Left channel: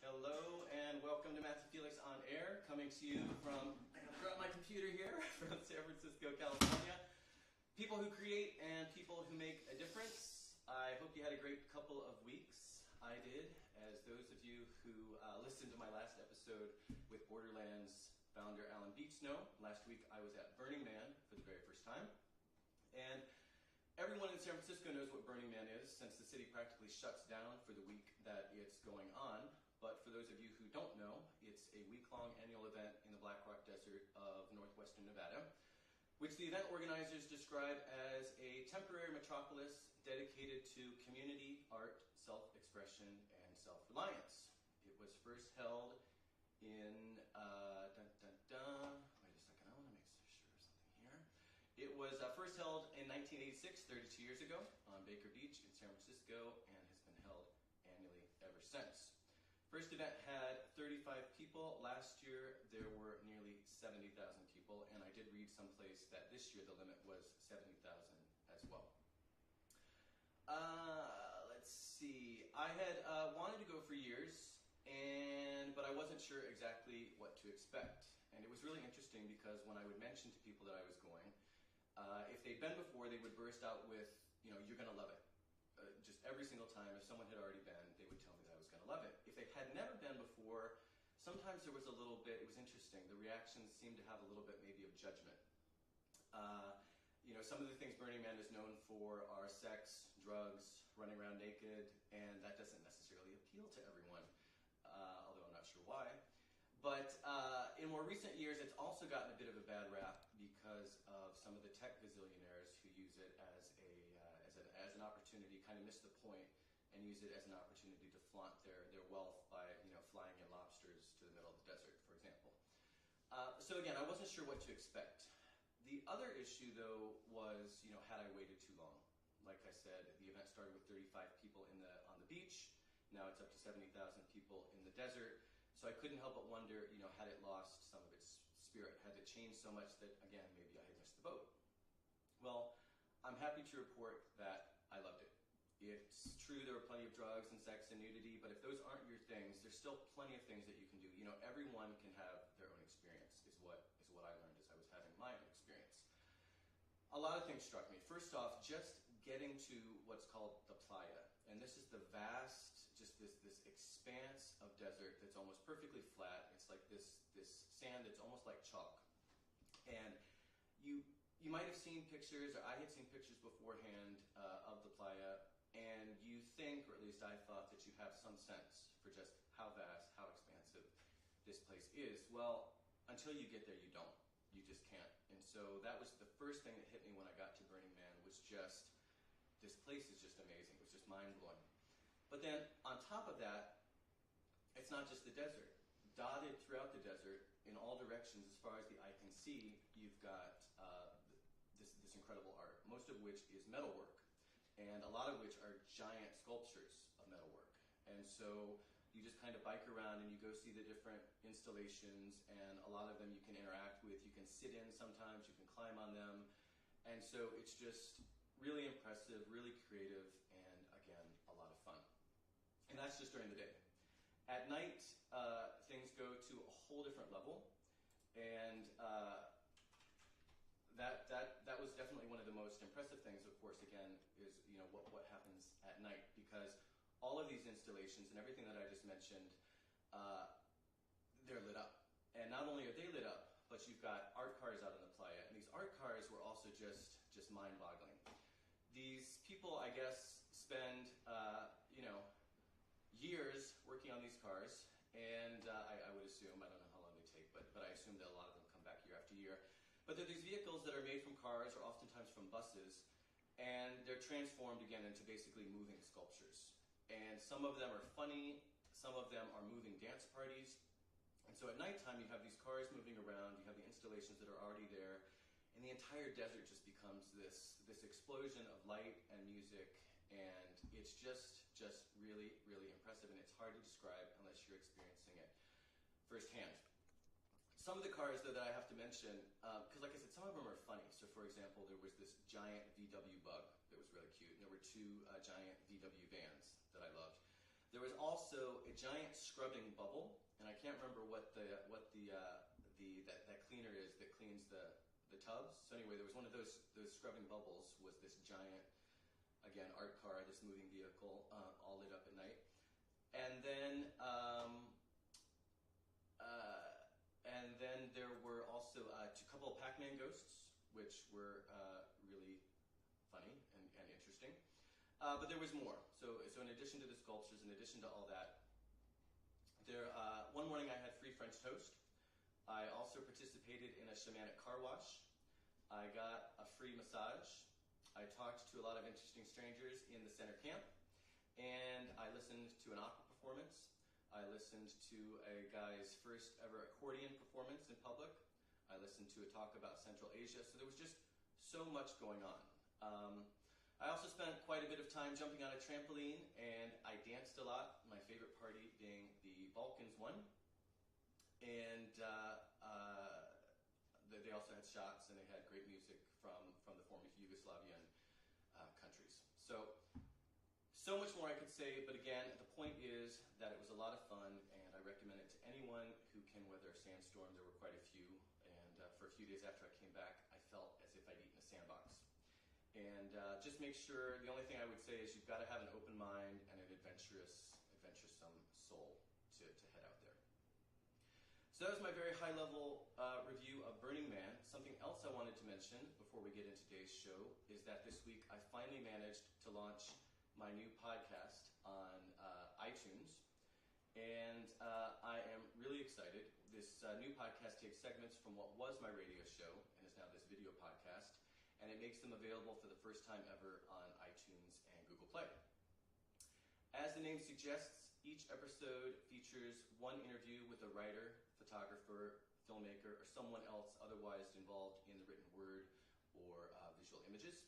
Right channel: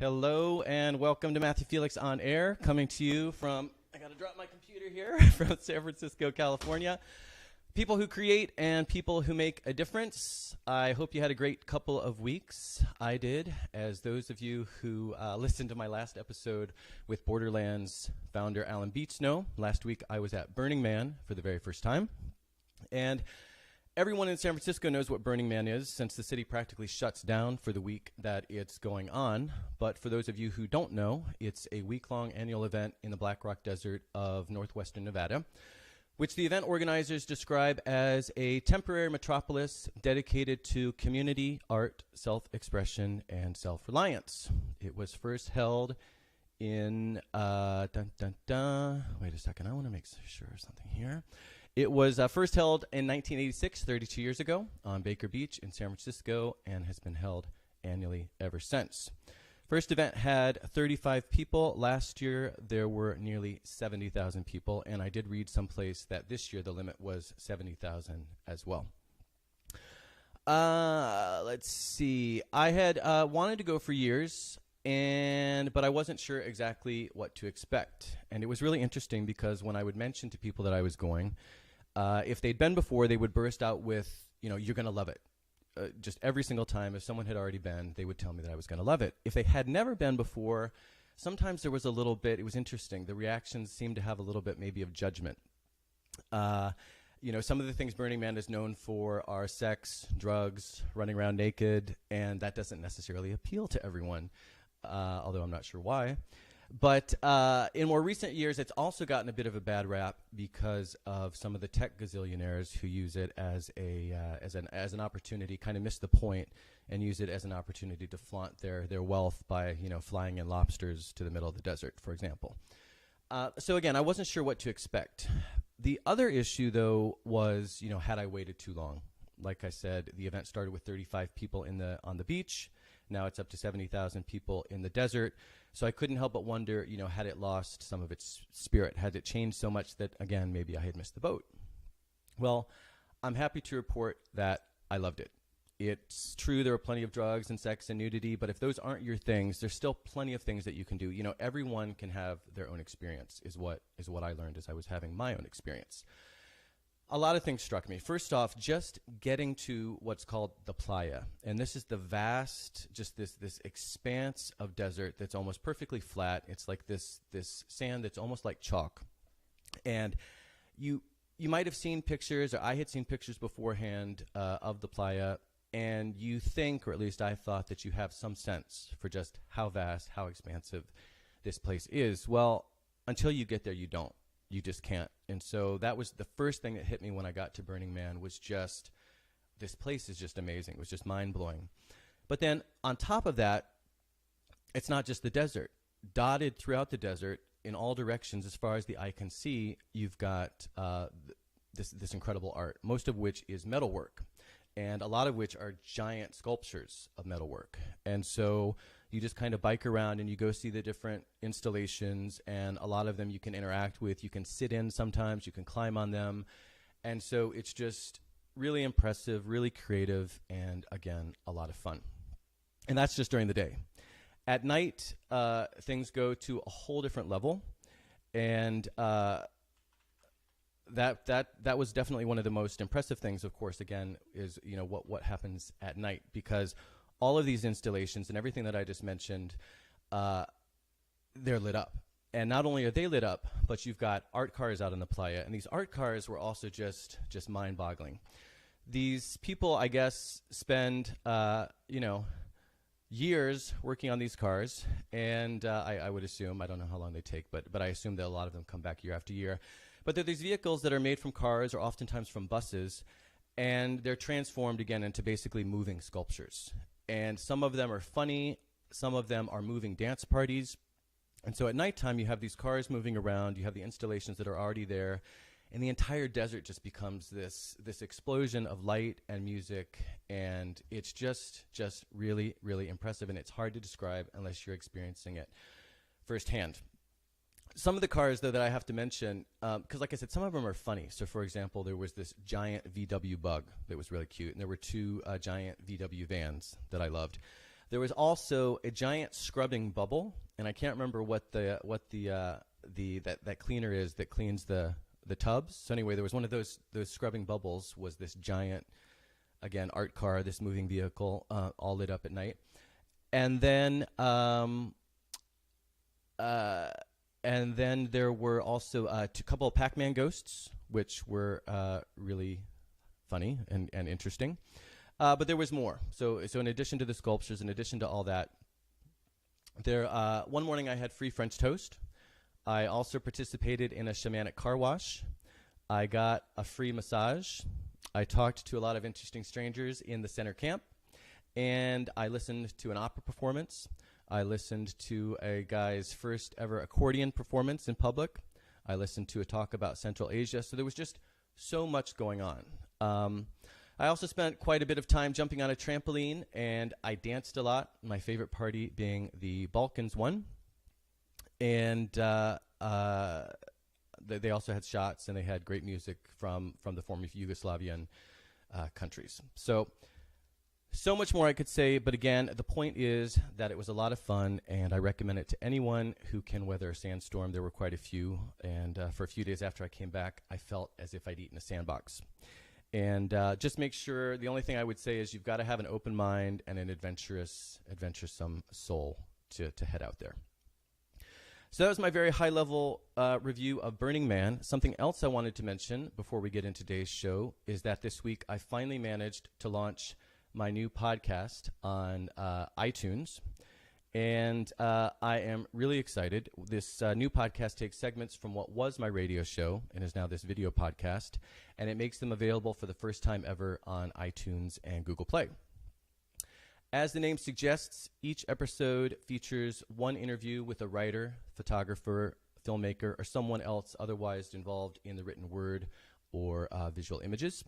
Hello and welcome to Matthew Felix on Air, coming to you from, I gotta drop my computer here, from San Francisco, California. People who create and people who make a difference. I hope you had a great couple of weeks. I did, as those of you who listened to my last episode with Borderlands founder Alan Beach know. Last week I was at Burning Man for the very first time. And everyone in San Francisco knows what Burning Man is, since the city practically shuts down for the week that it's going on. But for those of you who don't know, it's a week-long annual event in the Black Rock Desert of northwestern Nevada, which the event organizers describe as a temporary metropolis dedicated to community, art, self-expression, and self-reliance. It was first held in, wait a second, I want to make sure of something here. It was first held in 1986, 32 years ago, on Baker Beach in San Francisco, and has been held annually ever since. First event had 35 people. Last year, there were nearly 70,000 people, and I did read someplace that this year the limit was 70,000 as well. Let's see. I had wanted to go for years, but I wasn't sure exactly what to expect. And it was really interesting because when I would mention to people that I was going, if they'd been before, they would burst out with, you're going to love it. Just every single time, if someone had already been, they would tell me that I was going to love it. If they had never been before, sometimes there was a little bit, it was interesting. The reactions seemed to have a little bit maybe of judgment. Some of the things Burning Man is known for are sex, drugs, running around naked, and that doesn't necessarily appeal to everyone, although I'm not sure why. But in more recent years, it's also gotten a bit of a bad rap because of some of the tech gazillionaires who use it as an opportunity, kind of miss the point, and use it as an opportunity to flaunt their wealth by flying in lobsters to the middle of the desert, for example. So again, I wasn't sure what to expect. The other issue, though, was had I waited too long? Like I said, the event started with 35 people on the beach. Now it's up to 70,000 people in the desert. So I couldn't help but wonder, had it lost some of its spirit? Had it changed so much that, again, maybe I had missed the boat? Well, I'm happy to report that I loved it. It's true there were plenty of drugs and sex and nudity, but if those aren't your things, there's still plenty of things that you can do. Everyone can have their own experience, is what I learned as I was having my own experience. A lot of things struck me. First off, just getting to what's called the playa. And this is the vast, just this expanse of desert that's almost perfectly flat. It's like this sand that's almost like chalk. And you might have seen pictures, or I had seen pictures beforehand of the playa, and you think, or at least I thought, that you have some sense for just how vast, how expansive this place is. Well, until you get there, you don't. You just can't. And so that was the first thing that hit me when I got to Burning Man, was just, this place is just amazing. It was just mind-blowing. But then on top of that, it's not just the desert. Dotted throughout the desert in all directions, as far as the eye can see, you've got this incredible art, most of which is metalwork, and a lot of which are giant sculptures of metalwork. And so you just kind of bike around and you go see the different installations, and a lot of them you can interact with. You can sit in sometimes, you can climb on them. And so it's just really impressive, really creative, and again, a lot of fun. And that's just during the day. At night, things go to a whole different level. And that was definitely one of the most impressive things, of course, again, is what happens at night, because all of these installations and everything that I just mentioned, they're lit up. And not only are they lit up, but you've got art cars out in the playa. And these art cars were also just mind-boggling. These people, I guess, spend, years working on these cars. And I would assume, I don't know how long they take, but I assume that a lot of them come back year after year. But they're these vehicles that are made from cars, or oftentimes from buses, and they're transformed again into basically moving sculptures. And some of them are funny, some of them are moving dance parties. And so at nighttime, you have these cars moving around, you have the installations that are already there, and the entire desert just becomes this explosion of light and music, and it's just really, really impressive, and it's hard to describe unless you're experiencing it firsthand. Some of the cars, though, that I have to mention, because like I said, some of them are funny. So, for example, there was this giant VW Bug that was really cute, and there were two giant VW vans that I loved. There was also a giant scrubbing bubble, and I can't remember what that cleaner is that cleans the tubs. So anyway, there was one of those scrubbing bubbles was this giant, again, art car, this moving vehicle, all lit up at night. And then there were also a couple of Pac-Man ghosts, which were really funny and interesting. But there was more. So in addition to the sculptures, in addition to all that, one morning I had free French toast. I also participated in a shamanic car wash. I got a free massage. I talked to a lot of interesting strangers in the center camp. And I listened to an opera performance. I listened to a guy's first ever accordion performance in public. I listened to a talk about Central Asia. So there was just so much going on. I also spent quite a bit of time jumping on a trampoline, and I danced a lot, my favorite party being the Balkans one. And they also had shots, and they had great music from the former Yugoslavian countries. So much more I could say, but again, the point is that it was a lot of fun, and I recommend it to anyone who can weather a sandstorm. There were quite a few, and for a few days after I came back, I felt as if I'd eaten a sandbox. And just make sure, the only thing I would say is you've got to have an open mind and an adventuresome soul to head out there. So that was my very high-level review of Burning Man. Something else I wanted to mention before we get into today's show is that this week I finally managed to launch my new podcast on iTunes. And I am really excited. This new podcast takes segments from what was my radio show and is now this video podcast, and it makes them available for the first time ever on iTunes and Google Play. As the name suggests, each episode features one interview with a writer, photographer, filmmaker, or someone else otherwise involved in the written word or visual images.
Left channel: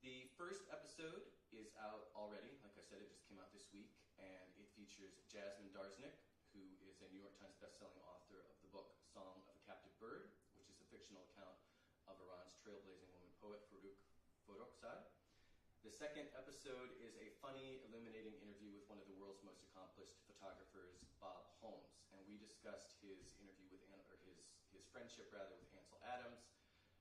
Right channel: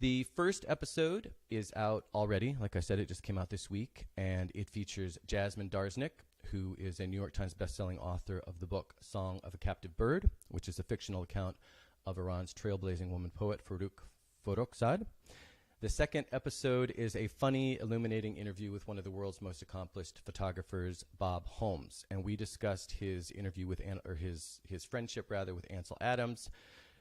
The first episode is out already. Like I said, it just came out this week, and it features Jasmine Darznik, who is a New York Times bestselling author of the book Song of a Captive Bird, which is a fictional account of Iran's trailblazing woman poet Farooq Farrokhzad. The second episode is a funny, illuminating interview with one of the world's most accomplished photographers, Bob Holmes, and we discussed his interview with his friendship with Ansel Adams,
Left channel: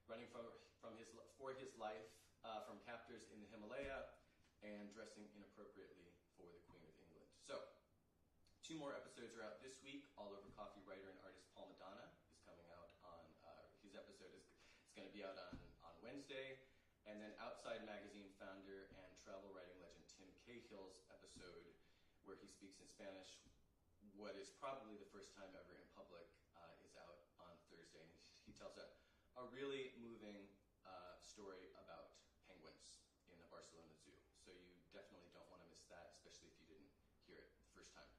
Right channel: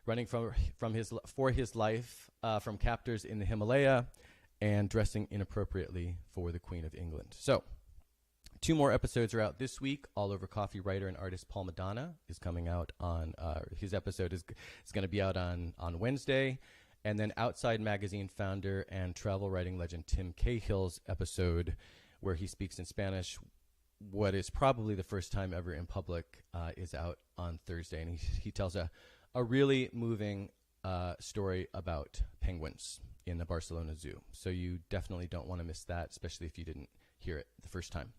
running for his life from captors in the Himalaya and dressing inappropriately for the Queen of England. So 2 more episodes are out this week. All Over Coffee writer and artist Paul Madonna is coming out on, his episode is going to be out on Wednesday. And then Outside Magazine founder and travel writing legend Tim Cahill's episode, where he speaks in Spanish, what is probably the first time ever in public, is out on Thursday. And he tells a really moving story about penguins in the Barcelona Zoo. So you definitely don't want to miss that, especially if you didn't hear it the first time.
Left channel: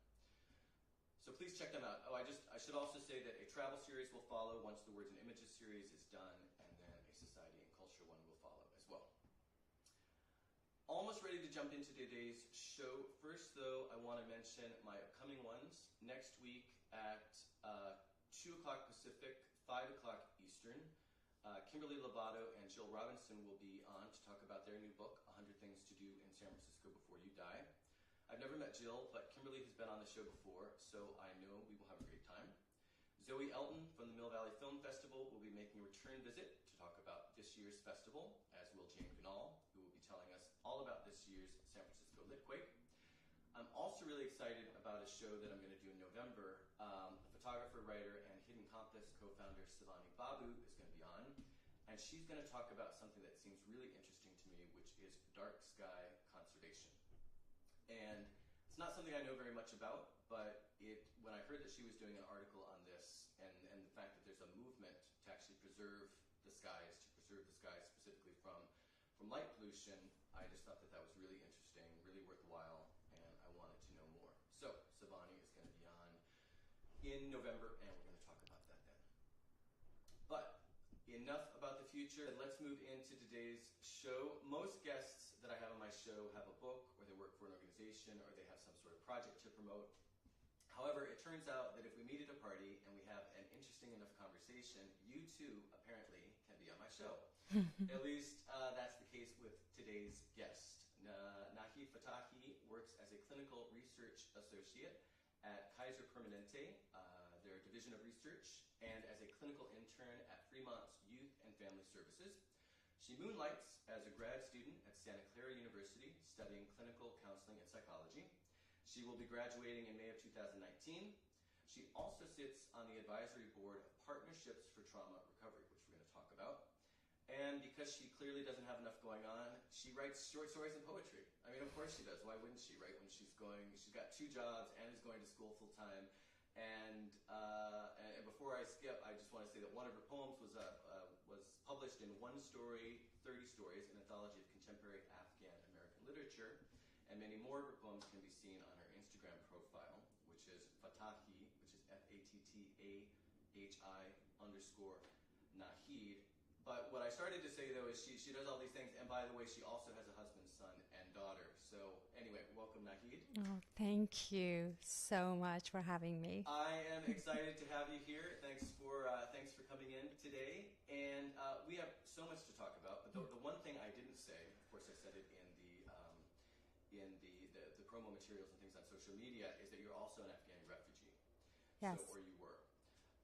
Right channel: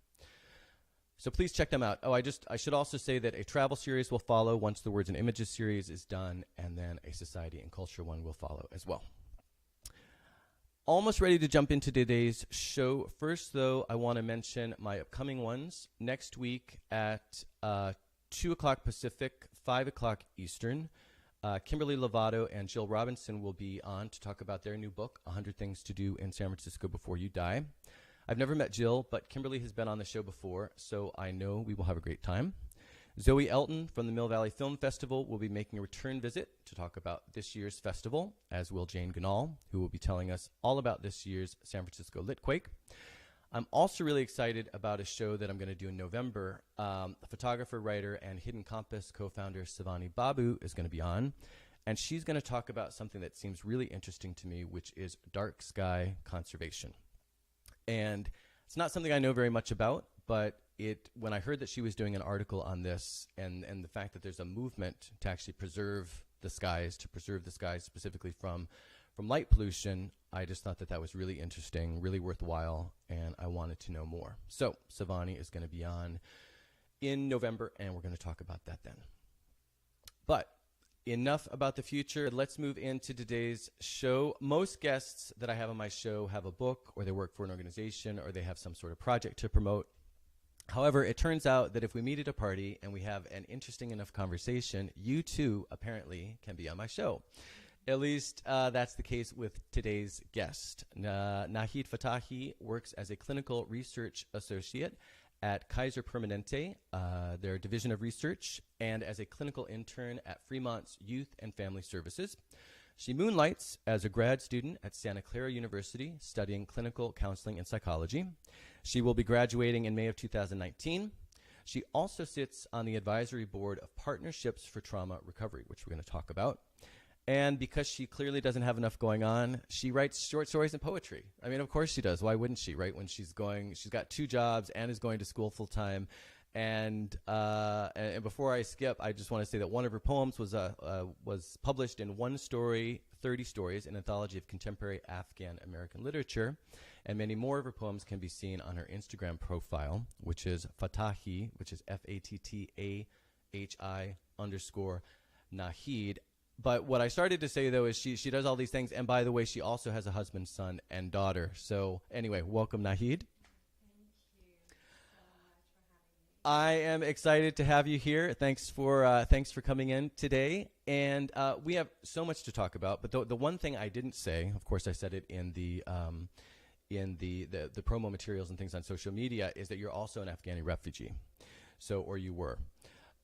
So please check them out. Oh, I should also say that a travel series will follow once the Words and Images series is done, and then a society and culture one will follow as well. Almost ready to jump into today's show. First, though, I want to mention my upcoming ones. Next week at 2 o'clock Pacific, 5 o'clock Eastern, Kimberly Lovato and Jill Robinson will be on to talk about their new book, 100 Things to Do in San Francisco Before You Die. I've never met Jill, but Kimberly has been on the show before, so I know we will have a great time. Zoe Elton from the Mill Valley Film Festival will be making a return visit to talk about this year's festival, as will Jane Ganal, who will be telling us all about this year's San Francisco Litquake. I'm also really excited about a show that I'm going to do in November. Photographer, writer, and Hidden Compass co-founder Savani Babu is going to be on, and she's going to talk about something that seems really interesting to me, which is dark sky conservation. And it's not something I know very much about, but when I heard that she was doing an article on this and the fact that there's a movement to actually preserve the skies specifically from light pollution, I just thought that was really interesting, really worthwhile, and I wanted to know more. So Savani is going to be on in November, and we're going to talk about that then. But enough about the future. Let's move into today's show. Most guests that I have on my show have a book, or they work for an organization, or they have some sort of project to promote. However, it turns out that if we meet at a party and we have an interesting enough conversation, you too apparently can be on my show. At least that's the case with today's guest. Nahid Fattahi works as a clinical research associate at Kaiser Permanente, their division of research, and as a clinical intern at Fremont's Youth and Family Services. She moonlights as a grad student at Santa Clara University studying clinical counseling and psychology. She will be graduating in May of 2019. She also sits on the advisory board of Partnerships for Trauma Recovery, which we're going to talk about. And because she clearly doesn't have enough going on, she writes short stories and poetry. I mean, of course she does. Why wouldn't she, right? When she's got 2 jobs and is going to school full time. And before I skip, I just want to say that one of her poems was published in One Story, 30 Stories, an anthology of contemporary Afghan American literature. And many more of her poems can be seen on her Instagram profile, which is Fattahi, which is Fattahi_Nahid. But what I started to say, though, is she does all these things. And by the way, she also has a husband, son, and daughter. So anyway, welcome, Nahid. Oh, thank you so much for having me. I am excited to have you here. Thanks for coming in today. And we have so much to talk about. But the one thing I didn't say, of course, I said it in the promo materials and things on social media, is that you're also an Afghani refugee. Yes. So, or you were.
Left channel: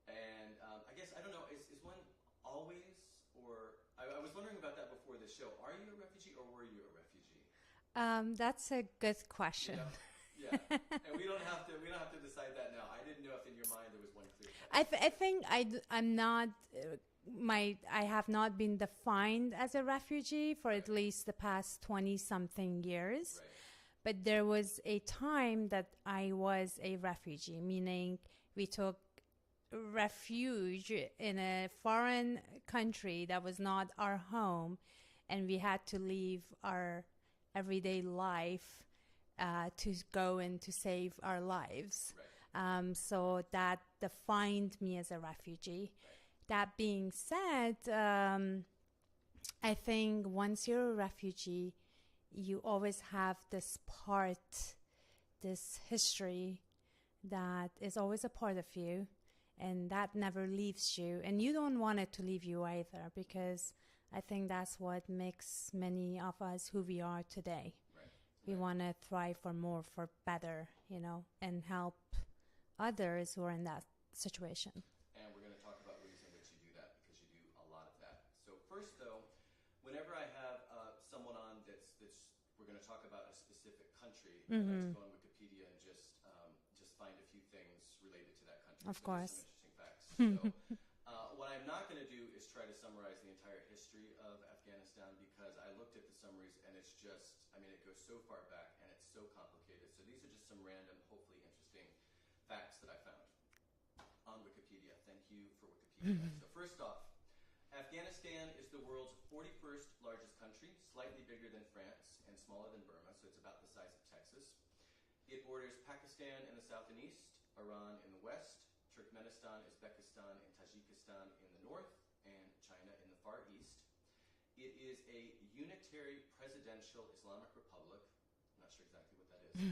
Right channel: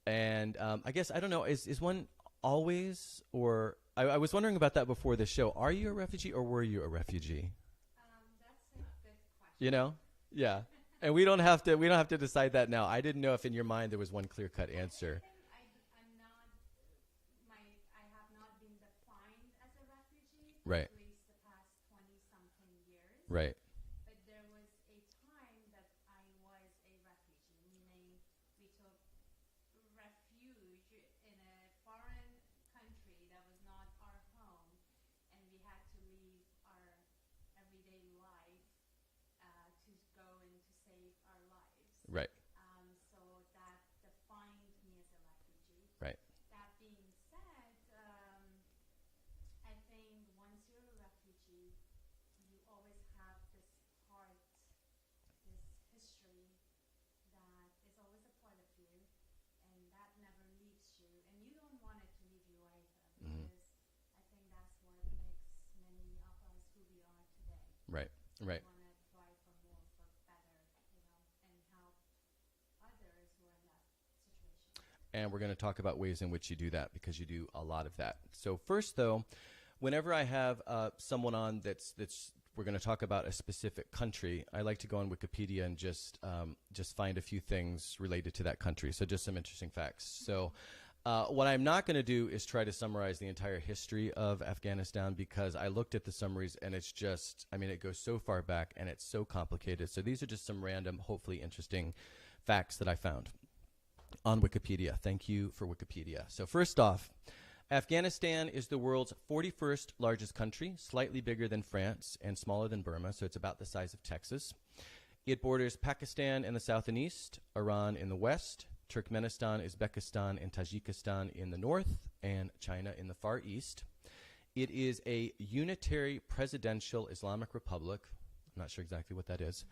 And I guess, I don't know, is one always, or I was wondering about that before the show. Are you a refugee or were you a refugee? That's a good question. You know? Yeah. And we don't have to decide that now. I didn't know if in your mind there was one clear-cut answer. I think I'm not, I have not been defined as a refugee for Right. at least the past 20-something years. Right. But there was a time that I was a refugee, meaning we took refuge in a foreign country that was not our home, and we had to leave our everyday life to go and to save our lives. Right. So that defined me as a refugee. Right. That being said, I think once you're a refugee, you always have this history that is always a part of you, and that never leaves you. And you don't want it to leave you either, because I think that's what makes many of us who we are today. Right. We want to thrive for more, for better, and help others who are in that situation. And we're going to talk about ways in which you do that, because you do a lot of that. So first, though, whenever I have someone on that's we're going to talk about a specific country, I like to go on Wikipedia and just find a few things related to that country. So just some interesting facts. So what I'm not going to do is try to summarize the entire history of Afghanistan, because I looked at the summaries and it's just, it goes so far back and it's so complicated. So these are just some random, hopefully interesting facts that I found on Wikipedia. Thank you for Wikipedia. So first off, Afghanistan is the world's 41st largest country, slightly bigger than France and smaller than Burma, so it's about the size of Texas. It borders Pakistan in the south and east, Iran in the west, Turkmenistan, Uzbekistan, and Tajikistan in the north, and China in the far east. It is a unitary presidential Islamic republic. I'm not sure exactly what that is,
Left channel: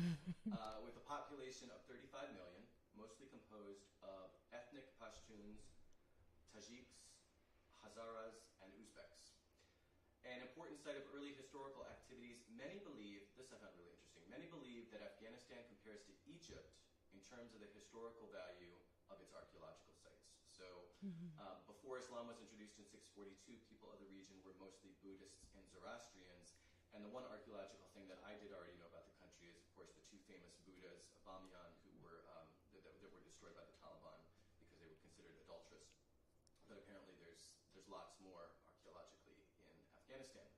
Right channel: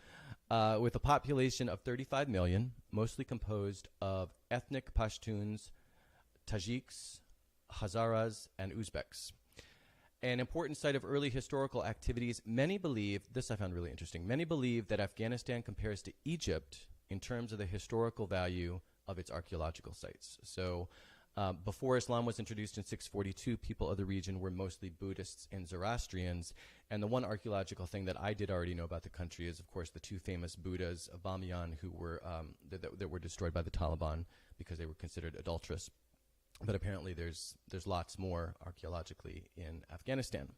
with a population of 35 million, mostly composed of ethnic Pashtuns, Tajiks, Hazaras, and Uzbeks. An important site of early historical activities, many believe, this I found really interesting, many believe that Afghanistan compares to Egypt in terms of the historical value of its archaeological sites. So before Islam was introduced in 642, people of the region were mostly Buddhists and Zoroastrians. And the one archaeological thing that I did already know about the country is, of course, the 2 famous Buddhas of Bamiyan who were that were destroyed by the Taliban because they were considered adulterous. But apparently there's lots more archaeologically in Afghanistan.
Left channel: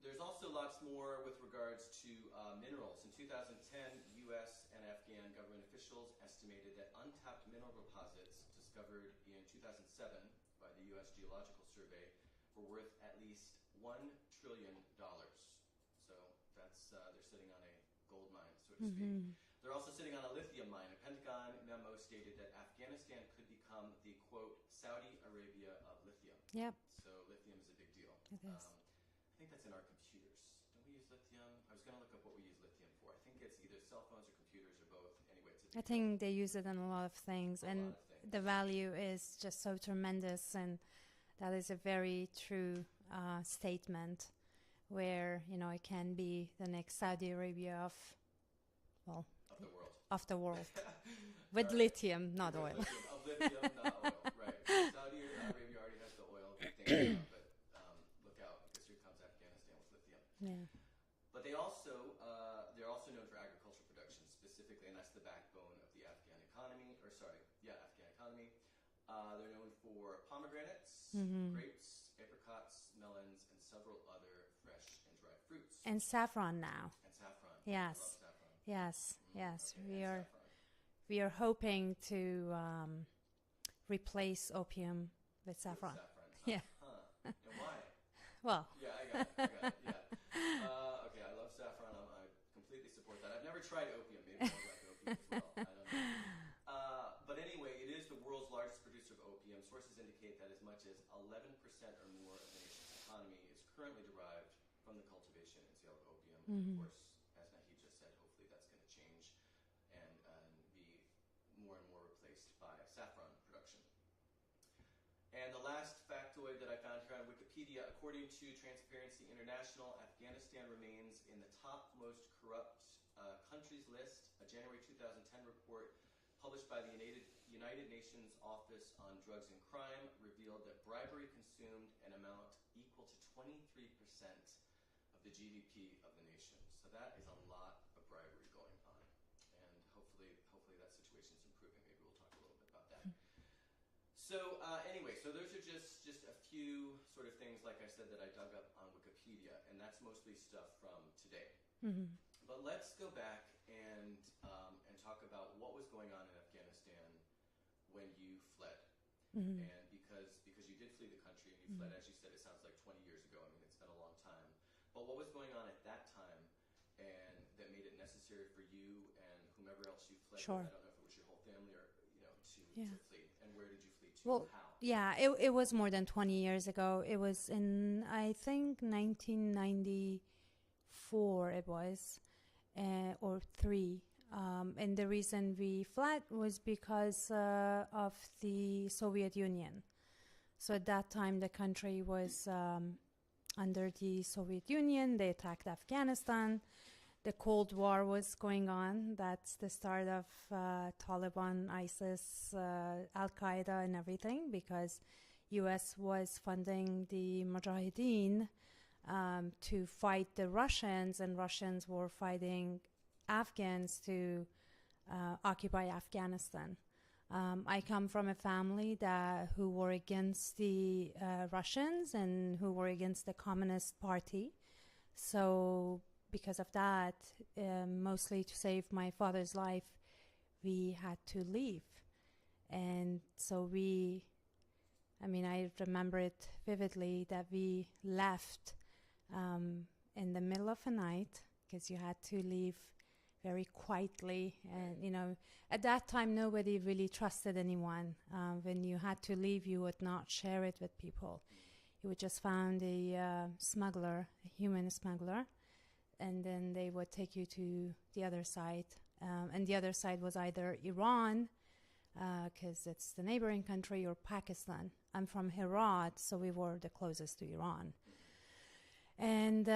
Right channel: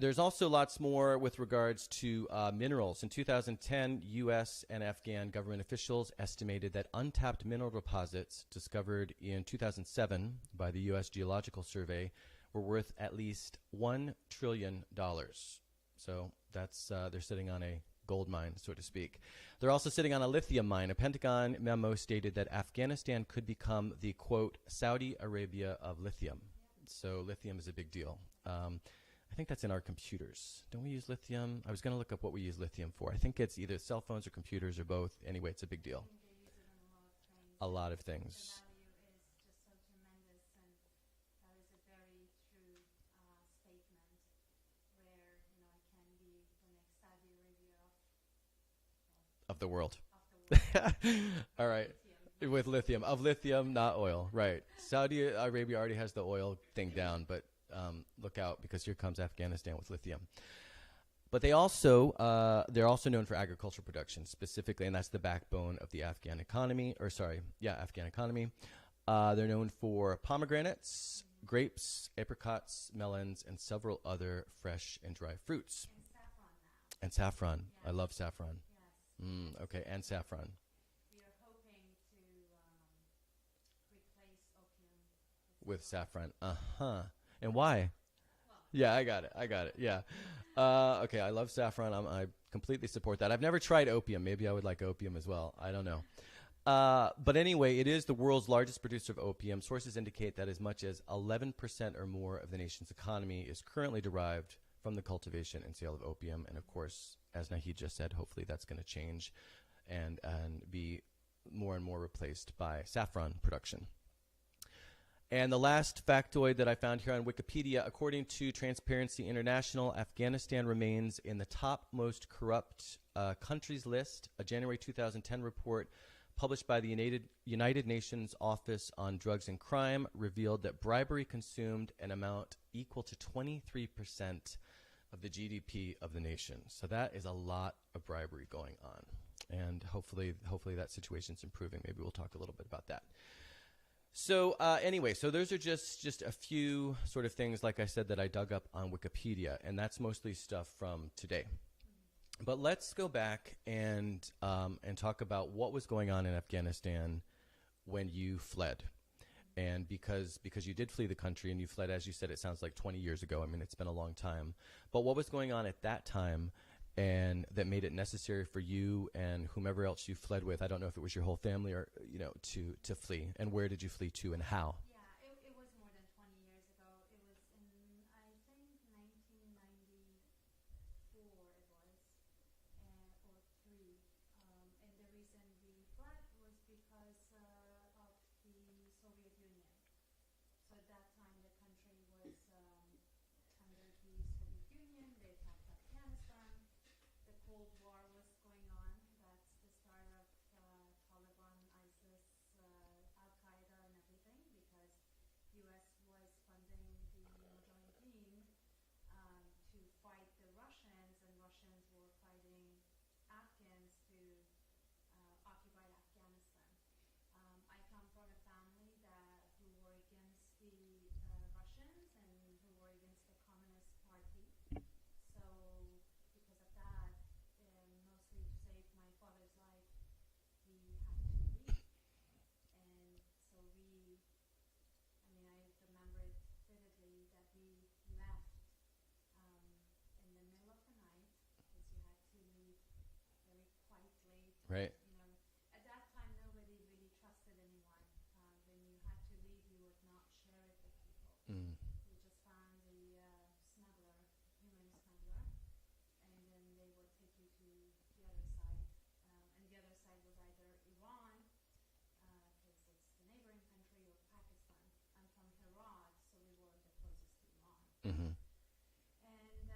There's also lots more with regards to minerals. In 2010, U.S. and Afghan government officials estimated that untapped mineral deposits discovered in 2007 by the U.S. Geological Survey were worth at least $1 trillion. So that's they're sitting on a gold mine, so to speak. They're also sitting on a lithium mine. A Pentagon memo stated that Afghanistan could become the, quote, Saudi Arabia of lithium. Yep. So lithium is a big deal. I think that's in our computers. Don't we use lithium? I was going to look up what we use lithium for. I think it's either cell phones or computers or both. Anyway, it's a big deal. I think they use it in a lot of things. A lot of things. The value is just so tremendous, and that is a very true statement where, you know, it can be the next Saudi Arabia of the world. Of the world. With right. lithium, not With oil. lithium. Of lithium, not oil. Right. Saudi Arabia already has the oil thing down, but look out, because here comes Afghanistan with lithium. Yeah. But they're also known for agricultural production specifically, and that's the backbone of the Afghan economy. Afghan economy. They're known for pomegranates, grapes, apricots, melons, and several other fresh and dry fruits. And saffron now. And saffron. Yes. I love saffron. Yes. Yes. Okay, and saffron. We are hoping to replace opium with saffron. With saffron. Yeah. And why? Well. Yeah, I got it. Yeah. Okay, I love saffron. I completely support that. I've never tried opium. Maybe I would like opium as well. I don't know. But anyway, it is the world's largest producer of opium. Sources indicate that as much as 11% or more of the nation's economy is currently derived from the cultivation and sale of opium. And of course, as Nahid just said, hopefully that's going to change and be more and more replaced by saffron production. And the last factoid that I found here on Wikipedia, according to Transparency International, Afghanistan remains in the top most corrupt countries list. A January 2010 report published by the United Nations Office on Drugs and Crime revealed that bribery consumed an amount equal to 23% of the GDP of the nation. So that is a lot of bribery going on. And hopefully that situation's improving. Maybe we'll talk a little bit about that. So anyway, so those are just a few sort of things, like I said, that I dug up on Wikipedia, and that's mostly stuff from today. But let's go back and talk about what was going on in Afghanistan when you fled. And because you did flee the country and you fled, as you said, it sounds like 20 years ago. I mean, it's been a long time. But what was going on at that time and that made it necessary for you and whomever else you fled with? I don't know if it was your whole family or, to flee. And where did you flee to and how? Yeah, it was more than 20 years ago. It was in, I think, 1994 it was, or 3. And the reason we fled was because of the Soviet Union. So at that time, the country was under the Soviet Union. They attacked Afghanistan. The Cold War was going on. That's the start of Taliban, ISIS, Al-Qaeda and everything, because U.S. was funding the Mujahideen to fight the Russians, and Russians were fighting Afghans to occupy Afghanistan. I come from a family who were against the Russians and who were against the Communist Party. So because of that, mostly to save my father's life, we had to leave. And so I remember it vividly that we left in the middle of the night, because you had to leave very quietly. Right. And, at that time, nobody really trusted anyone. When you had to leave, you would not share it with people. You would just find a smuggler, a human smuggler, and then they would take you to the other side. And the other side was either Iran, because it's the neighboring country, or Pakistan. I'm from Herat, so we were the closest to Iran. And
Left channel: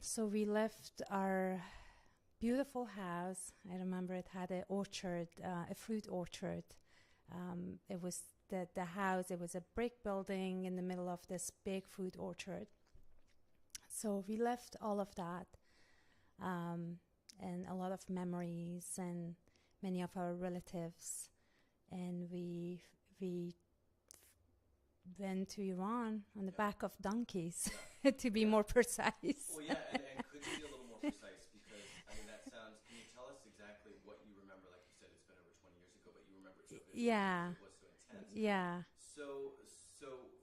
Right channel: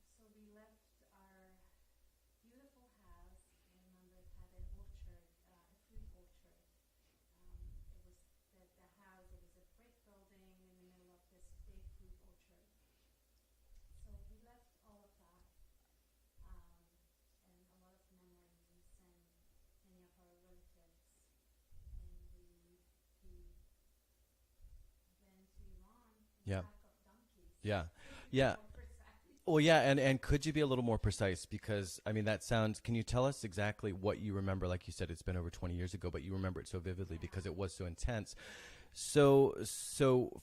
so we left our beautiful house. I remember it had an orchard, a fruit orchard. It was the house, it was a brick building in the middle of this big fruit orchard. So we left all of that, and a lot of memories and many of our relatives. And we went to Iran on the back of donkeys, to be more precise. Well, yeah, and could you be a little more precise? Because, can you tell us exactly what you remember? Like you said, it's been over 20 years ago, but you remember it so vividly because it was so intense. Yeah. So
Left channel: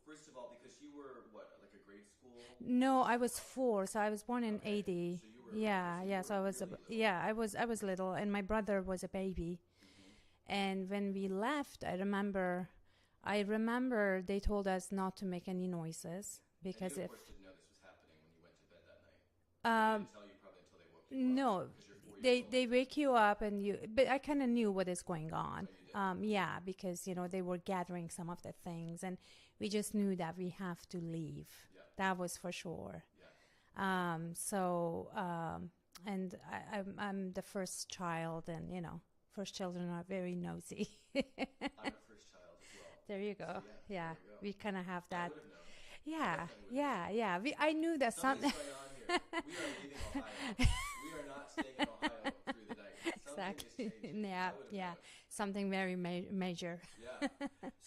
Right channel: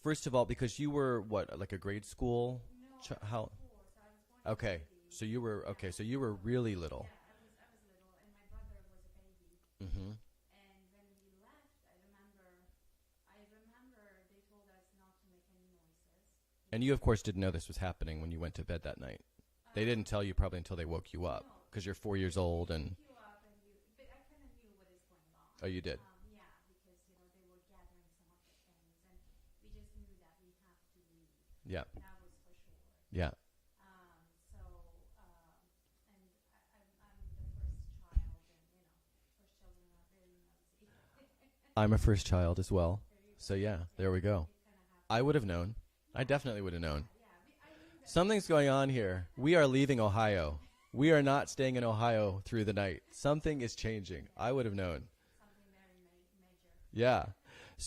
first of all, because you were, like a grade school? No, I was 4, so I was born in 80. So you were, really little. Yeah, I was little, and my brother was a baby. And when we left, I remember they told us not to make any noises, Because And you, of course, didn't know this was happening when you went to bed that night. They didn't tell you probably until they woke you up. No. Because you're 4 years old. They wake you up but I kind of knew what is going on. Oh, you did? Yeah, because, they were gathering some of the things and we just knew that we have to leave. Yeah. That was for sure. Yeah. And I'm the first child and, first children are very nosy. I'm a first child as well. There you go. So, there we go. We kind of have that. I would have known. Yeah, I definitely would have known. Yeah. I knew that something's going on here. We are leaving Ohio. We are not staying in Ohio through the night. Something is changing. Yeah, I would have known. Something very major. Yeah.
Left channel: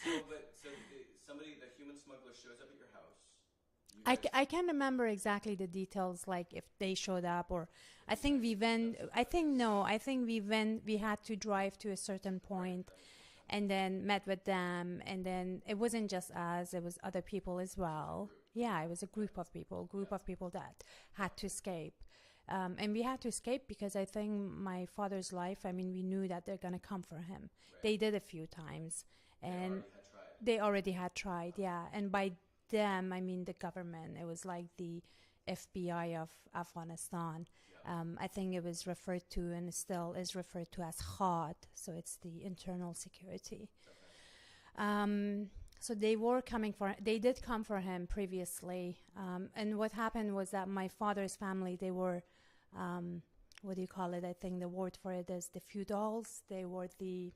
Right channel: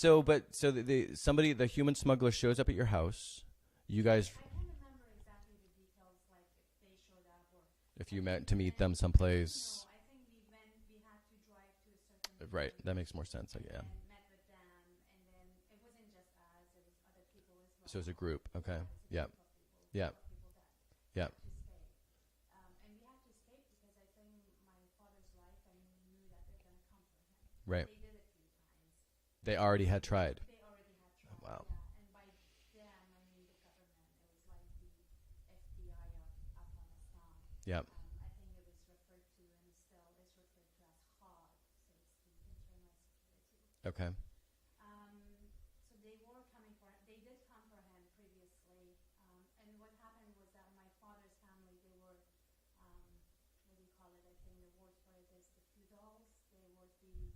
The human smuggler shows up at your house. You guys. I can't remember exactly the details, like if they showed up or if I you think met we to meet went. them someplace. I think we had to drive to a certain point. Right. That makes more sense. And then met with them, and then it wasn't just us; it was other people as well. So it was a group. Okay. Yeah, it was a group of people. Of people that had to escape. And we had to escape because I think my father's life, we knew that they're going to come for him. Right. They did a few times. They already had tried. Wow. Yeah. And by them, the government. It was like the FBI of Afghanistan. Yeah. I think it was referred to and still is referred to as HOD. So it's the internal security. Okay. So they did come for him previously. And what happened was that my father's family, they were, what do you call it? I think the word for it is the feudals. They were the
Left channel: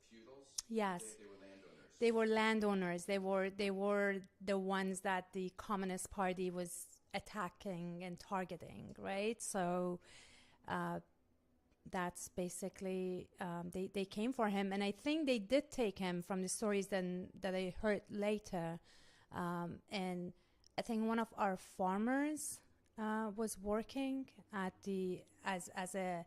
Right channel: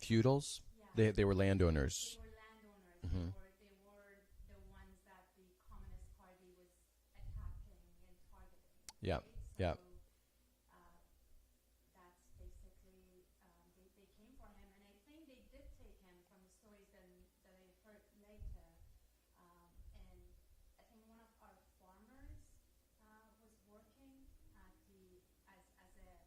feudals? Yes. They were landowners. They were landowners. Mm-hmm. They were the ones that the Communist Party was attacking and targeting, right? Yeah. So that's basically they came for him, and I think they did take him from the stories that I heard later. And I think one of our farmers was working at as a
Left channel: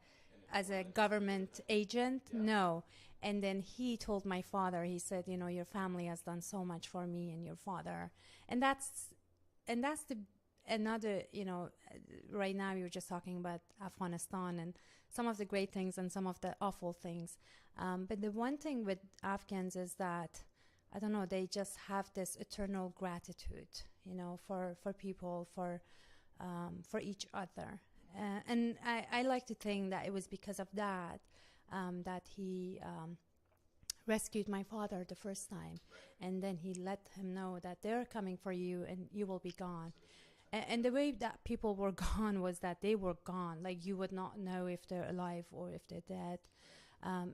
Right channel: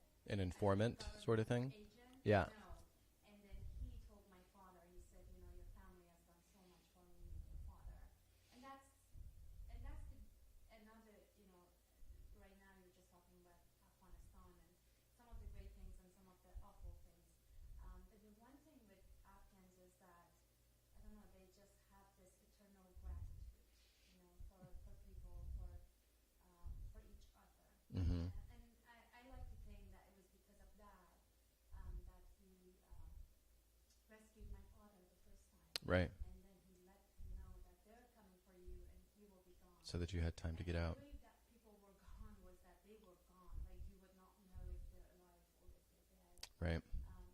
government sort of agent. Yeah. No. And then he told my father, he said, your family has done so much for me and your father. And that's another, right now you're just talking about Afghanistan and some of the great things and some of the awful things. But the one thing with Afghans is that, I don't know, they just have this eternal gratitude, for people, for each other. Mm-hmm. And I like to think that it was because of that. That he rescued my father the first time. Right. And then he let him know that they're coming for you and you will be gone. So that you had time to get And out. the way that people were gone was that they were gone. Like you would not know if they're alive or if they're dead. Right.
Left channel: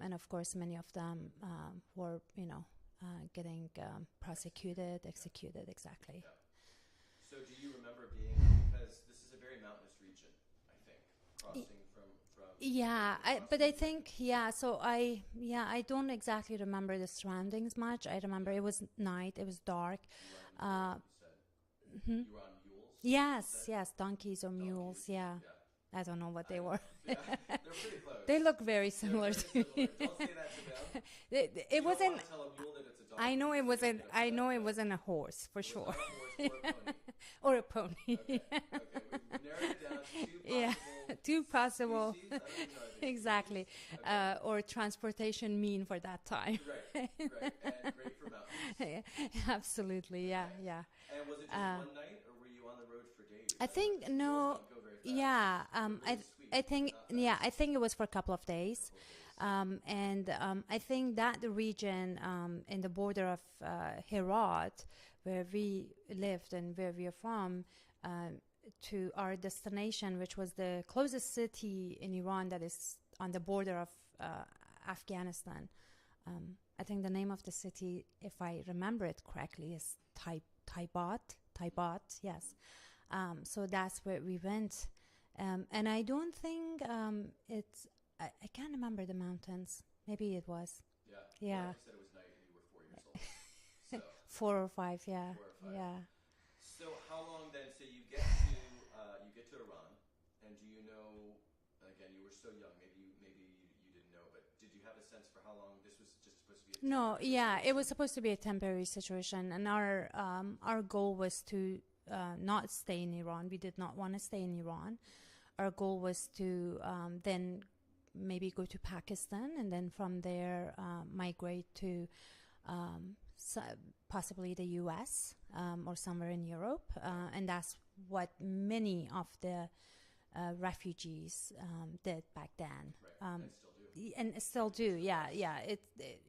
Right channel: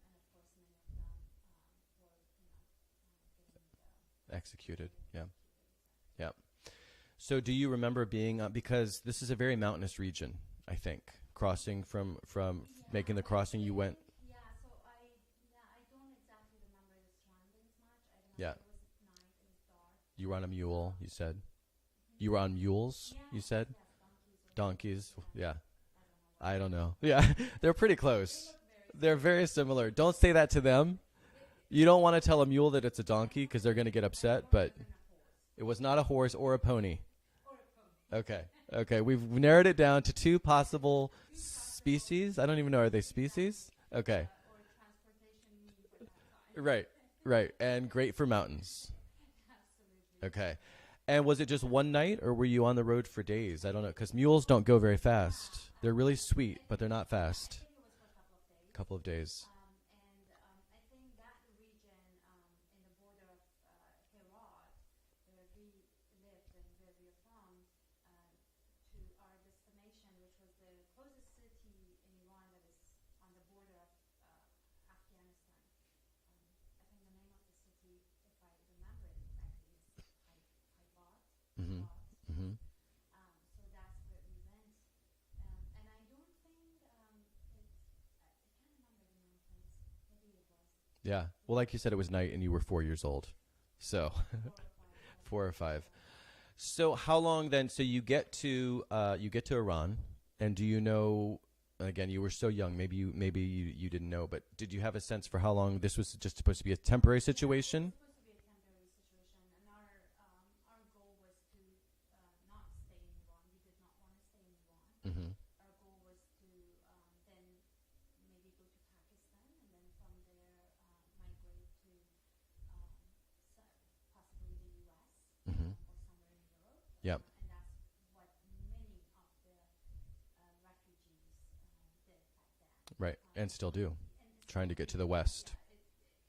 And of course, many of them were, getting executed, exactly. Yeah. So do you remember being, because this is a very mountainous region, I think. Crossing from making the crossing, so I don't exactly remember the surroundings much. I remember it was night, it was dark. You were on a mule, you said. Mm-hmm. You were on mules. Yes, you said? donkeys or donkeys. mules. Yeah. I don't know what they were. I don't know. Yeah, they're pretty close. They look very similar. They're very similar. Don't say that to them. You don't want to tell a mule that it's a donkey because they're going to get upset. I know it wasn't a horse, for sure. It was not a horse or a pony. Or a pony. Okay. We've narrowed it down to two possible species. I don't even know, are they species? Exactly. Okay. Or transportation mean for that time. Right. And great for mountains. Absolutely. Okay. Yeah. And was it just one night, or were you on the road for days? I don't know, because no, mules don't go very fast. Yeah, they're really sweet, but they're not fast. Yeah, I think it was for a couple of days. And I think that the region in the border of Herat, where we lived and where we are from, to our destination, which was the closest city in Iran that is on the border of Afghanistan. I think the name of the city, if I remember it correctly, is Taibat, yes. Mm-hmm. So that's where we went. And I don't think I can't remember the mountains. Maybe it was. Yeah. Well, like you said, it was night and you were 4 years old. So 4 or 5, yeah. 4 or 5. Yeah. So how long then? So you get to Iran, and do you know? Again, you were so young. Maybe you didn't know, but did you have a sense for how long this was just supposed to be a temporary situation? Yeah, it was supposed to be a temporary situation, and our goal was to not stay in Iran. We did not want to stay in Iran. Mm-hmm. Our goal was to then maybe go to Pakistan, and then from there migrate to possibly the U.S. Mhm. Or somewhere in Europe, Yep. and that's what many of the refugees did back then. Right. And still do. And Trying still to do. get to the yeah, West. yeah.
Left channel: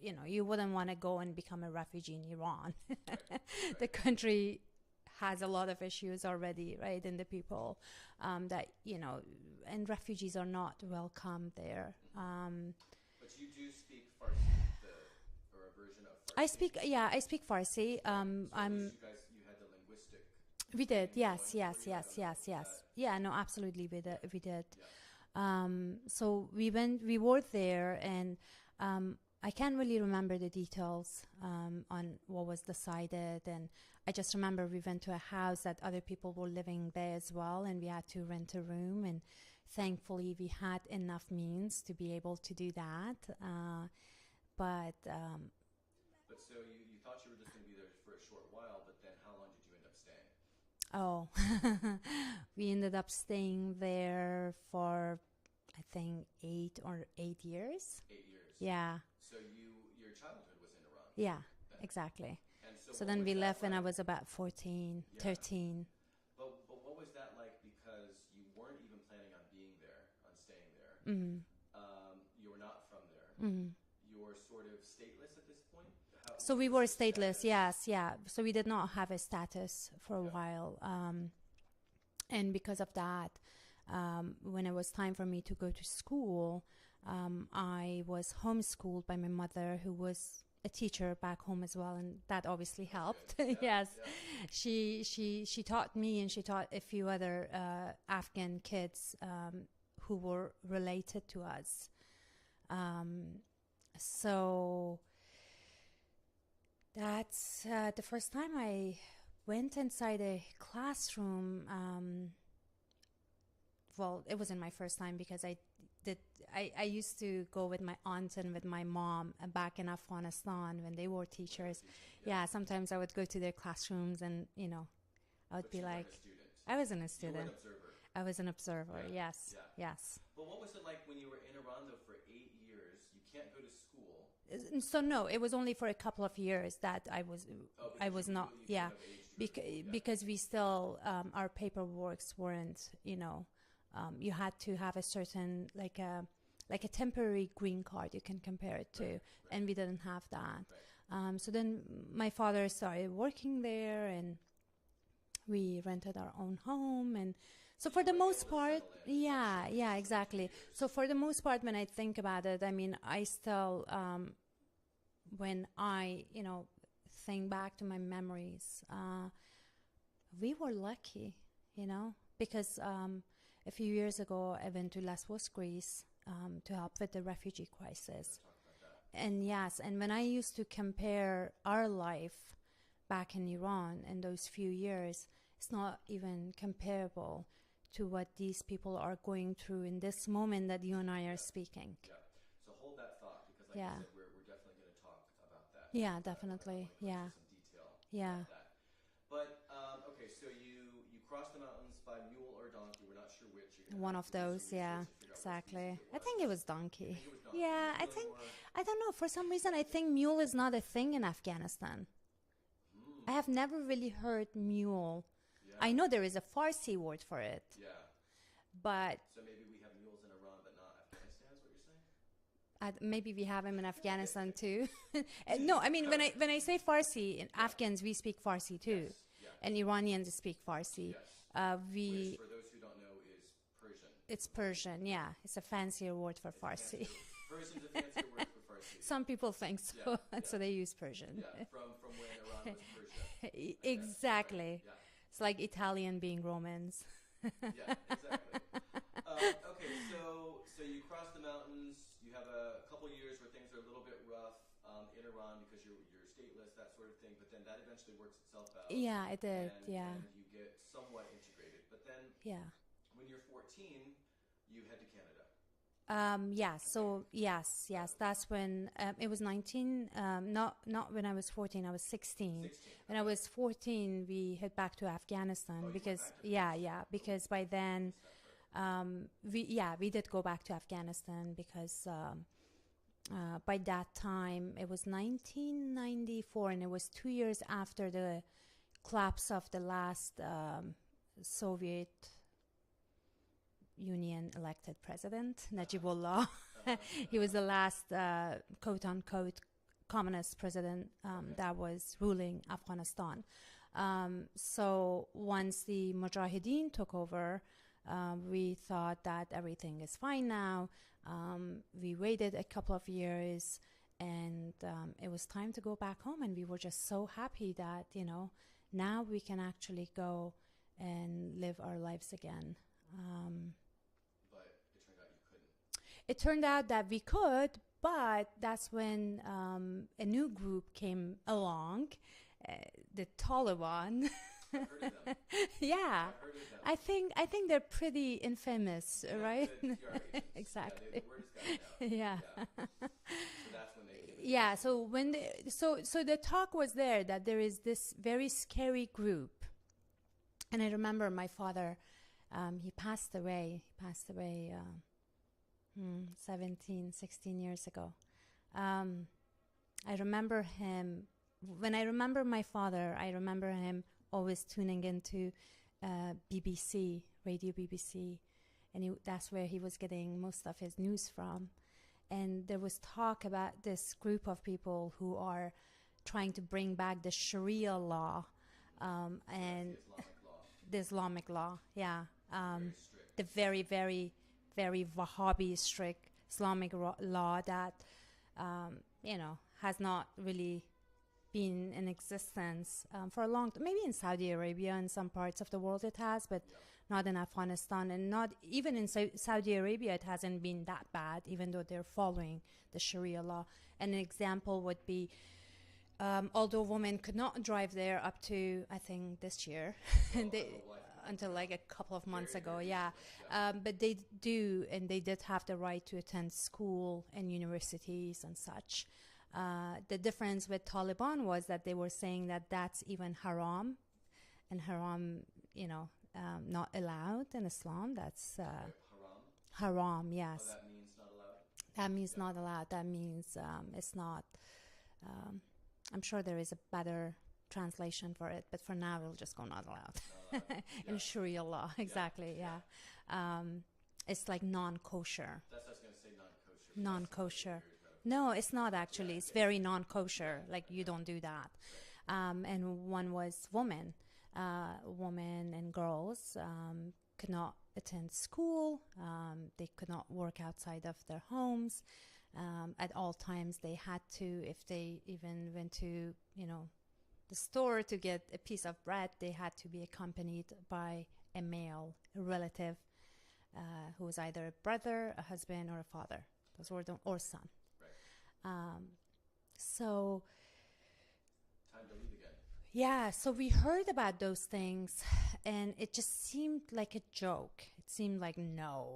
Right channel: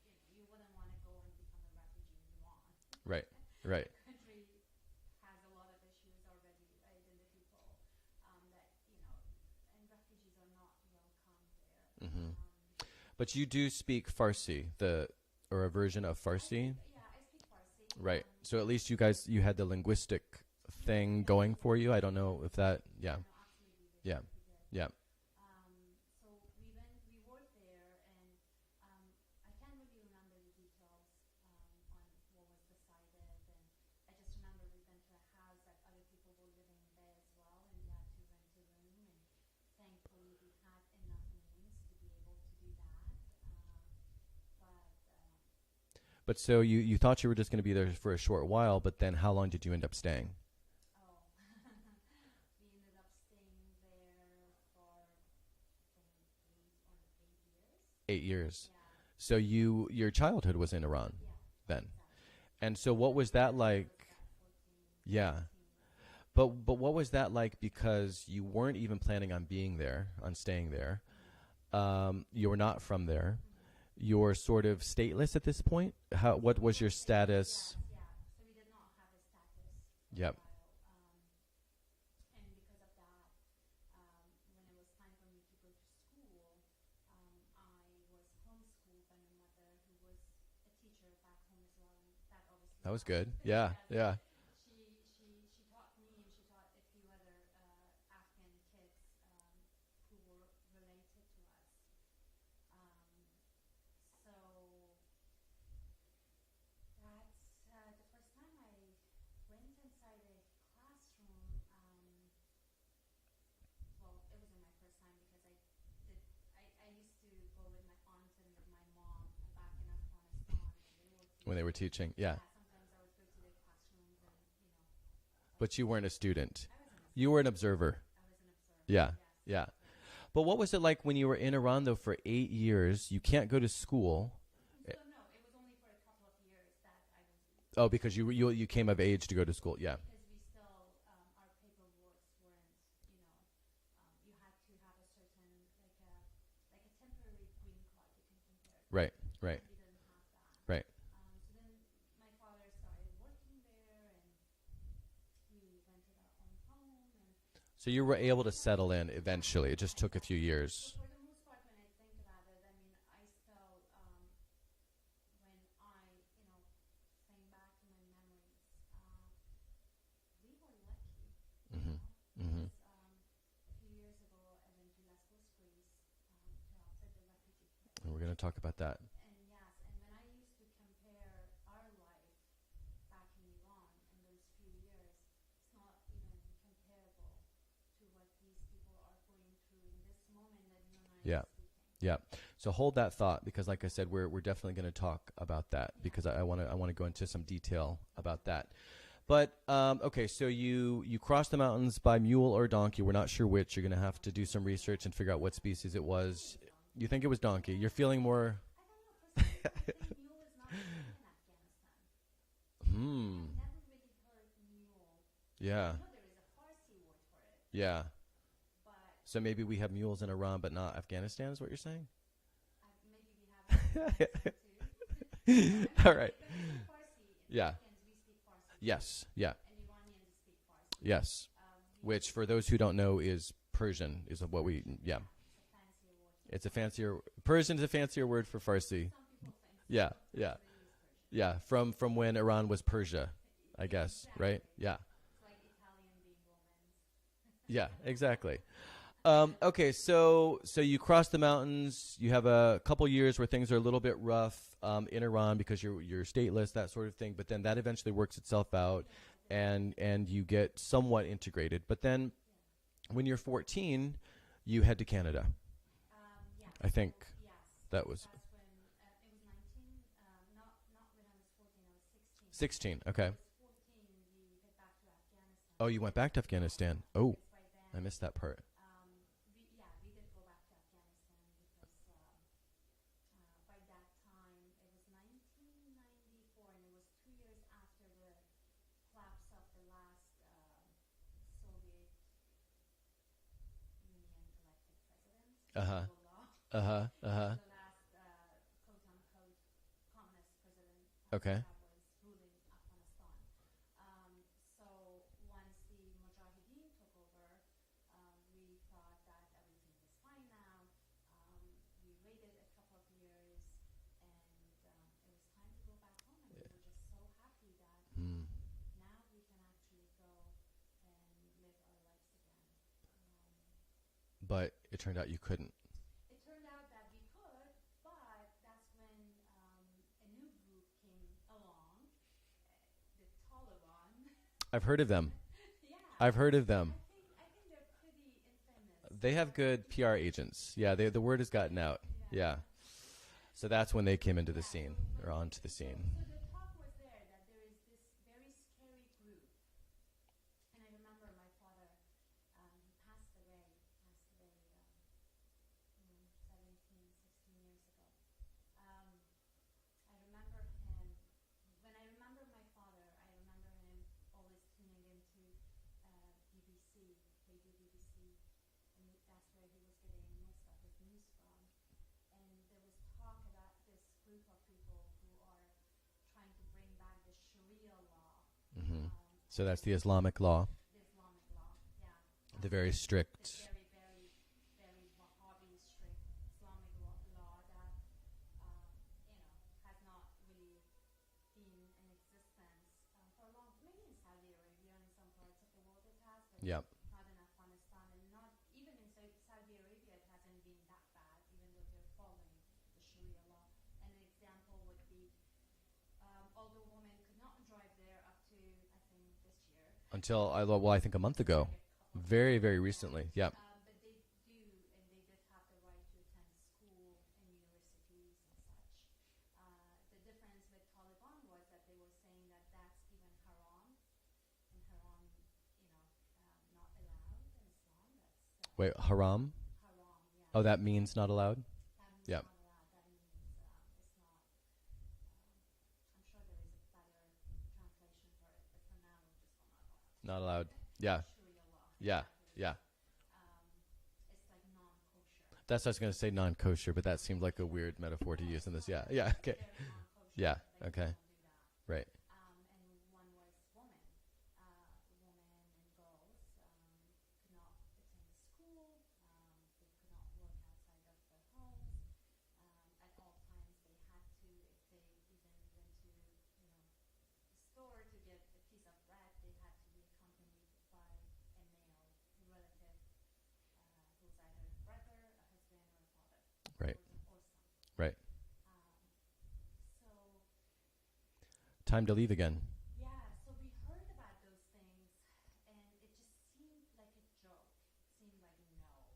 You know, you wouldn't want to go and become a refugee in Iran. Right. The Right. country has a lot of issues already, right? And the people that, you know, and refugees are not welcome there. Mhm. But you do speak Farsi, or a version of Farsi. I speak Farsi. Right. So at least you had the linguistic we thing did, yes, going yes, for you. I yes, don't know yes, if yes. that. Yeah, no, absolutely, we did. Yeah. We did. Yeah. So we were there, and I can't really remember the details on what was decided, and I just remember we went to a house that other people were living there as well, and we had to rent a room, and thankfully we had enough means to be able to do that. But so you thought you were just going to be there for a short while, but then how long did you end up staying? Oh, we ended up staying there for, I think, 8 years. 8 years. Yeah. So your childhood was in Iran. Yeah. Then. Exactly. And so then what was we that left like? when I was about 14, Yeah. 13. But what was that like? Because you weren't even planning on being there, on staying there. You were not from there. You're sort of stateless at this point. What we was were your stateless, status? yes, yeah. So we did not have a status for Yep. a while. And because of that, when it was time for me to go to school, I was homeschooled by my mother, who was a teacher back home as well, and that obviously That was helped. good. Yeah. Yes. Yeah. She taught me, and she taught a few other Afghan kids who were related to us. So that's the first time I went inside a classroom. Well, it wasn't my first time, because I used to go with my aunt and with my mom back in Afghanistan when they were teachers. When they were teaching. Yeah. Sometimes I would go to their classrooms, and I would But be you like, weren't a student. I wasn't a student. You were an observer. I was an observer. Yeah. Yes. Yeah. Yes. But what was it like when you were in Iran, though, for 8 years? You can't go to school. So no, it was only for a couple of years that I was. Oh, because was you came yeah. of age to go to school. Yeah. Because we still, our paperworks weren't, you had to have a certain, like a temporary green card you can compare it Right, to. right. And we didn't have that. Right. So then my father started working there, and we rented our own home, and So you were able to settle in yeah, eventually. It just took exactly. a few years. So for the most part, when I think about it, I mean, I still, when I, think back to my memories, we were lucky, because a few years ago, I went to Lesbos, Greece, to help with the refugee crisis. We're going to talk about that. And yes, and when I used to compare our life back in Iran in those few years, it's not even comparable to what these people are going through in this moment that you and I are speaking. Yeah. So hold that thought, because like I Yeah. said, we're definitely going to talk about that, Yeah, because I want to definitely. go into Yeah. some detail Yeah. about that. But okay, so you crossed the mountains by mule or donkey. We're not sure which. You're going to One have of to do some those, research yeah, and figure out what species exactly. it was. I think it was donkey. You think it was donkey? Yeah, You're I feeling think- more. I don't know. For some reason, I think mule is not a thing in Afghanistan. I have never really heard mule. Yeah. I know there is a Farsi word for it, Yeah. but So maybe we have mules in Iran, but not Afghanistan, is what you're saying? maybe we have them in Afghanistan too. No, I mean, All when right. I say Farsi, in Yeah. Afghans, we speak Farsi too. Yes. Yeah. And Iranians speak Farsi. Yes. Which, for those who don't know, is Persian. It's is what Persian, we, yeah. It's a fancier word for It's Farsi. a fancier. Persian is a fancier word for Farsi. Some people think so. Yeah, yeah. So they use Persian. Yeah, from when Iran was Persia, I guess. Exactly. Right? Yeah. It's like Italian being Romans. Yeah, exactly. Okay, so you cross the mountains. You have a couple years where things are a little bit rough in Iran because you're stateless, that sort of thing. But then that eventually works itself out, Yeah, it did. and you get somewhat integrated. But then yeah. when you're 14, you head to Canada. Yes. I think yes, that was- that's when it was 19. Not when I was 14. I was 16. 16. When Okay. I was 14, we head back to Afghanistan. Oh, you went back to Afghanistan. Yeah, Oh, because by I then, missed that part. we did go back to Afghanistan because by that time, it was 1994, and it was 2 years after the collapse of the last Soviet Union elected president, Najibullah. He was the last quote-unquote communist president that was ruling Afghanistan. So once the Mujahideen took over, we thought that everything is fine now. We waited a couple of years, and it was time to go back home, and we were just so happy that, you know, now we can actually go and live our lives again. But it turned out you couldn't. It turned out that we could, but that's when a new group came along, the Taliban. I've heard of them. Yeah. I've heard of them. I think they're pretty infamous. They have right? good PR agents. Exactly. Yeah, the word has gotten out. Yeah. So that's when they came into the scene. So when so the talk was there that there is this very scary group. And I remember my father, he passed away 16 years ago. I remember him, when I remember my father, I remember him always tuning into BBC, Radio BBC, and that's where he was getting most of his news from. And there was talk about this group of people who are trying to bring back the Sharia law. So that's the Islamic law. The Islamic law, yeah. The very strict. The very, very, very Wahhabi strict Islamic law that, you know, has not really been in existence for a long time. Maybe in Saudi Arabia and some parts of the world it has, but not in Afghanistan, and not even in Saudi Arabia it hasn't been that bad, even though they're following the Sharia law. And an example would be, although women could not drive there up to, I think, this year. Until, I think a month ago. Like a couple of very, months ago. Very recently, yeah. But they do, and they did have the right to attend school and universities and such. The difference with Taliban was that they were saying that that's even haram, and haram, you know, not allowed in Islam. That's wait, haram? Haram, yes. Oh, that means not allowed? That means not allowed. That means it's not. I'm sure there is a better translation for it, but for now we'll just go not allowed. Not allowed. Yeah. In Sharia law, exactly. Yeah. It's like non-kosher. That's what I was going to say, non-kosher, but that seemed like a weird metaphor. No, to use it's not actually. Okay. It's very non-kosher. Like you don't do that. Right. And one was women. Women and girls could not attend school. They could not work outside of their homes. At all times, they had to, if they even went to, you know, the store to get a piece of bread, they had to be accompanied by a male relative who was either a brother, a husband, or a father, or son. Right. So. Time to leave again. Yeah, so we heard about those things, and it just seemed like a joke. It seemed like, no,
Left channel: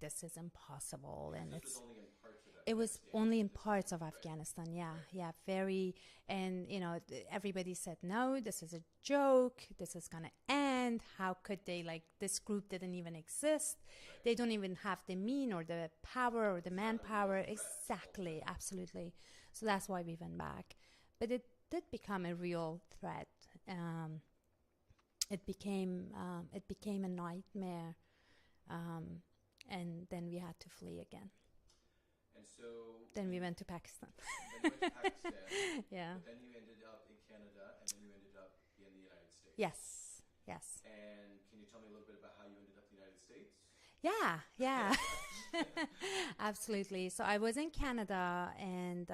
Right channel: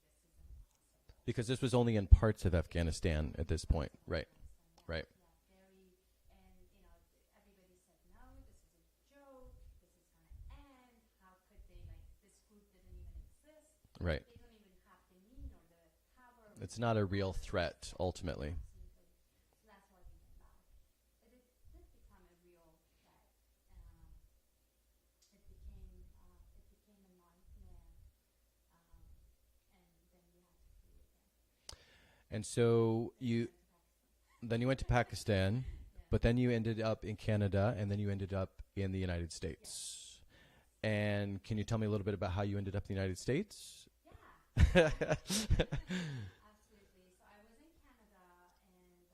this is impossible. Because this was only in parts of Afghanistan it was only at this in parts point. of Afghanistan, yeah, very, and you know, everybody said, no, this is a joke. This is gonna end. How could they? Like, this group didn't even exist. Right. They don't even have the mean or the power or it's the manpower. It's not a real threat, exactly, ultimately. Absolutely. So that's why we went back, but it did become a real threat. It became a nightmare, and then we had to flee again. And so then we went to Pakistan. Then you went to Pakistan. Yeah. But then you ended up in Canada, and then you ended up in the United States. Yes. Yes. And can you tell me a little bit about how you ended up in the United States? Yeah. Absolutely. So I was in Canada, and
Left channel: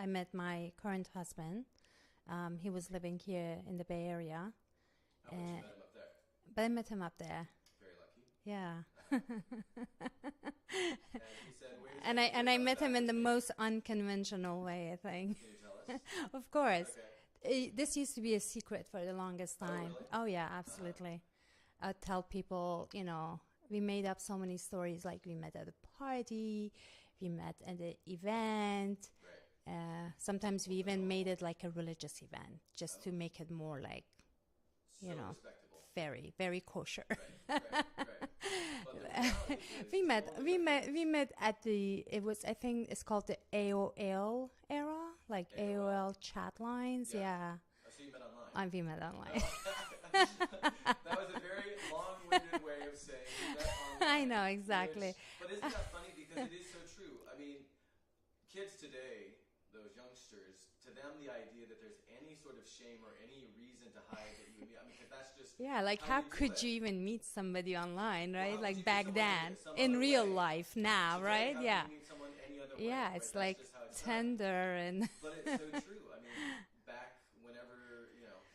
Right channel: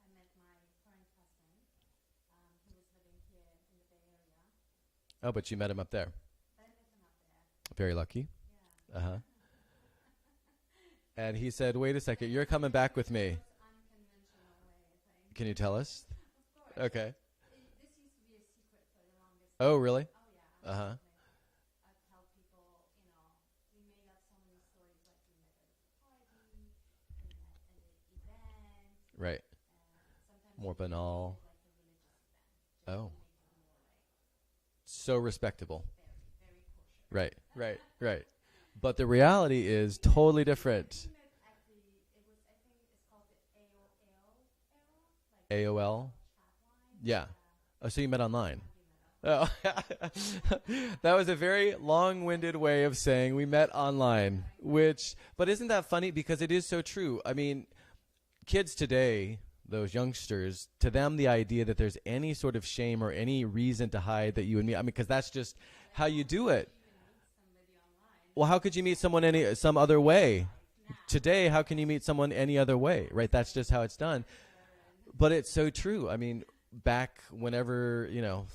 I met my current husband. He was living here in the Bay Area. Oh, but you met him up there. But I met him up there. Very lucky. Yeah. Uh-huh. And he said, wait a second, you're coming back with me. And I met him in the most unconventional way, I think. Can you tell us? Of course. Okay. This used to be a secret for the longest time. Oh, really? Oh, yeah, absolutely. I'd tell people, you know, we made up so many stories, like we met at a party, we met at an event. Right. Sometimes More we even banal. made it like a religious event, just to make it more like so respectable. Very, very kosher. Right. But the reality is totally different. We met at I think it's called the AOL era, like AOL chat lines. Yeah. Oh, so you met online? We met online. Oh. That was a very long-winded way of saying we met online. I know, exactly. But isn't that funny? Because it is so true. I mean, kids today, those youngsters, to them, the idea that there's any sort of shame or any reason to hide that you and me, I mean, because that's just how you do it. How could you even meet somebody online? Right? Well, how could you meet someone some other way? Life now, today, right? how can you meet someone any other way? Yeah, right? That's like just how it's done. Tinder and But it's so true. I mean, back whenever,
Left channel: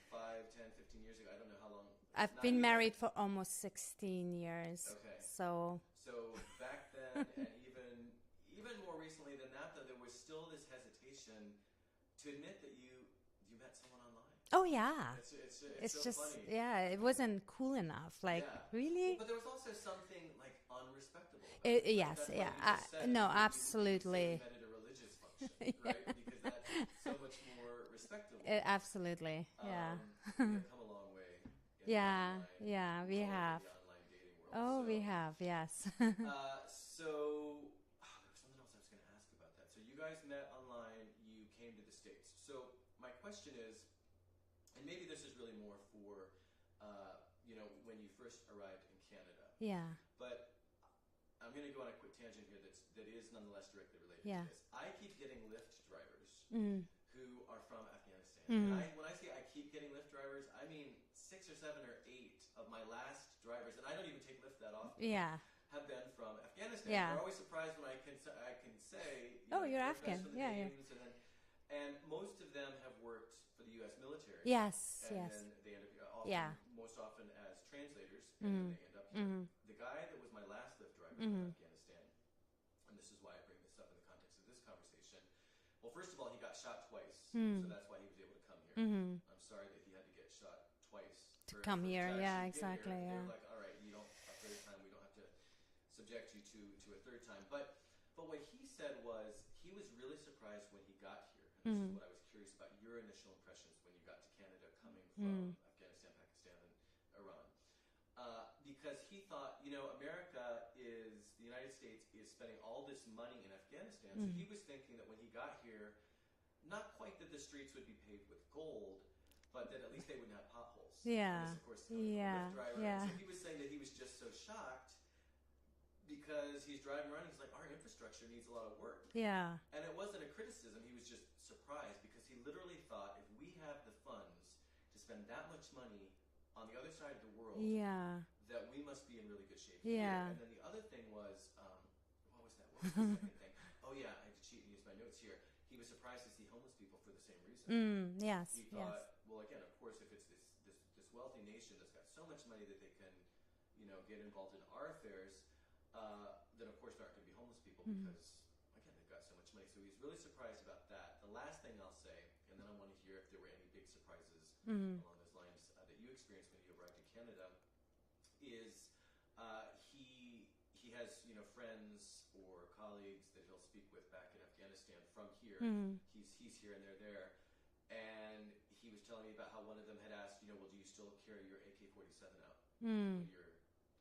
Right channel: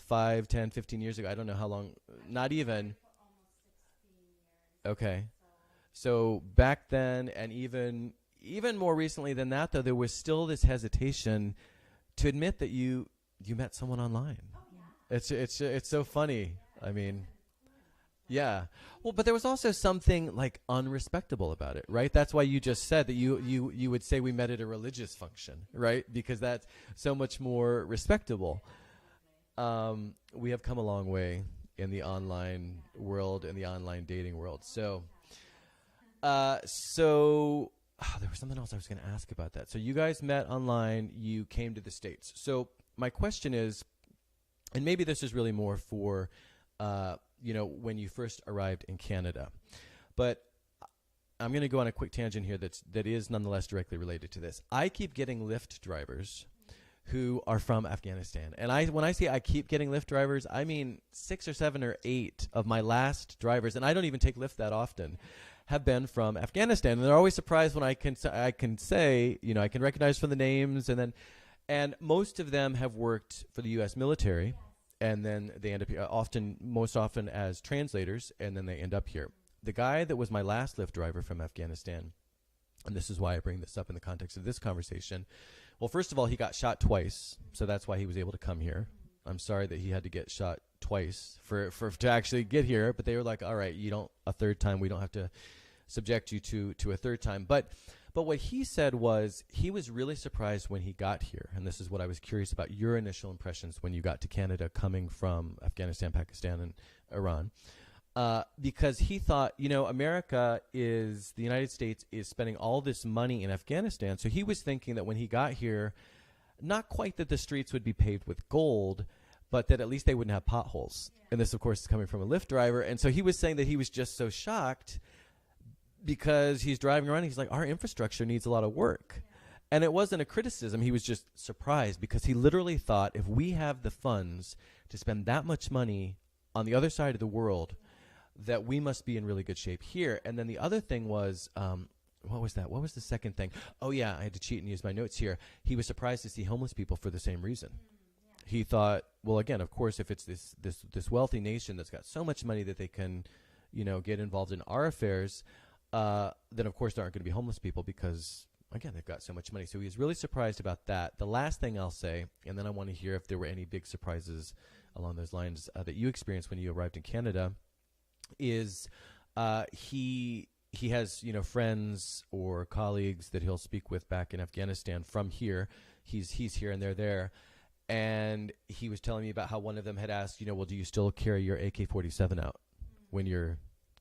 5, 10, 15 years ago, I don't know how long. I've not been even married for almost 16 years. Okay. So back then, and even more recently than that, though, there was still this hesitation to admit that you met someone online. Oh yeah. It's so just, funny. Yeah, it wasn't cool enough. Like, yeah. Really? Well, but there was also something like unrespectable about it, right? Yes, That's why you just said that you would say we absolutely. met at a religious function, right? Because that's so much more respectable. Absolutely. We have come a long way in the online world, in the online dating world. Oh, so we have, yes. so there was something else I was going to ask about that. So you guys met online, you came to the States. So my question is, and maybe this is really more for, when you first arrived in Canada. Yeah. But I'm going to go on a quick tangent here that is nonetheless directly related to this. I keep getting Lyft drivers who are from Afghanistan. And when I say I keep getting Lyft drivers, I mean 6 or 7 or 8 of my last drivers, and I don't even take Lyft that often. Yeah. Have been from Afghanistan. Yeah. And they're always surprised when I can say, I can recognize from the names, and most of them have worked for the U.S. military. Yes. And then they end up here most often as translators, and then they end up here. The guy that was my last Lyft driver from Afghanistan, and this is why I bring this up in the context of this conversation. Well, first of all, he got shot twice, so that's why he was able to come here. I'm sorry that he had to get shot twice to actually get here, but they were like, all right, a third time, we don't have to subject you to a third time. But what he said was he was really surprised when he got here, and this is what I was curious about, your initial impressions when you got to Canada coming from Afghanistan, Pakistan, and Iran. Because he thought, the United States is spending all this money in Afghanistan. So he was thinking that when he got here, not quite that the streets would be paved with gold, but that at least they wouldn't have potholes. Yeah. And this, of course, is coming from a Lyft driver. Yeah. And so he was saying that he was just so shocked because he's driving around. He's like, our infrastructure needs a lot of work. Yeah. And it wasn't a criticism. He was just surprised because he literally thought if we have the funds to spend that much money on the other side of the world, that we must be in really good shape here. And then the other thing was, what was that? What was the second thing? Oh, yeah, I had to cheat and use my notes here. He was surprised to see homeless people for the same reason. Yes. He thought, well, again, of course, if it's this wealthy nation that's got so much money that they can, get involved in our affairs, then, of course, there aren't going to be homeless people because, again, they've got so much money. So he was really surprised about that. The last thing I'll say, and then I want to hear if there were any big surprises along those lines that you experienced when you arrived in Canada, is he has, friends or colleagues that he'll speak with back in Afghanistan from here. He's here and they're there. And he was telling me about how one of them had asked, well, do you still carry your AK-47 out when you're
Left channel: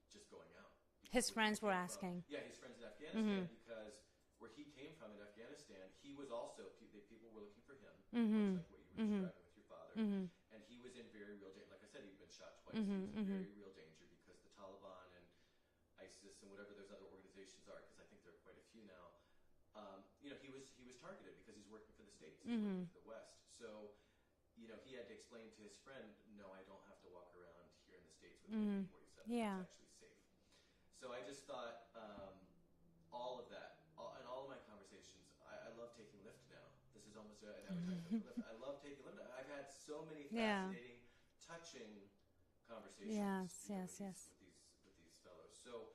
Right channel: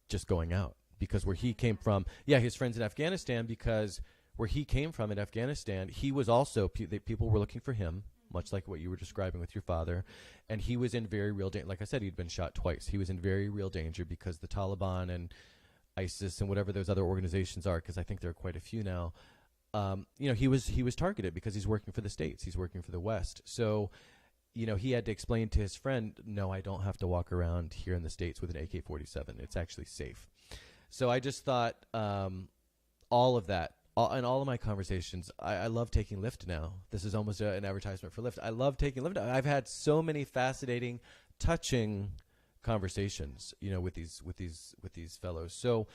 just going out? Because his where he came from, his friends in Afghanistan, because where he came from in Afghanistan, he was also, people were looking for him, much like what you were describing with your father. And he was in very real danger. Like I said, he'd been shot twice. He was in very real danger because the Taliban and ISIS and whatever those other organizations are, because I think there are quite a few now, he was targeted because he's working for the States. He's working for the West. So, he had to explain to his friend, no, I don't have to walk around here in the States with an AK-47. It's actually safe. So I just thought all of that, in all of my conversations, I love taking Lyft now. This is almost an advertisement for Lyft. I love taking Lyft. I've had so many fascinating, touching conversations, with these fellows. So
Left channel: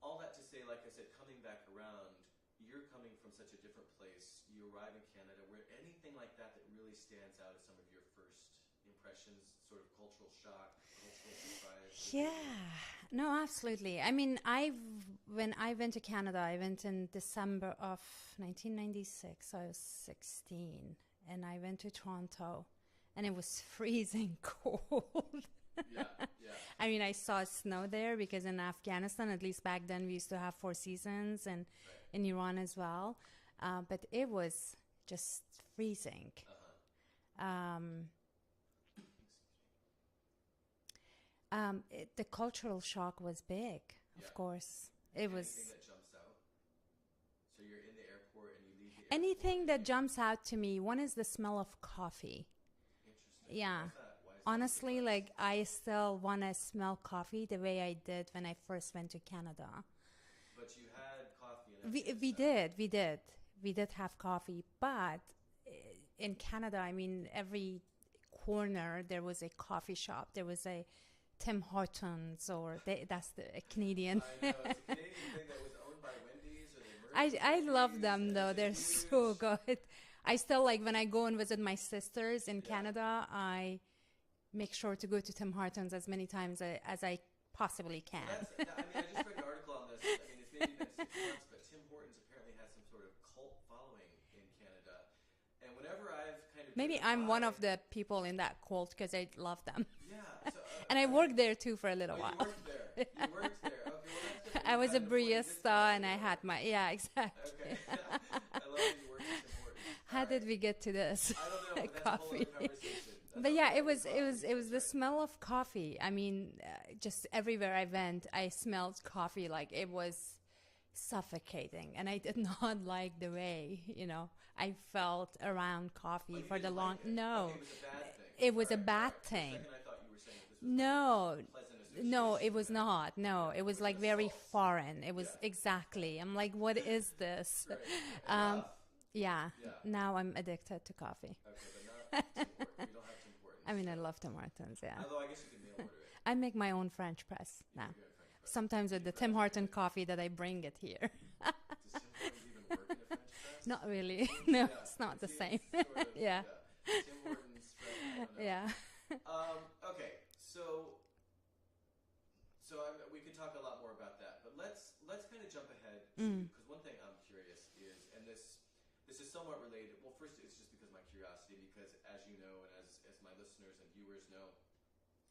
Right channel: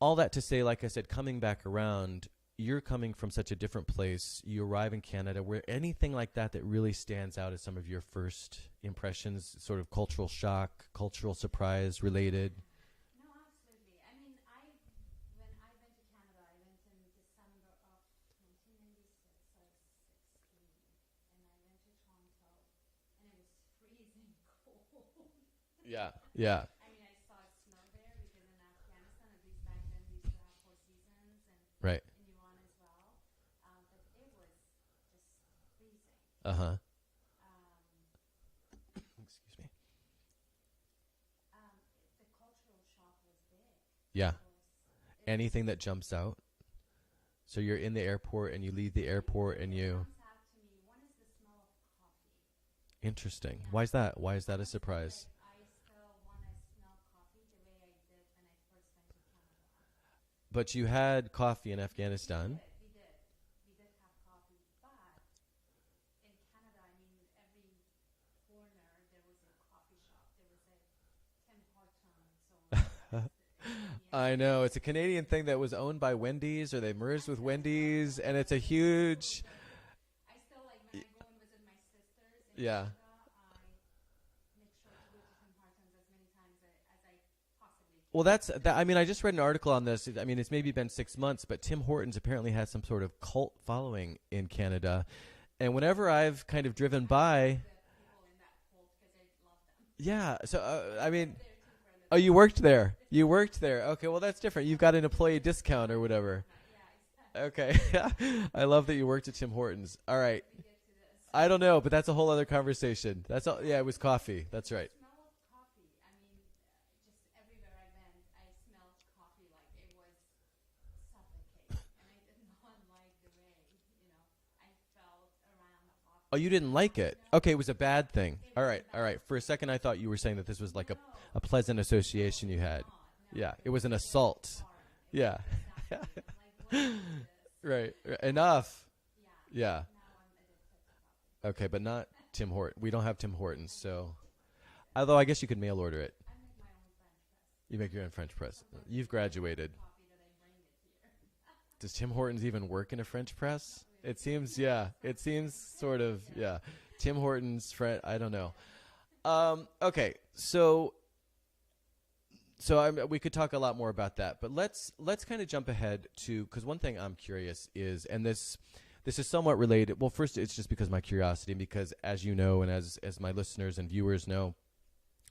all that to say, like I said, coming back around, you're coming from such a different place. You arrive in Canada. Where anything like that really stands out as some of your first impressions, sort of cultural shock, cultural surprise related? Yeah. No, absolutely. I mean, when I went to Canada, I went in December of 1996. I was 16, and I went to Toronto. and it was freezing cold. Yeah. Yeah. I mean, I saw snow there because in Afghanistan, at least back then, we used to have 4 seasons, and Right. in Iran as well. But it was just freezing. Uh-huh. Um, Excuse me. the cultural shock was big. Yeah. Of course. Anything that jumps out? So you're in the airport and you leave the airport anything that jumps out to me. One is the smell of coffee. Interesting. Yeah. Why is that? Why is that Honestly, a surprise? like I still want to smell coffee the way I did when I first went to Canada. But you had coffee in Afghanistan. We did have coffee, but in Canada, I mean, every corner there was a coffee shop. There was a Tim Hortons, or that's the Canadian. I know, it's a Canadian thing that was owned by Wendy's, or they merged with Wendy's, I love them, and though. it's a They're huge. so good. I still like when I go and visit my sisters in Canada. I make sure to go to Tim Hortons as many times as I possibly can. Well, I mean, I just read an article on this. I mean, it's maybe been 6 months, but Tim Hortons apparently has some sort of cult following in Canada. And whenever I've kind of driven Maybe by, I'm one of the people in that cult because I love them. Yeah. So and I worked there too for a little. Oh, while. you worked there. You worked there. Okay, well that's different. You got an employee discount or whatever. Yeah, exactly. Okay. I love that you worked at Tim Hortons. All right. How did we get to this? I don't know, but that's a whole other conversation. That's all. Yeah, it was coffee. It that's was right. the smell of coffee. I mean, just everywhere I went, I smelled coffee. Like it was suffocating, and I did not like the way I felt around coffee. Oh, you didn't like it? No. Okay, it was a bad thing. It was all right, a bad all right. For a thing. second, I thought you were saying that this was like No. a pleasant association. No, it you was had. not. No, Yeah, it was an like assault. very foreign. It was exactly. I'm like, what is this? Right. Enough. Yeah. Yeah. Now I'm addicted to coffee. Okay, but not Tim Hortons. We don't have Tim Hortons. I mean, so. I love Tim Hortons. Yeah. Although I guess you could mail order it. I make my own French press. You make your own French press. Sometimes with the Tim Hortons coffee that I bring it here. Does Tim Hortons even work in a French press? Not really. It seems, no, yeah. It's not it the seems same. sort of, yeah. Tim Hortons, I don't know. Yeah. Okay, we could talk a lot more about that, but let's kind of jump ahead to, because one thing I'm curious is, and this is somewhat related. Well, first, it's just because of my curiosity, and because, as you know, and as my listeners and viewers know,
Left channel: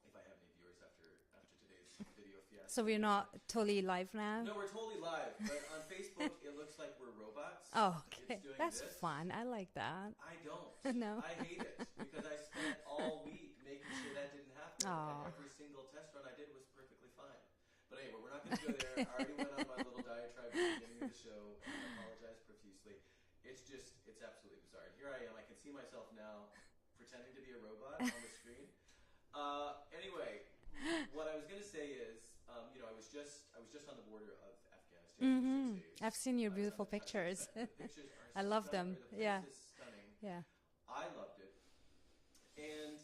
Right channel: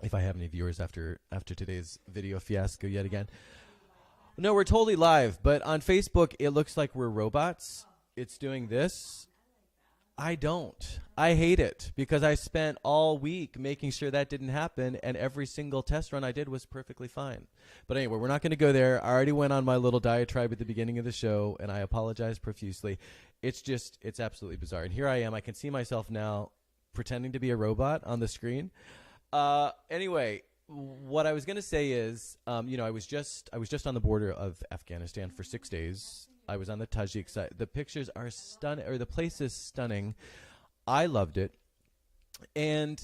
if I have any viewers after today's video fiasco so we're yet not again. totally live now? No, we're totally live, but on Facebook, it looks like we're robots. Oh, okay. It's doing That's this. fun. I like that. I don't. No. I hate it because I spent all week making sure that didn't happen, and every single test run I did was perfectly fine. But anyway, we're not going to go there. I already went on my little diatribe at the beginning of the show, and I apologize profusely. It's absolutely bizarre. And here I am. I can see myself now pretending to be a robot on the screen. Anyway, what I was going to say is, I was just on the border of Afghanistan for 6 days. I've seen your I was on the Tajik side. The pictures are stunning, or the place is stunning. Yeah. I loved it. And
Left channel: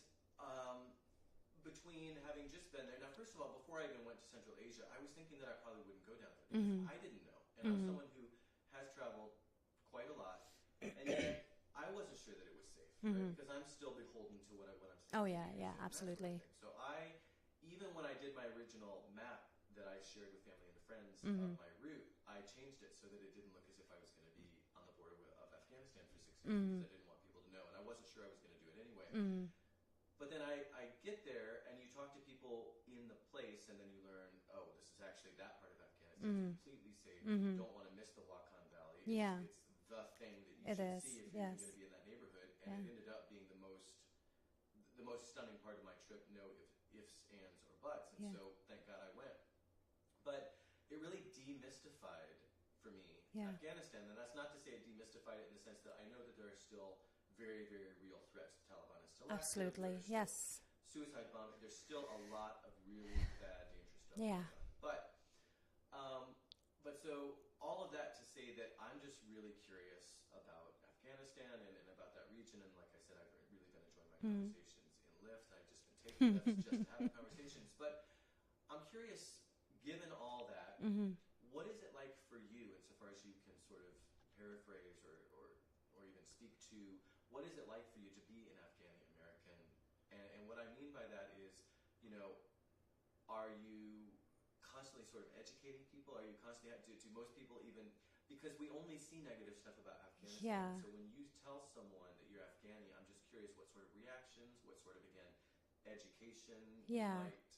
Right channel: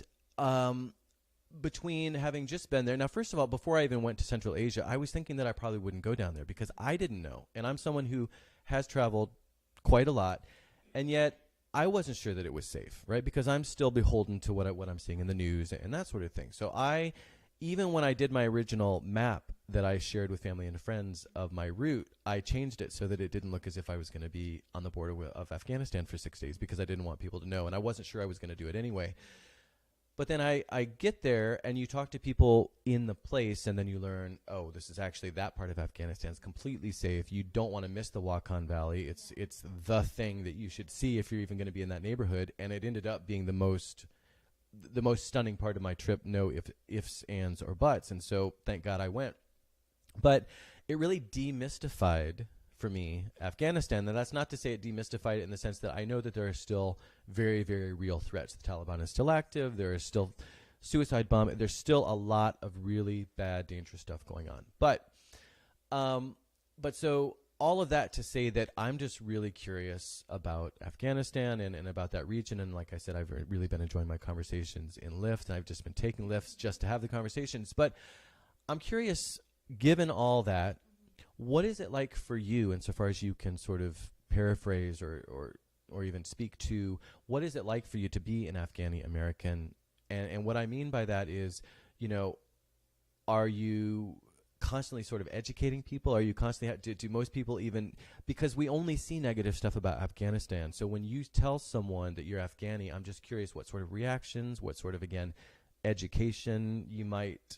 between having just been there, now, first of all, before I even went to Central Asia, I was thinking that I probably wouldn't go down there because I didn't know. And I'm someone who has traveled quite a lot, and yet I wasn't sure that it was safe, right? Because I'm still beholden to what I'm seeing in the news and that sort of thing. So even when I did my original map that I shared with family and friends of my route, I changed it so that it didn't look as if I was going to be on the border of Afghanistan for 6 days because I didn't want people to know, and I wasn't sure I was going to do it anyway. But then I get there, and you talk to people in the place, and then you learn, oh, this is actually that part of Afghanistan is completely safe. You don't want to miss the Wakhan Valley. It's the thing that you should see if you're even going to be in that neighborhood. And it ended up being the most stunning part of my trip. No ifs, ands, or buts. And so thank God I went. But it really demystified for me Afghanistan. And that's not to say it demystified it in the sense that I know that there are still very, very real threats. The Taliban is still active. There is still suicide bombing. There's still a lot of really bad, dangerous stuff going on. But so all of that to say that I'm just really curious about Afghanistan and about that region. And like I said, I've really been enjoying my conversations in Lyft, and I've just been taking Lyfts just to have the conversations. But I'm curious, given all that, what is it like for you, insofar as you can sort of paraphrase or even speak to, what is it like for you to be an Afghani American? And what I mean by that is, are you constantly sort of educating people? Are you constantly do most people even, because we only see negative stuff about Afghanistan. Yeah. So when you tell someone that you're Afghani, I'm just curious what sort of reactions, what sort of, again, education you might,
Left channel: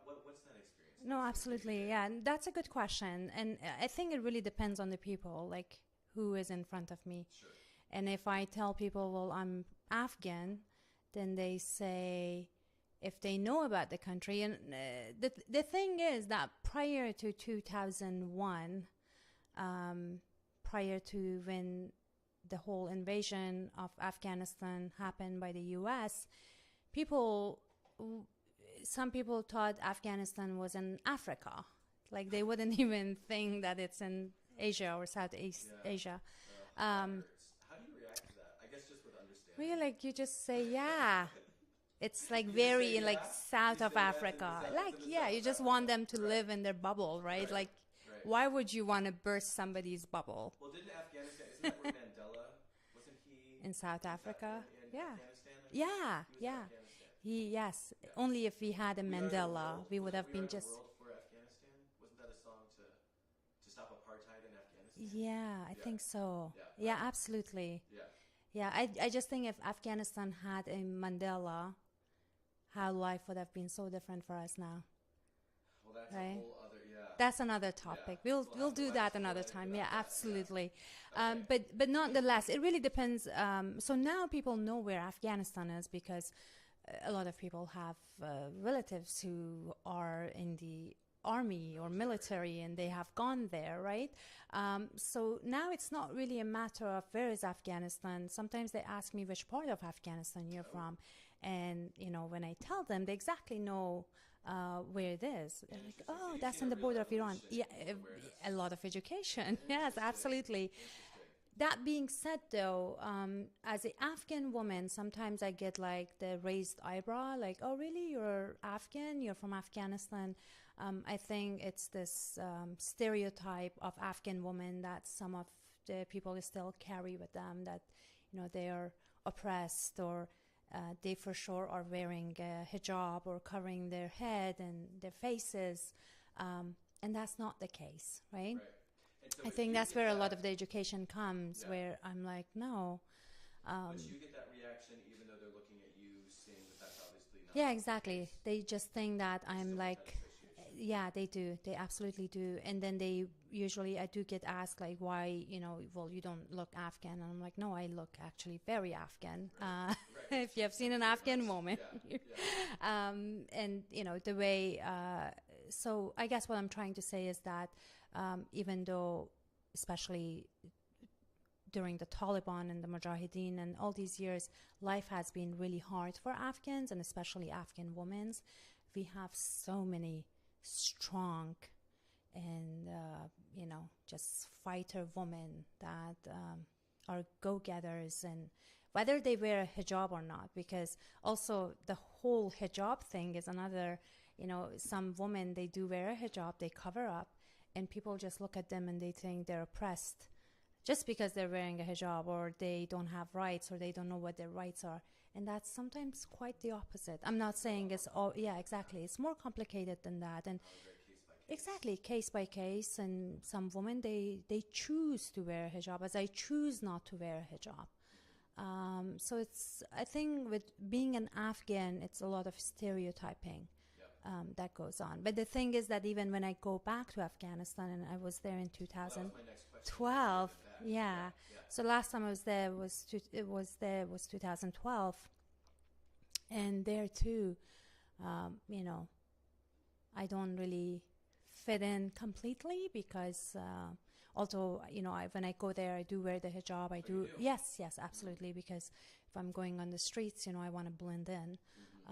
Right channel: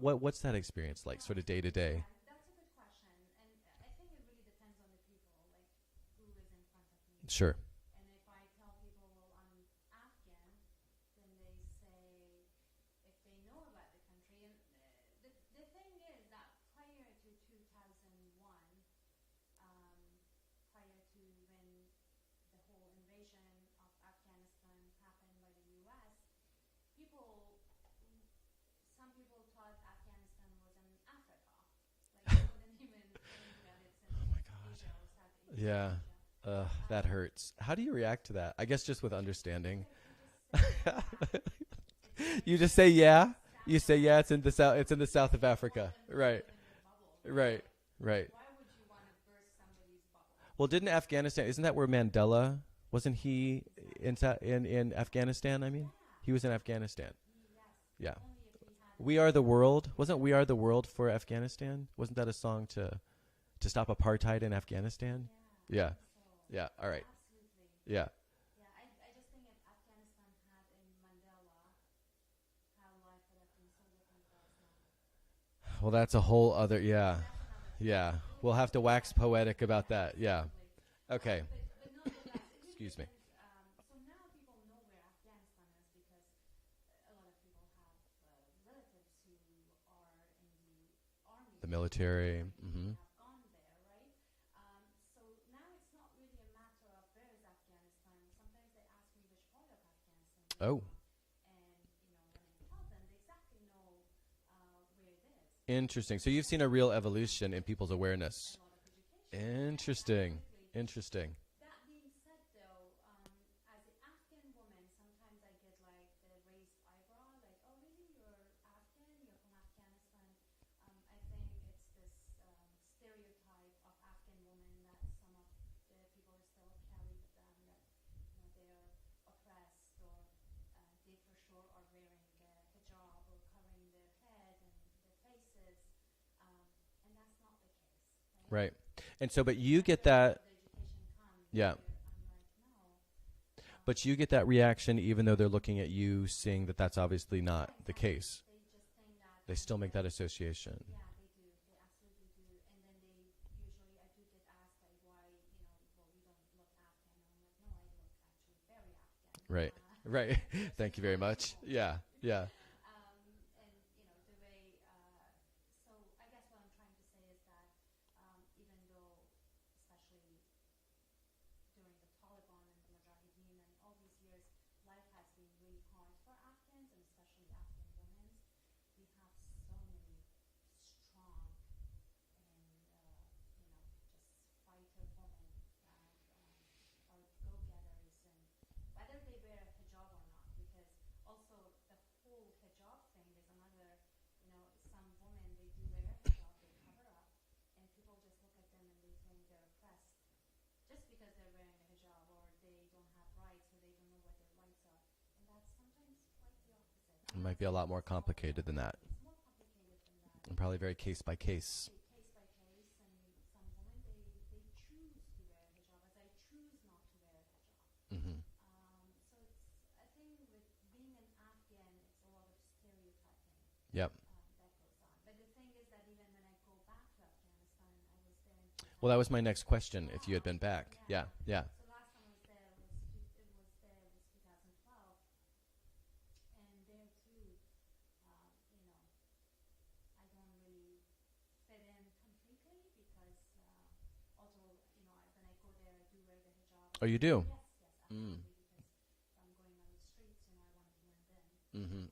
what's that experience like, No, sort of day to day? Yeah, and that's a good question. And I think it really depends on the people, like who is in front of me. Sure. And if I tell people, well, I'm Afghan, then they say, if they know about the country. And the thing is that prior to 2001, prior to when the whole invasion of Afghanistan happened by the U.S., some people thought Afghanistan was in Africa. Like they wouldn't even think that it's in Asia or Southeast Asia. That hurts. How do you react to that? I guess just with understanding. Really, like you just say, yeah. It's like you very, just say yeah. Like, south you of say yeah. Africa. It's in the south. It's in the south you of Africa. You just want them to live in their bubble, right? Like, why would you want to burst somebody's bubble? Well, didn't Afghanistan? Isn't that where Mandela? Wasn't he in South Africa? In Afghanistan? I mean, he was in Afghanistan. Only if he had a We Mandela, Are the World. We Wasn't We Are the World for Afghanistan? Wasn't that a song to stop apartheid in Afghanistan? Yeah, I think so. Yeah, absolutely. Yeah. Yeah, I just think if Afghanistan had a Mandela, how life would have been so different for us now. Well, that's a whole other, That's another topic. Yeah, we'll have to wax poetic about that. Absolutely. Yeah. Okay. But nonetheless, it really depends. So now people know where Afghanistan is because a lot of people have relatives who are in the army the military and they have gone there, right? So now it's not really a matter of where is Afghanistan. Sometimes they ask me which part of Afghanistan you're from. And, when I tell them, they exactly know where it is. Interesting. So you've seen a real evolution in people's awareness. A lot of education. Interesting. Yes, absolutely. Interesting. That being said, though, as an Afghan woman, sometimes I get like the raised eyebrow, like, oh, really? You're Afghan? You're from Afghanistan? I think it's this stereotype of Afghan women that some of the people still carry with them, that, they are oppressed, or they for sure are wearing a hijab or covering their head and their faces. And that's not the case, right? Right. And so, but I think you that's get where that. a lot of the education comes, where I'm like, no. But you get that reaction even though they're looking at you, seeing that that's obviously not the case. They just think that they I'm still like, make that association. Yeah, they do. They absolutely do. And then I do get asked like, why, well, you don't look Afghan. And I'm like, no, I look actually very Afghan. Right. Right. If you have seen an Afghan woman. Yeah. And, the way, so I guess what I'm trying to say is that even though, especially during the Taliban and the Mujahideen and all these years, life has been really hard for Afghans, and especially Afghan women. We have so many strong and, just fighter women that are go-getters, and whether they wear a hijab or not, because also the whole hijab thing is another, some women, they do wear a hijab, they cover up, and people just look at them and they think they're oppressed just because they're wearing a hijab, or they don't have rights, or they don't know what their rights are. And that's sometimes quite the opposite. I'm not saying it's all, exactly. It's more complicated than that. And probably very case by case. Exactly, case by case. And some women, they choose to wear a hijab, as I choose not to wear a hijab. So I think with being an Afghan, it's a lot of stereotyping. That goes on. But the thing is that even when I go back to Afghanistan, and I was there in 2000. Well, that was my next question. If you had been back. Yeah. So last time I was there was 2012, and there too, I don't really fit in completely because. Although, when I go there, I do wear the hijab. You do? Yes, absolutely. Because if I'm going on the streets, I want to blend in.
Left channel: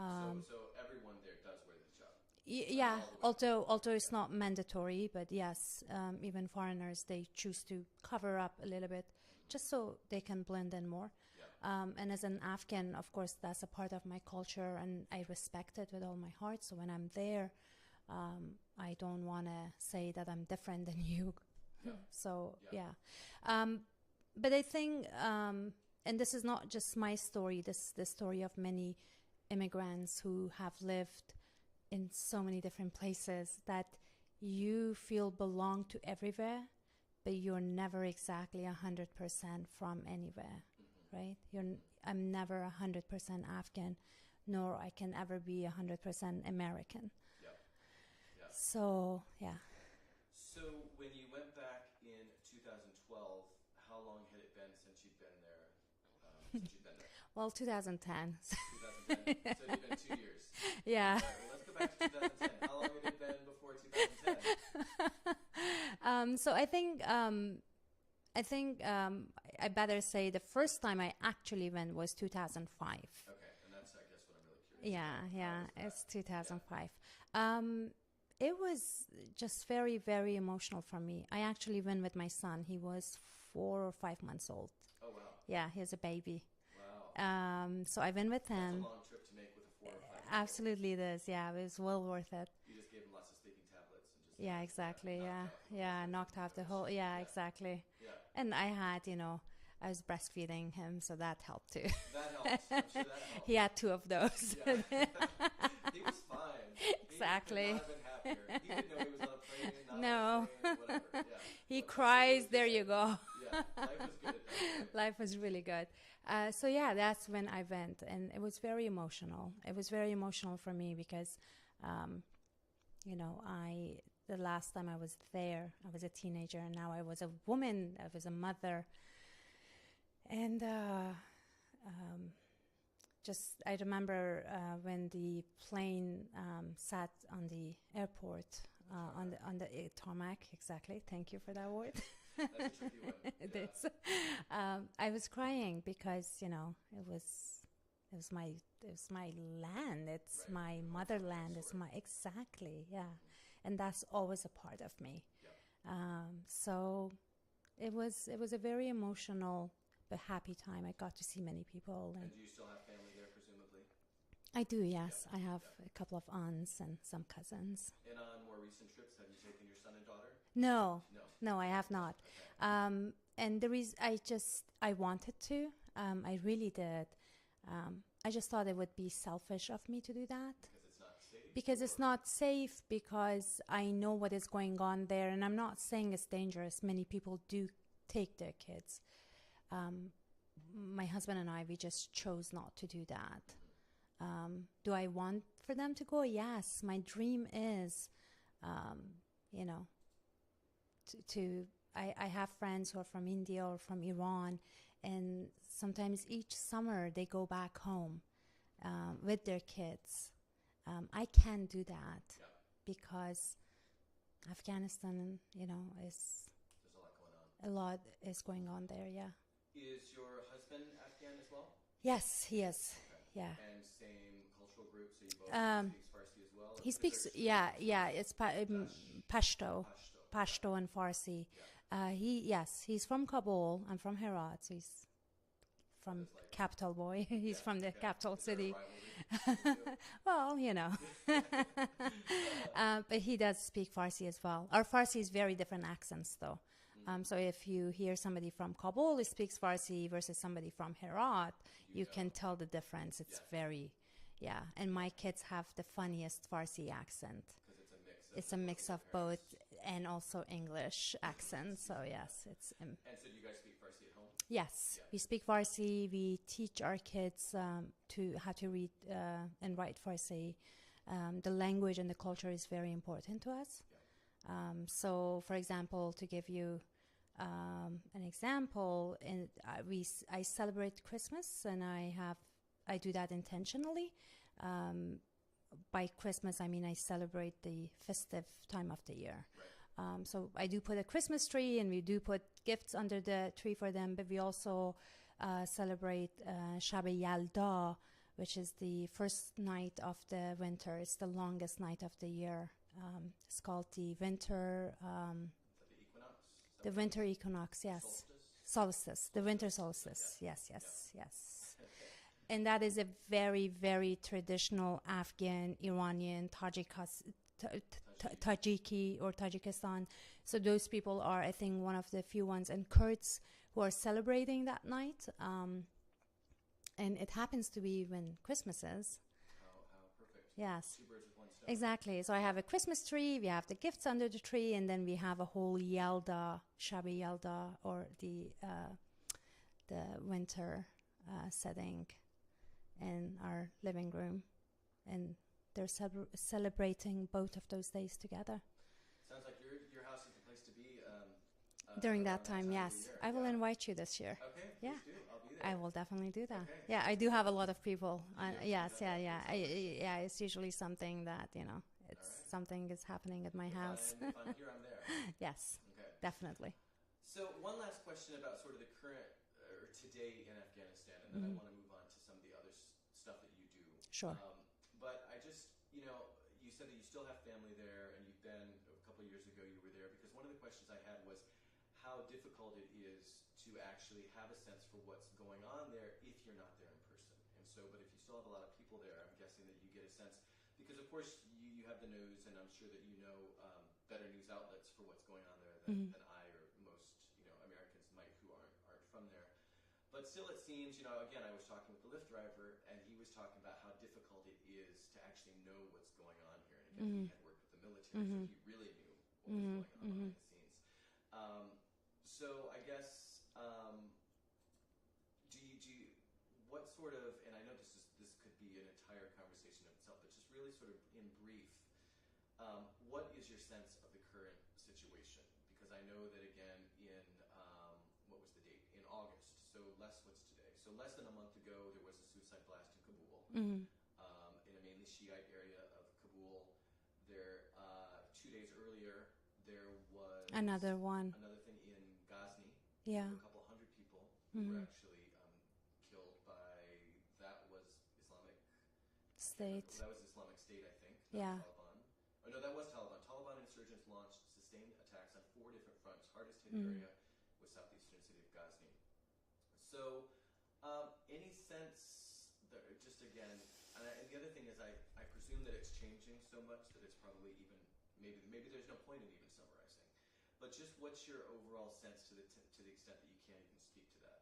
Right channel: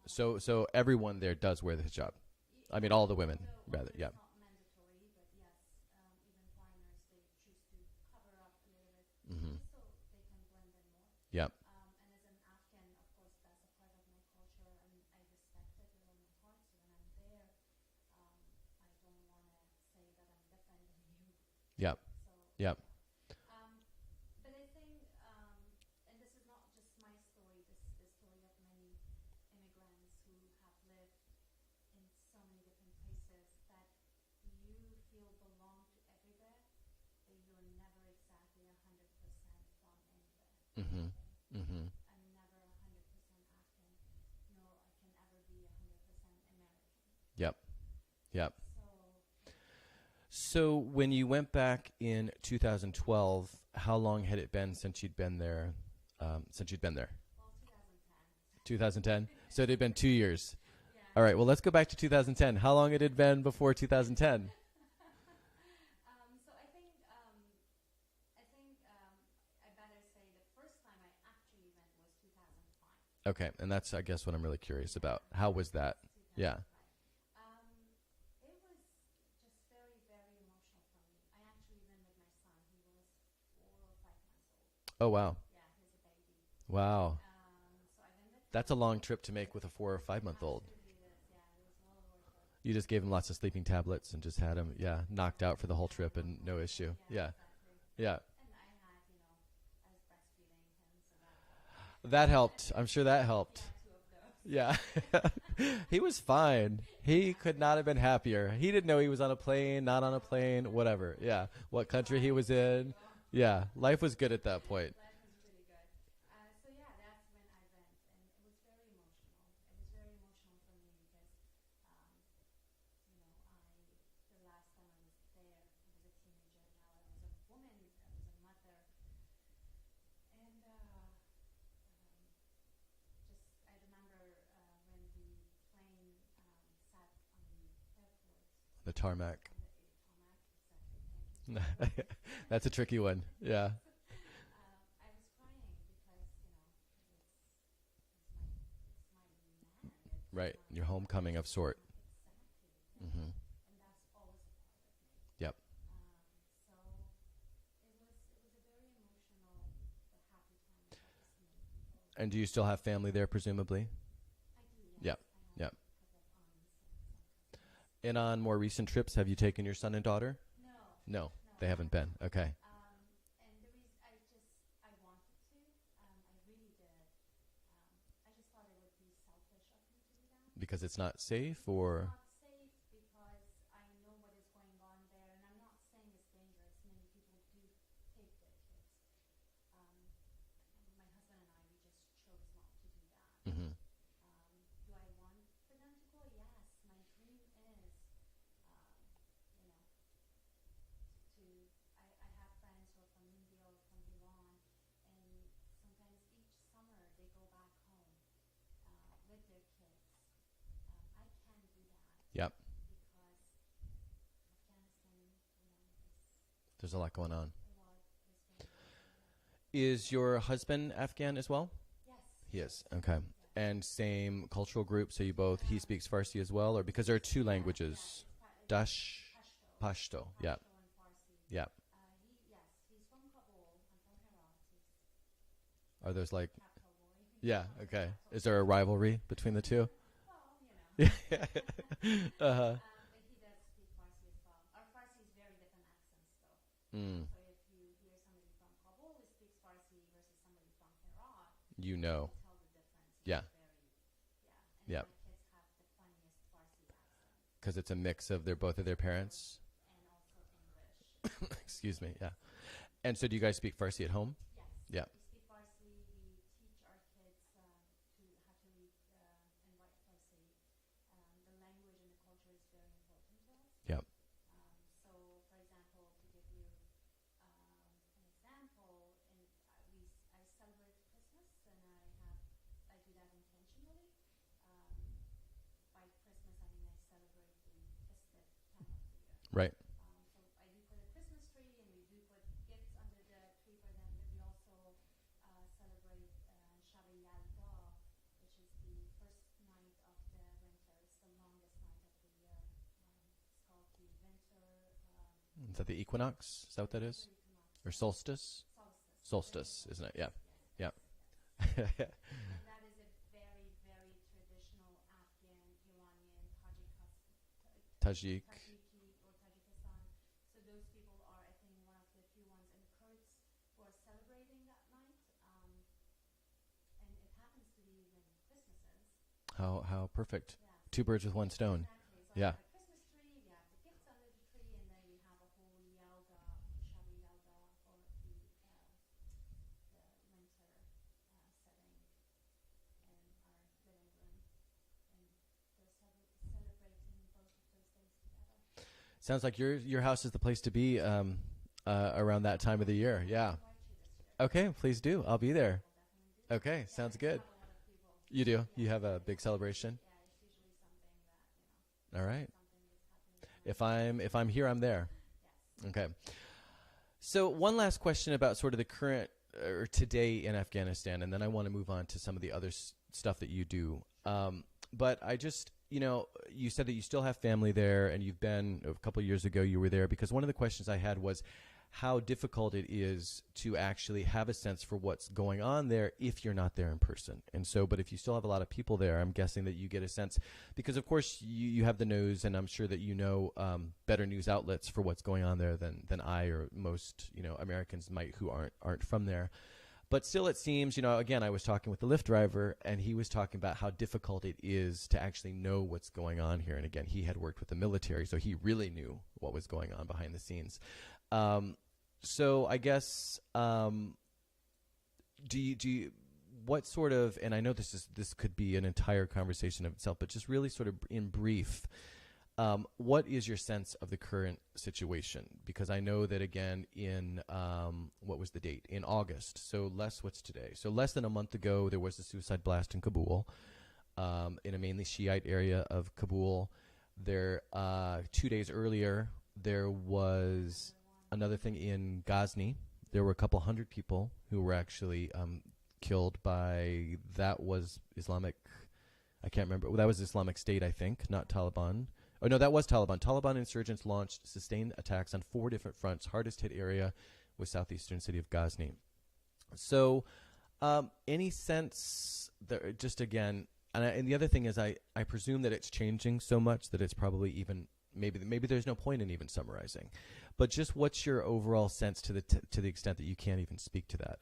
So everyone there does wear the hijab. I mean, all the women. Although it's not mandatory, but yes, even foreigners, they choose to cover up a little bit just so they can blend in more. And as an Afghan, of course, that's a part of my culture, and I respect it with all my heart. So when I'm there, I don't want to say that I'm different than you. But I think, and this is not just my story, this is the story of many immigrants who have lived in so many different places, that you feel belong to everywhere, but you're never exactly 100% from anywhere, right? I'm never 100% Afghan, nor I can ever be 100% American. Yep. Yep. So, yeah. So when you went back in 2012, how long had it been since you'd been there? Well, 2010. 2010? So it had been 2 years. Yeah. All right, well, let's go back to 2010. How long had it been before 2010? So I think I better say the first time I actually went was 2005. Okay, and that's, I guess, what I'm really curious about. How was that? It's 2005. It was just very, very emotional for me. I actually went with my son. He was 4 or 5 months old. Oh, wow. Yeah, he was a baby. Wow. So I went with him. That's a long trip to make with a 4 or 5 month old. Absolutely it is. Yeah, it was well worth it. You just gave him lots of sleeping tablets and just had him knocked out for the whole trip and no issue. Yeah, exactly. Yeah. And I had, I was breastfeeding him, so that helped too. That helped. I'm sure that helped. He had 2 of those. Yeah. He was fine. He could not have been happier. He didn't know he was on a plane, not on a plane, whatever. Yeah. What country he was in. There you go. Yeah. Life was good at that point. Life was really good. So yeah, that's when I went, and it was very emotional. It was very emotional for me because, the last time I was there, I was a teenager, and now I was a woman, I was a mother. And I remember when the plane sat on the airport. The tarmac. On the tarmac, exactly. Thank you for that word. That's a tricky one. Yeah. I was crying because it was my land. It's right. my Your homecoming of sort. Exactly. Yeah. And that's always a part of me. Yep. So it was a very emotional but happy time. I got to see many people. And do you still have family there, presumably? I do, yes. Yep. I have a couple of aunts and some cousins. And on more recent trips, have you taken your son and daughter? No, I have not. Okay. And the reason I wanted to. I really did. I just thought it would be selfish of me to do that. Because it's not safe? Because it's not safe, because I know what is going on there. And I'm not saying it's dangerous. Many people do take their kids. My husband and I, we just chose not to do that. Do I want for them to go? Yes. My dream is, I have friends who are from India or from Iran, and sometimes each summer they go back home with their kids. I can't do that. Yep. Because Afghanistan, there's a lot going on. A lot is going on there, yeah. Is your husband Afghan as well? Yes, he is. Okay. Yeah. And same cultural group, so you both, he speaks Farsi as well? Or because there are 2 languages? Yeah, it's Pashto. Pashto and Farsi. Yeah. He's from Kabul. I'm from Herat, so he's Are those like capital boy? He's from the capital. Is there a rivalry between the two? Well, but he does speak Farsi as well. Our Farsi is very different accents, though. So if you hear somebody from Kabul who speaks Farsi versus somebody from Herat, you can tell the difference. It's very, And my kids have the funniest Farsi accent. Because it's a mix of both of their parents. And also English accents. Excuse me. Yes. And so do you guys speak Farsi at home? Yes. Yeah. We speak Farsi. We teach our kids how to read and write Farsi. The language and the culture is very important to us. Yep. So, for example, to give you an example, I celebrate Christmas, and I do that intentionally. By Christmas, I mean I celebrate the festive time of the year. Right. So I do put a Christmas tree, and we do put gifts under the tree for them, but we also celebrate Shab Yalda, which is the first night of the winter. It's the longest night of the year. It's called the winter. Is that the equinox? Is that the winter equinox, yes. Or solstice? Solstice. The winter solstice. Isn't it? Yes. And that is a very, very traditional Afghan, Iranian, Tajiki or Tajikistan. So those people are, I think, one of the few ones, and Kurds who are celebrating that night. And it happens to be when Christmas is. How perfect. Yes. Two birds with one stone. Exactly. So I Yeah. have a Christmas tree, we have the gifts under the tree, and then we have a whole Yelda, Shabi Yelda, or the winter setting in our living room. And they're celebrating both of those days together. Sounds like your house is the place to be During around that time of the yes. year. I Yeah. will invite you this year. Okay, please do. I'll be there. I will definitely do that. Okay, Yeah, sounds I do good. have a lot of people. You do? Yes, You have yeah, a big celebration? Yeah, it's usually something that, it's All right. something is happening at my If house. if I'm here, I'm there. Yes, Okay. definitely. So one last question about sort of the current or today in Afghanistan, and then I Mhm. want to move on to some of the other stuff that you do. Sure. But I just, you said that you still have family there, and you've been a couple of years ago. You were there because one of the questions I had was how difficult it is to actually have a sense for what's going on there if you're not there in person. And so, but if you still have a lot of people there, I'm guessing that you get a sense, because of course you have the news, and I'm sure that better news outlets for what's going on there than I or most, Americans might who aren't from there. But still, it seems, again, I was talking with the Lyft driver, and he was talking about how difficult it is to actually know what's going on here. And again, he had worked with the military, so he really knew what was going on behind the scenes. So I guess, what sort of, and I know this could be an entire conversation of itself, but just really sort of in brief, what is your sense of the current situation? Because I know that again in, what was the date? In August. So what's today? So less than a month ago, there was a suicide blast in Kabul, in a mainly Shiite area of Kabul. There, 2 days earlier, there was another thing in Ghazni. Yeah. There were a couple hundred people who were actually killed by, that was Islamic, I can't remember. Well, that was Islamic State, I think, not Taliban. Oh, no, that was Taliban. Taliban insurgents launched sustained attacks on 4 different fronts. Hardest hit area was southeastern city of Ghazni. So any sense, that, just again, and the other thing is I presume that it's changing so much that it's probably even, maybe there's no point in even summarizing. But just what's your overall sense to the extent that you can't even speak to that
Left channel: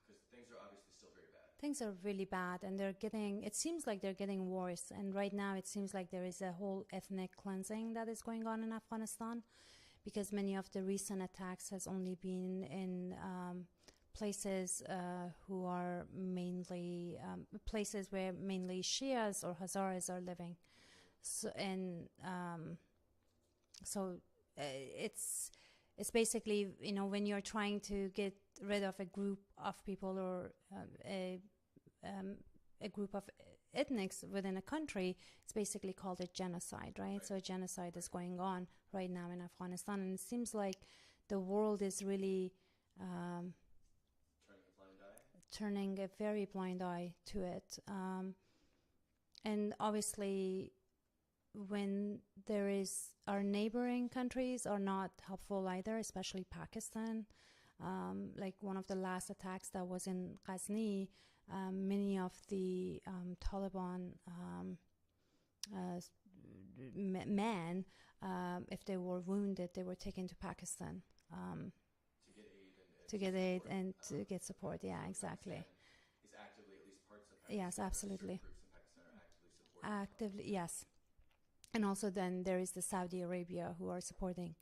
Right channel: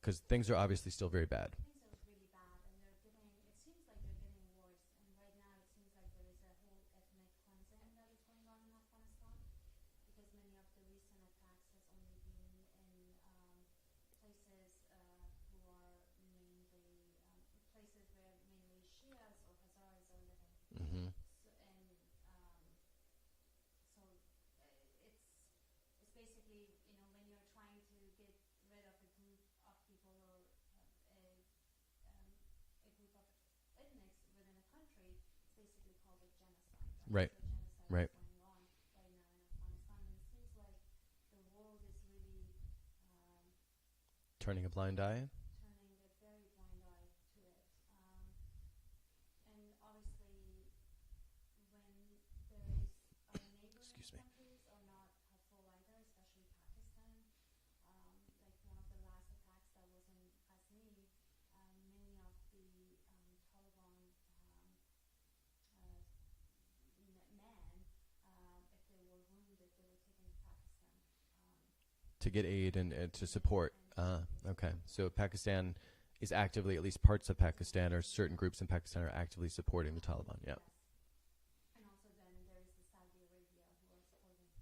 because things are obviously still very bad. Things are really bad, and it seems like they're getting worse. And right now it seems like there is a whole ethnic cleansing that is going on in Afghanistan, because many of the recent attacks has only been in places who are mainly places where mainly Shias or Hazaras are living. So it's basically, when you're trying to get rid of a group of people or a group of ethnics within a country, it's basically called a genocide, right? So a genocide is going on right now in Afghanistan, and it seems like the world is really turning a blind eye? Turning a very blind eye to it. And obviously, when there is, our neighboring countries are not helpful either, especially Pakistan. Like one of the last attacks that was in Ghazni, many of the Taliban men, if they were wounded, they were taken to Pakistan. To get aid and to to get support. aid and to get support. Okay. Yeah, So exactly. Pakistan is actively, at least parts of Pakistan or certain absolutely. groups in Pakistan are actively supporting the Taliban. Yeah. Yes. And also then there is the Saudi Arabia who are supporting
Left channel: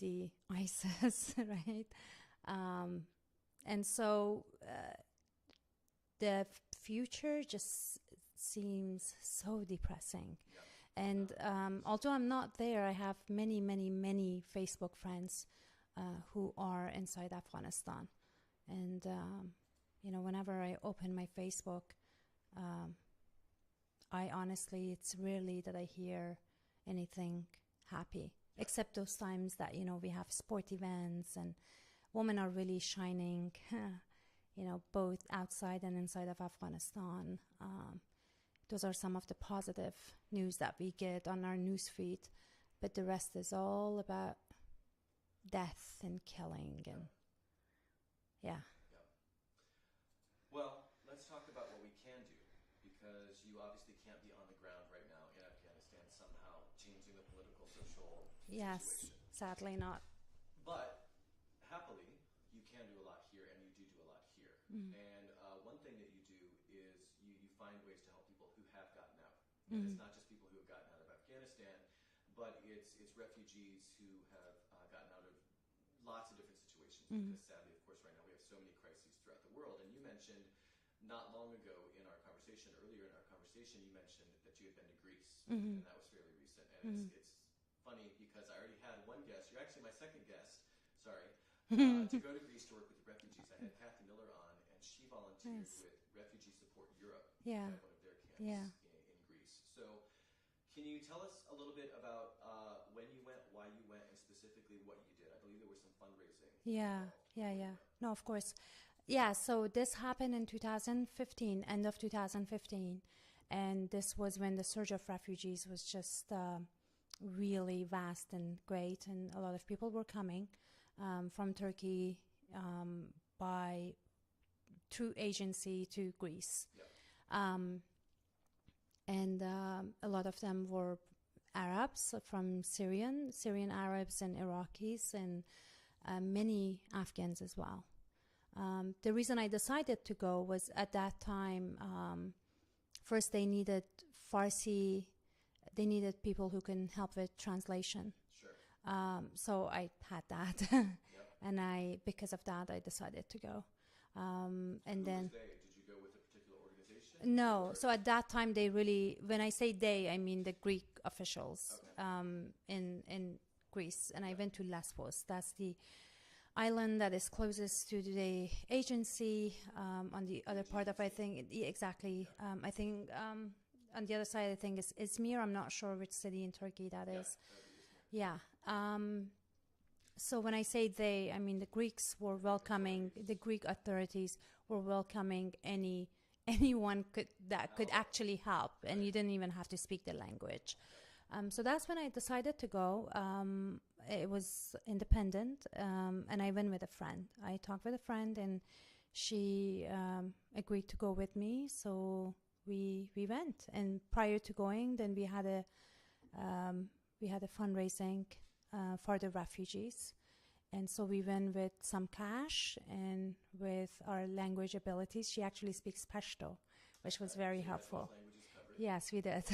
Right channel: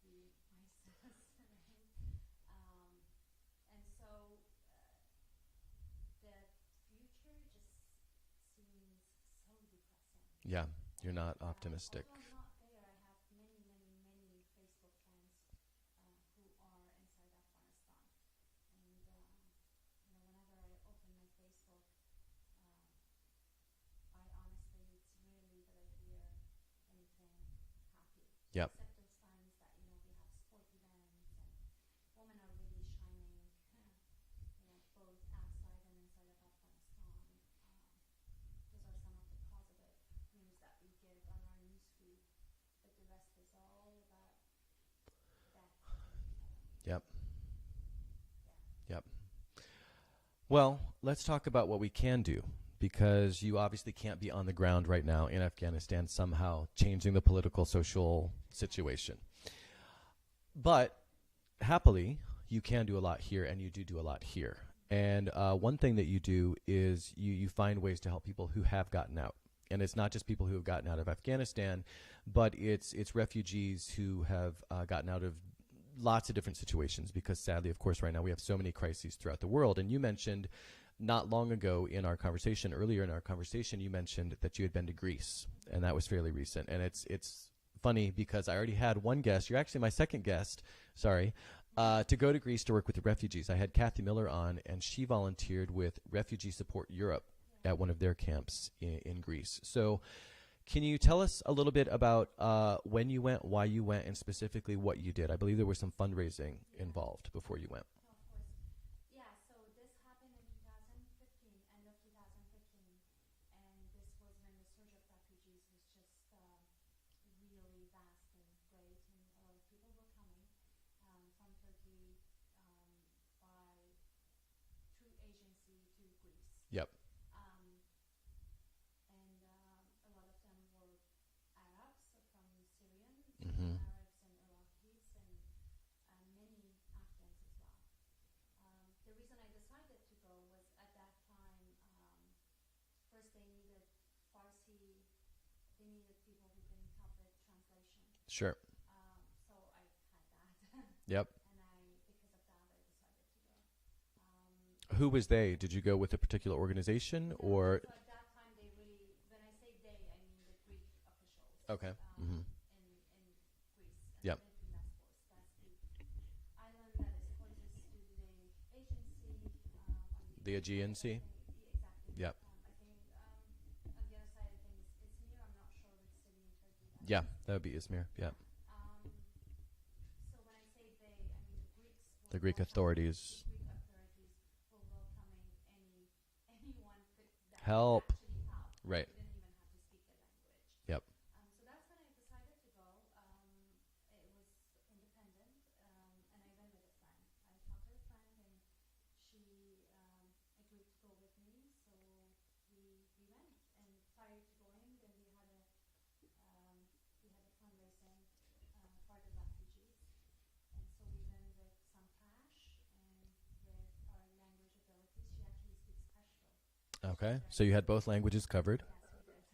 the ISIS, right? And so the future just seems so depressing. Yeah. And you're not optimistic. although I'm not there, I have many, many, many Facebook friends who are inside Afghanistan. And, whenever I open my Facebook, I honestly, it's rarely that I hear anything happy. Yep. Except those times that, we have sport events and women are really shining, both outside and inside of Afghanistan. Those are some of the positive news that we get on our news feed, but the rest is all about death and killing. Yep. Yeah. Yep. Well, let's talk about what we can do, because you obviously can't be on the ground right now in Afghanistan somehow changing the political, social situation. Sadly not. But happily, you can do a lot here, and you do a lot here. And one thing that you do is you find ways to help people who have gotten out. And it's not just people who have gotten out of Afghanistan, but it's refugees who have gotten out of lots of different situations, because sadly, of course, right now we have so many crises throughout the world. And you mentioned not long ago earlier in our conversation, you mentioned that you had been to Greece, and that was fairly recent. And it's funny because I already had one guest. You're actually my second guest, sorry, to go to Greece to work with the refugees. I had Kathy Miller on, and she volunteered with Refugee Support Europe at one of their camps in Greece. So can you tell us a little bit about when you went, why you went, and specifically what you did? I believe there was some fundraising involved before you went. No, of course. Yeah, so this happened in 2015, end of 2015. And this was when the surge of refugees was just really vast and great. And a lot of people were coming from Turkey through agency to Greece. Yep. And a lot of them were Arabs from Syrian Arabs and Iraqis, and many Afghans as well. The reason I decided to go was at that time, first they needed Farsi, they needed people who can help with translation. Sure. So I had that. Yep. And because of that, I decided to go. Who was they? Did you go with a particular organization? No. Or? So at that time, they really, when I say they, I mean the Greek officials. Okay. In Greece. And I went to Lesbos. That's the island that is closest to the agency on the other part of, I think, exactly. Yep. I think on the other side, I think is Izmir. I'm not sure which city in Turkey that is. Yeah, that would be Izmir. Yeah. So when I say they, I mean the Greeks were the Greek welcoming. authorities. The Greek authorities were welcoming anyone could actually help, and you didn't even have to speak the language. Yep. So that's when I decided to go. It was independent, and I went with a friend. I talked with a friend, and she agreed to go with me. So we went. And prior to going, then we had a fundraising for the refugees. And so we went with some cash and with our language abilities. She actually speaks Pashto, which was very So you had helpful. both languages covered? Yes, we did.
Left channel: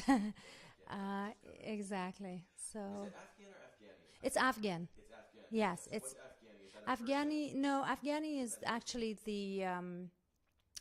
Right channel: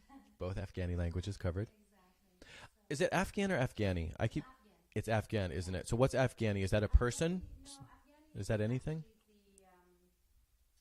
Both Afghani languages covered? Exactly. So Is it Afghan or Afghani? it's Afghan. It's Afghan, isn't Yes, it? So what's Afghani? Is that a person? No, Afghani is that anything? actually the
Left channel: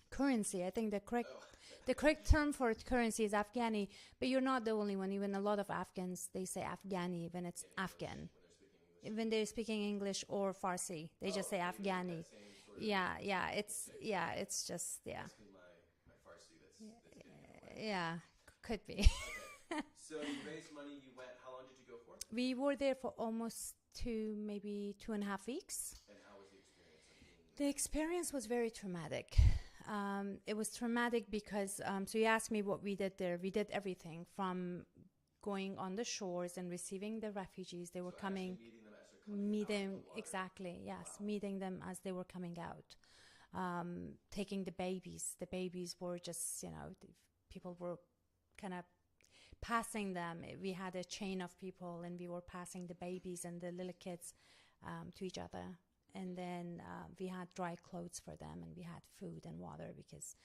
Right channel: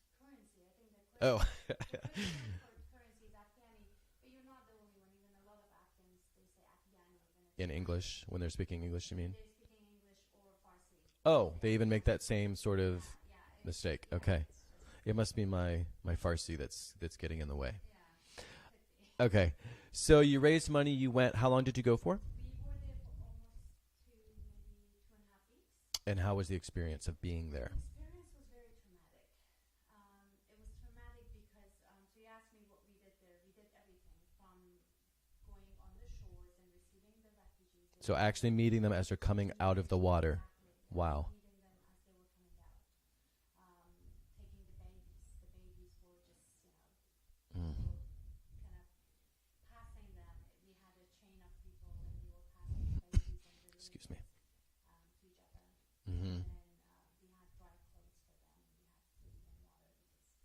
currency. I think the correct Oh. the correct term for currency is Afghani, but you're not the only one. Even a lot of Afghans, they say Afghani when it's In English, Afghan. when they're speaking English? you When mean? they're speaking English or Farsi, they Oh, just say they Afghani. even make that same sort of it's mistake. Yeah, Okay. it's just It must be my Farsi that's getting in the way. Yeah, could be. Okay. So you raised money, you went. How long did you go for? We were there for almost maybe 2.5 weeks. And how was the experience of being there? The experience was very traumatic. It was traumatic because, so you asked me what we did there. We did everything from going on the shores and receiving the refugees. They So were actually meeting them as they're coming out of the water. Exactly, yes. Wow. Meeting them as they were coming out. Taking the babies. The babies were just, people were kind of passing them. We had a chain of people, and we were passing the babies and the little kids to each other. And then we had dry clothes for them, and we had food and water because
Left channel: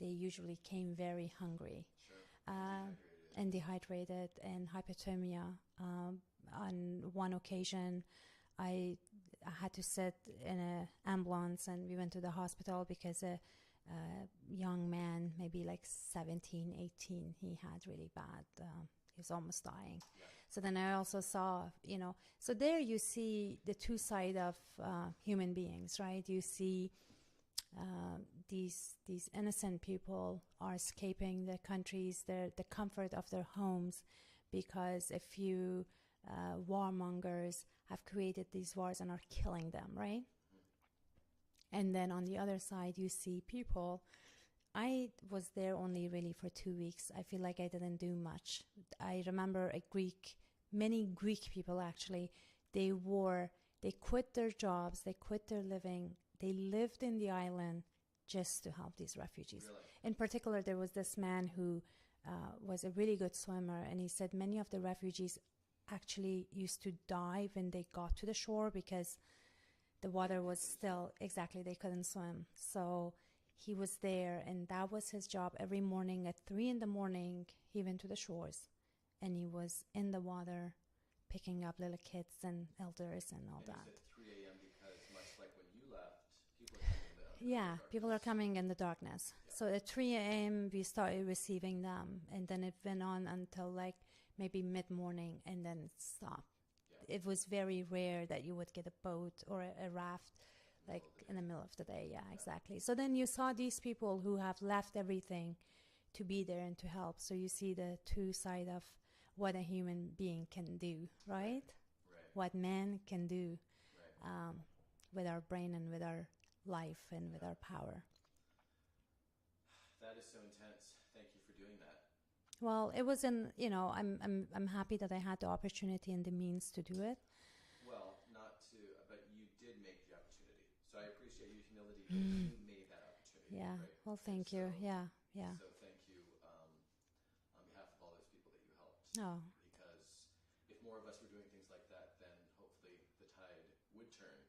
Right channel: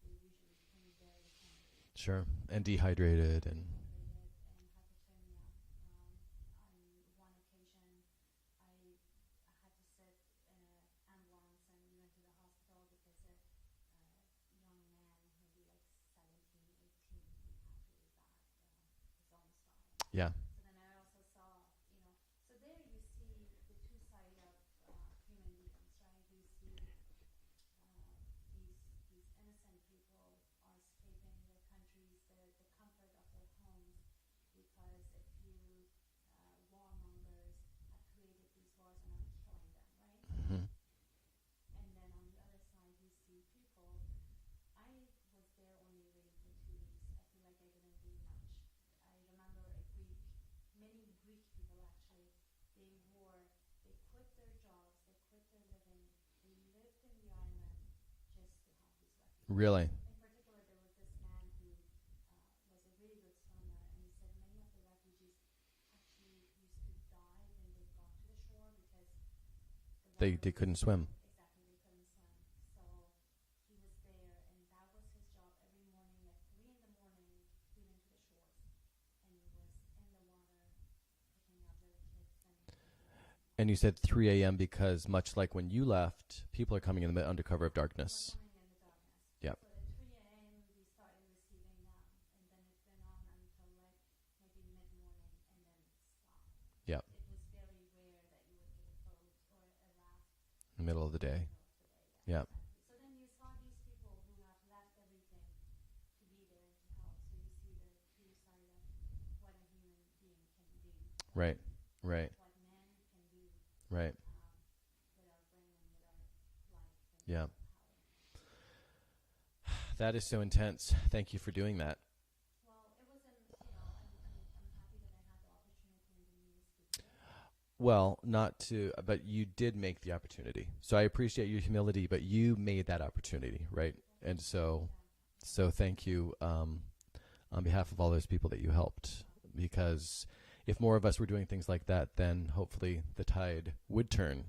they usually came very hungry. Sure. And dehydrated. And dehydrated and hypothermia. On one occasion, I had to sit in an ambulance, and we went to the hospital because a young man, maybe like 17, 18, he had really bad, he was almost dying. Yeah. So then I also saw, so there you see the two sides of human beings, right? You see these innocent people are escaping their countries, the comfort of their homes, because a few warmongers have created these wars and are killing them, right? And then on the other side, you see people. I was there only really for 2 weeks. I feel like I didn't do much. I remember many Greek people actually, they quit their jobs, they quit their living, they lived in the island just to help these refugees. Really? In particular, there was this man who was a really good swimmer, and he said many of the refugees actually used to die when they got to the shore because the water they was couldn't still, swim. exactly, they couldn't swim. So he was there, and that was his job. Every morning at 3 in the morning, he went to the shores, and he was in the water picking up little kids and elders and all And you that. said 3 a.m. because much like when you left, people are coming in under cover of darkness. People are coming in the darkness. Yep. So at 3 a.m. we started receiving them, and then it went on until like maybe mid-morning, and then it stopped. Yeah. It was very rare that you would get a boat or a raft In the middle of the day. In the middle of the day, yeah, Yeah. exactly. So then you saw these people who have left everything to be there and to help. So you see the two side of what a human being can do, right? Right. What man can do Right. with our brain and with our life and Yeah. with our power. That is so intense. Thank you for doing that. Well, it was I'm happy that I had the opportunity and the means to do it. Well, not to, but you did make the opportunity. So I appreciate your humility, but you made that opportunity, Yeah. right? Well, And thank so, you. Yeah. so thank you on behalf of all those people that you helped. Oh. Because if more of us were doing things like that, then hopefully the tide would turn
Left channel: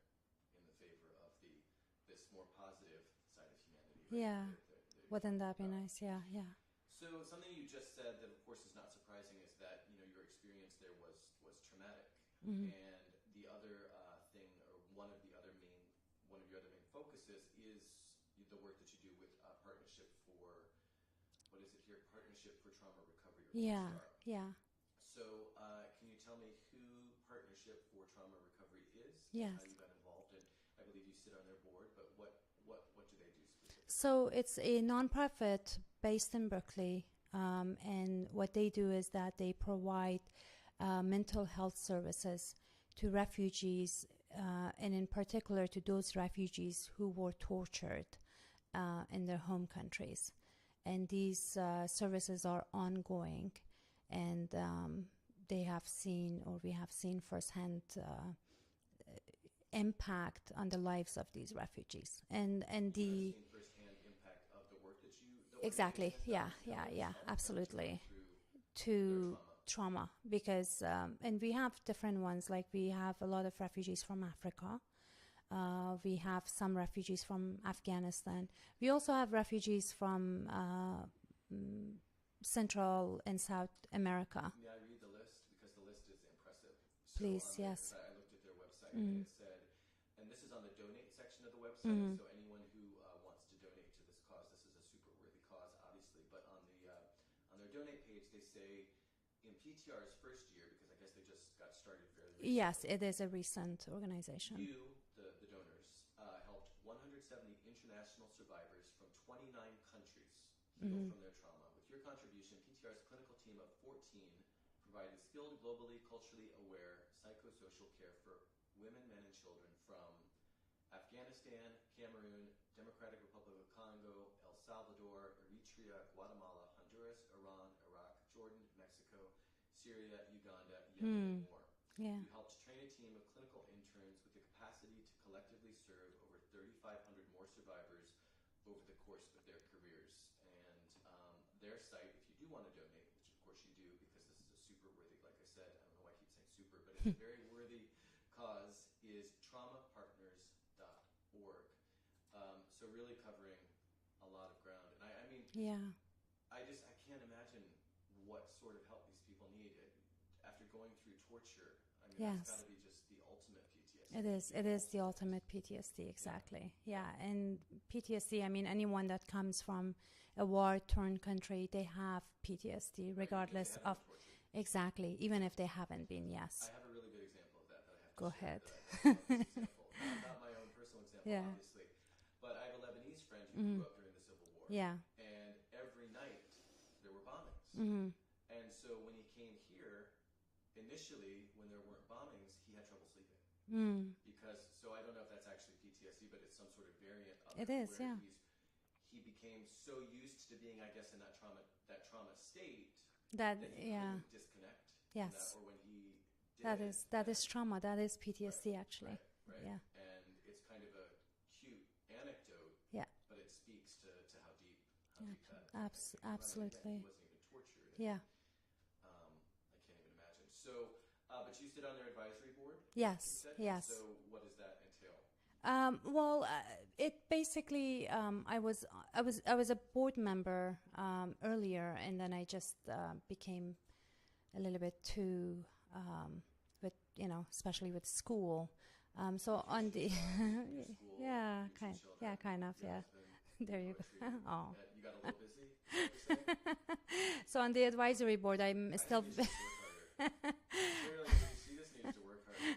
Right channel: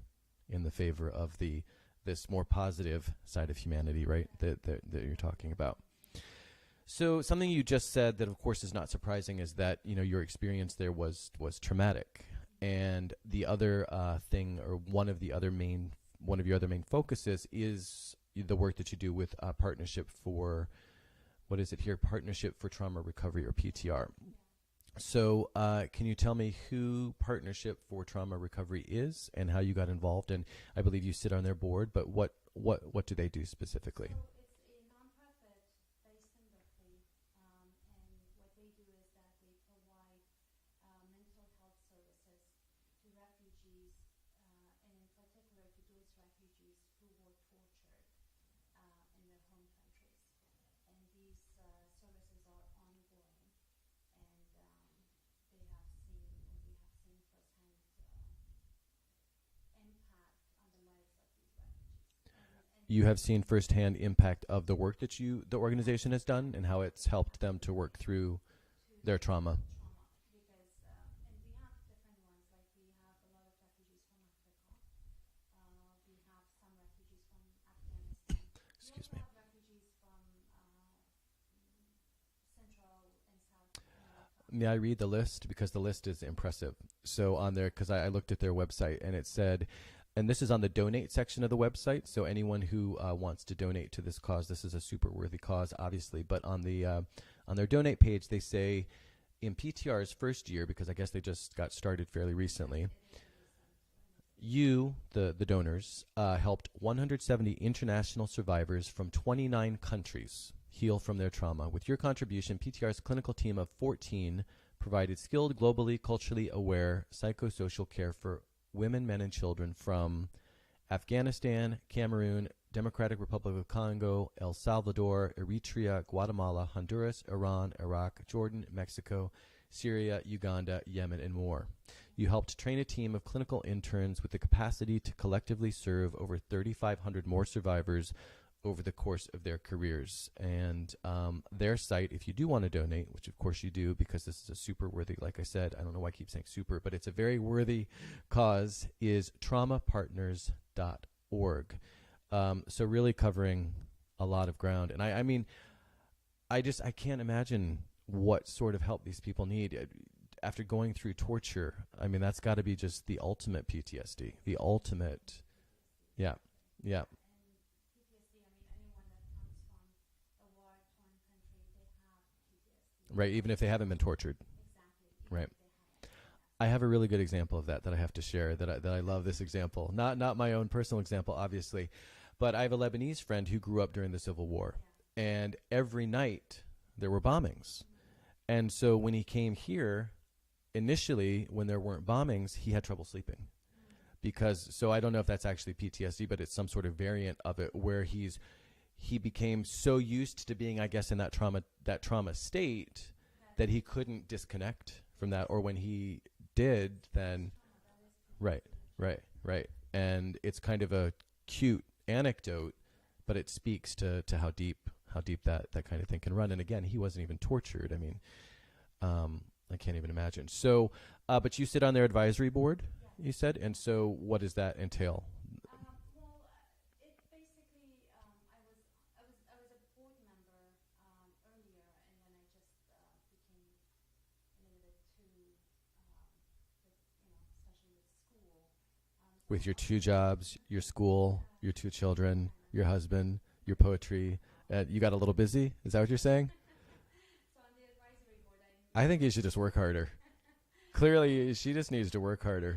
in the favor of this more positive side of humanity, right? Yeah. That you're Wouldn't talking that be about. nice? Yeah. So something you just said that, of course, is not surprising is that your experience there was traumatic, Mm-hmm. and the other thing, or one of your other main focuses is the work that you do with Partnership for, what is it here? Partnership for Trauma Recovery, or PTR. Yeah. So can you tell me who Partnership for Trauma Recovery is and Yeah. how you got involved? And I believe you sit on their board, but what do they do specifically? So it's a nonprofit based in Berkeley, and what they do is that they provide mental health services to refugees, and in particular to those refugees who were tortured in their home countries. And these services are ongoing, and we have seen firsthand impact on the lives of these refugees. And you have seen firsthand impact of the work that the organization has done, yeah, and how yeah, it's yeah, helped them to work absolutely. through their trauma. Because and we have different ones, like we have a lot of refugees from Africa, we have some refugees from Afghanistan, we also have refugees from Central and South America. May I read the list? Because the list is impressive. So Please, on there, yes. because I looked at their website, and Mhm. it said, and this is on the donate section of the website, Mhm. so anyone who wants to donate to this cause, this is a super worthy cause, obviously, but on their donate page, they say, in PTR's first year, because I guess they just got started fairly recently. Yes, it is a recent organization. You, the donors, helped 170 international survivors from 29 countries heal Mhm. from their trauma. With your contribution, PTR's clinical team of 14 provided skilled, globally, culturally aware psychosocial care for women, men, and children from Afghanistan, Cameroon, Democratic Republic of Congo, El Salvador, Eritrea, Guatemala, Honduras, Iran, Iraq, Jordan, Mexico, Syria, Uganda, Yemen, and more. Yeah. You helped train a team of clinical interns with the capacity to collectively serve over 3,500 more survivors over the course of their careers. And their site, if you do want to donate, which of course you do, because this is a super worthy, like I said, I don't know why I keep saying super, but it's a very worthy cause, is traumapartners.org. So really covering a lot of ground. And I mean, Yeah. I can't imagine what sort of help these people need after going through torture. I mean, that's Yes. got to be just the ultimate PTSD. It is The the ultimate. ultimate PTSD, Yeah. exactly. Yeah. And PTSD, I mean, anyone that comes from a war-torn country, they have PTSD. Right, even if they regardless haven't been of- tortured. Exactly, even Right. if they haven't been, yes. I have a really good example of that I have to Go share. ahead. That I love this example. Not my own personal example, Yeah. obviously, but I have a Lebanese friend who grew Mhm. up during the Civil War, Yeah. and every night there were bombings. Mm-hmm. And so when he came here, initially when there weren't bombings, he had trouble sleeping. So I don't know if that's actually PTSD, but it's some sort of variant of it, It is, where yeah. he became so used to being, I guess, in that trauma state that he yeah. couldn't disconnect from that, Yes. or when he did, That is then trauma. That is PTSD, actually. right. Yeah. And it's kind of a cute anecdote, Yeah. but it speaks to how deep that kind of thing can run. And again, he Absolutely. wasn't even tortured. I mean, Yeah. I can't even imagine. So, but you sit on their advisory board, Yes. you said, and yes. so what does that entail? Well, it basically I was a board member earlier, and then I just became a little bit too with especially with school. So With your on two the jobs, your school, Yeah, your two kind- children, yeah, kind of, your yeah. husband, your There you go. poetry. Oh. You got a little busy? Is that what you're saying? So on the advisory board, I'm. I think still you should just work harder. Clearly, she just needs to work harder.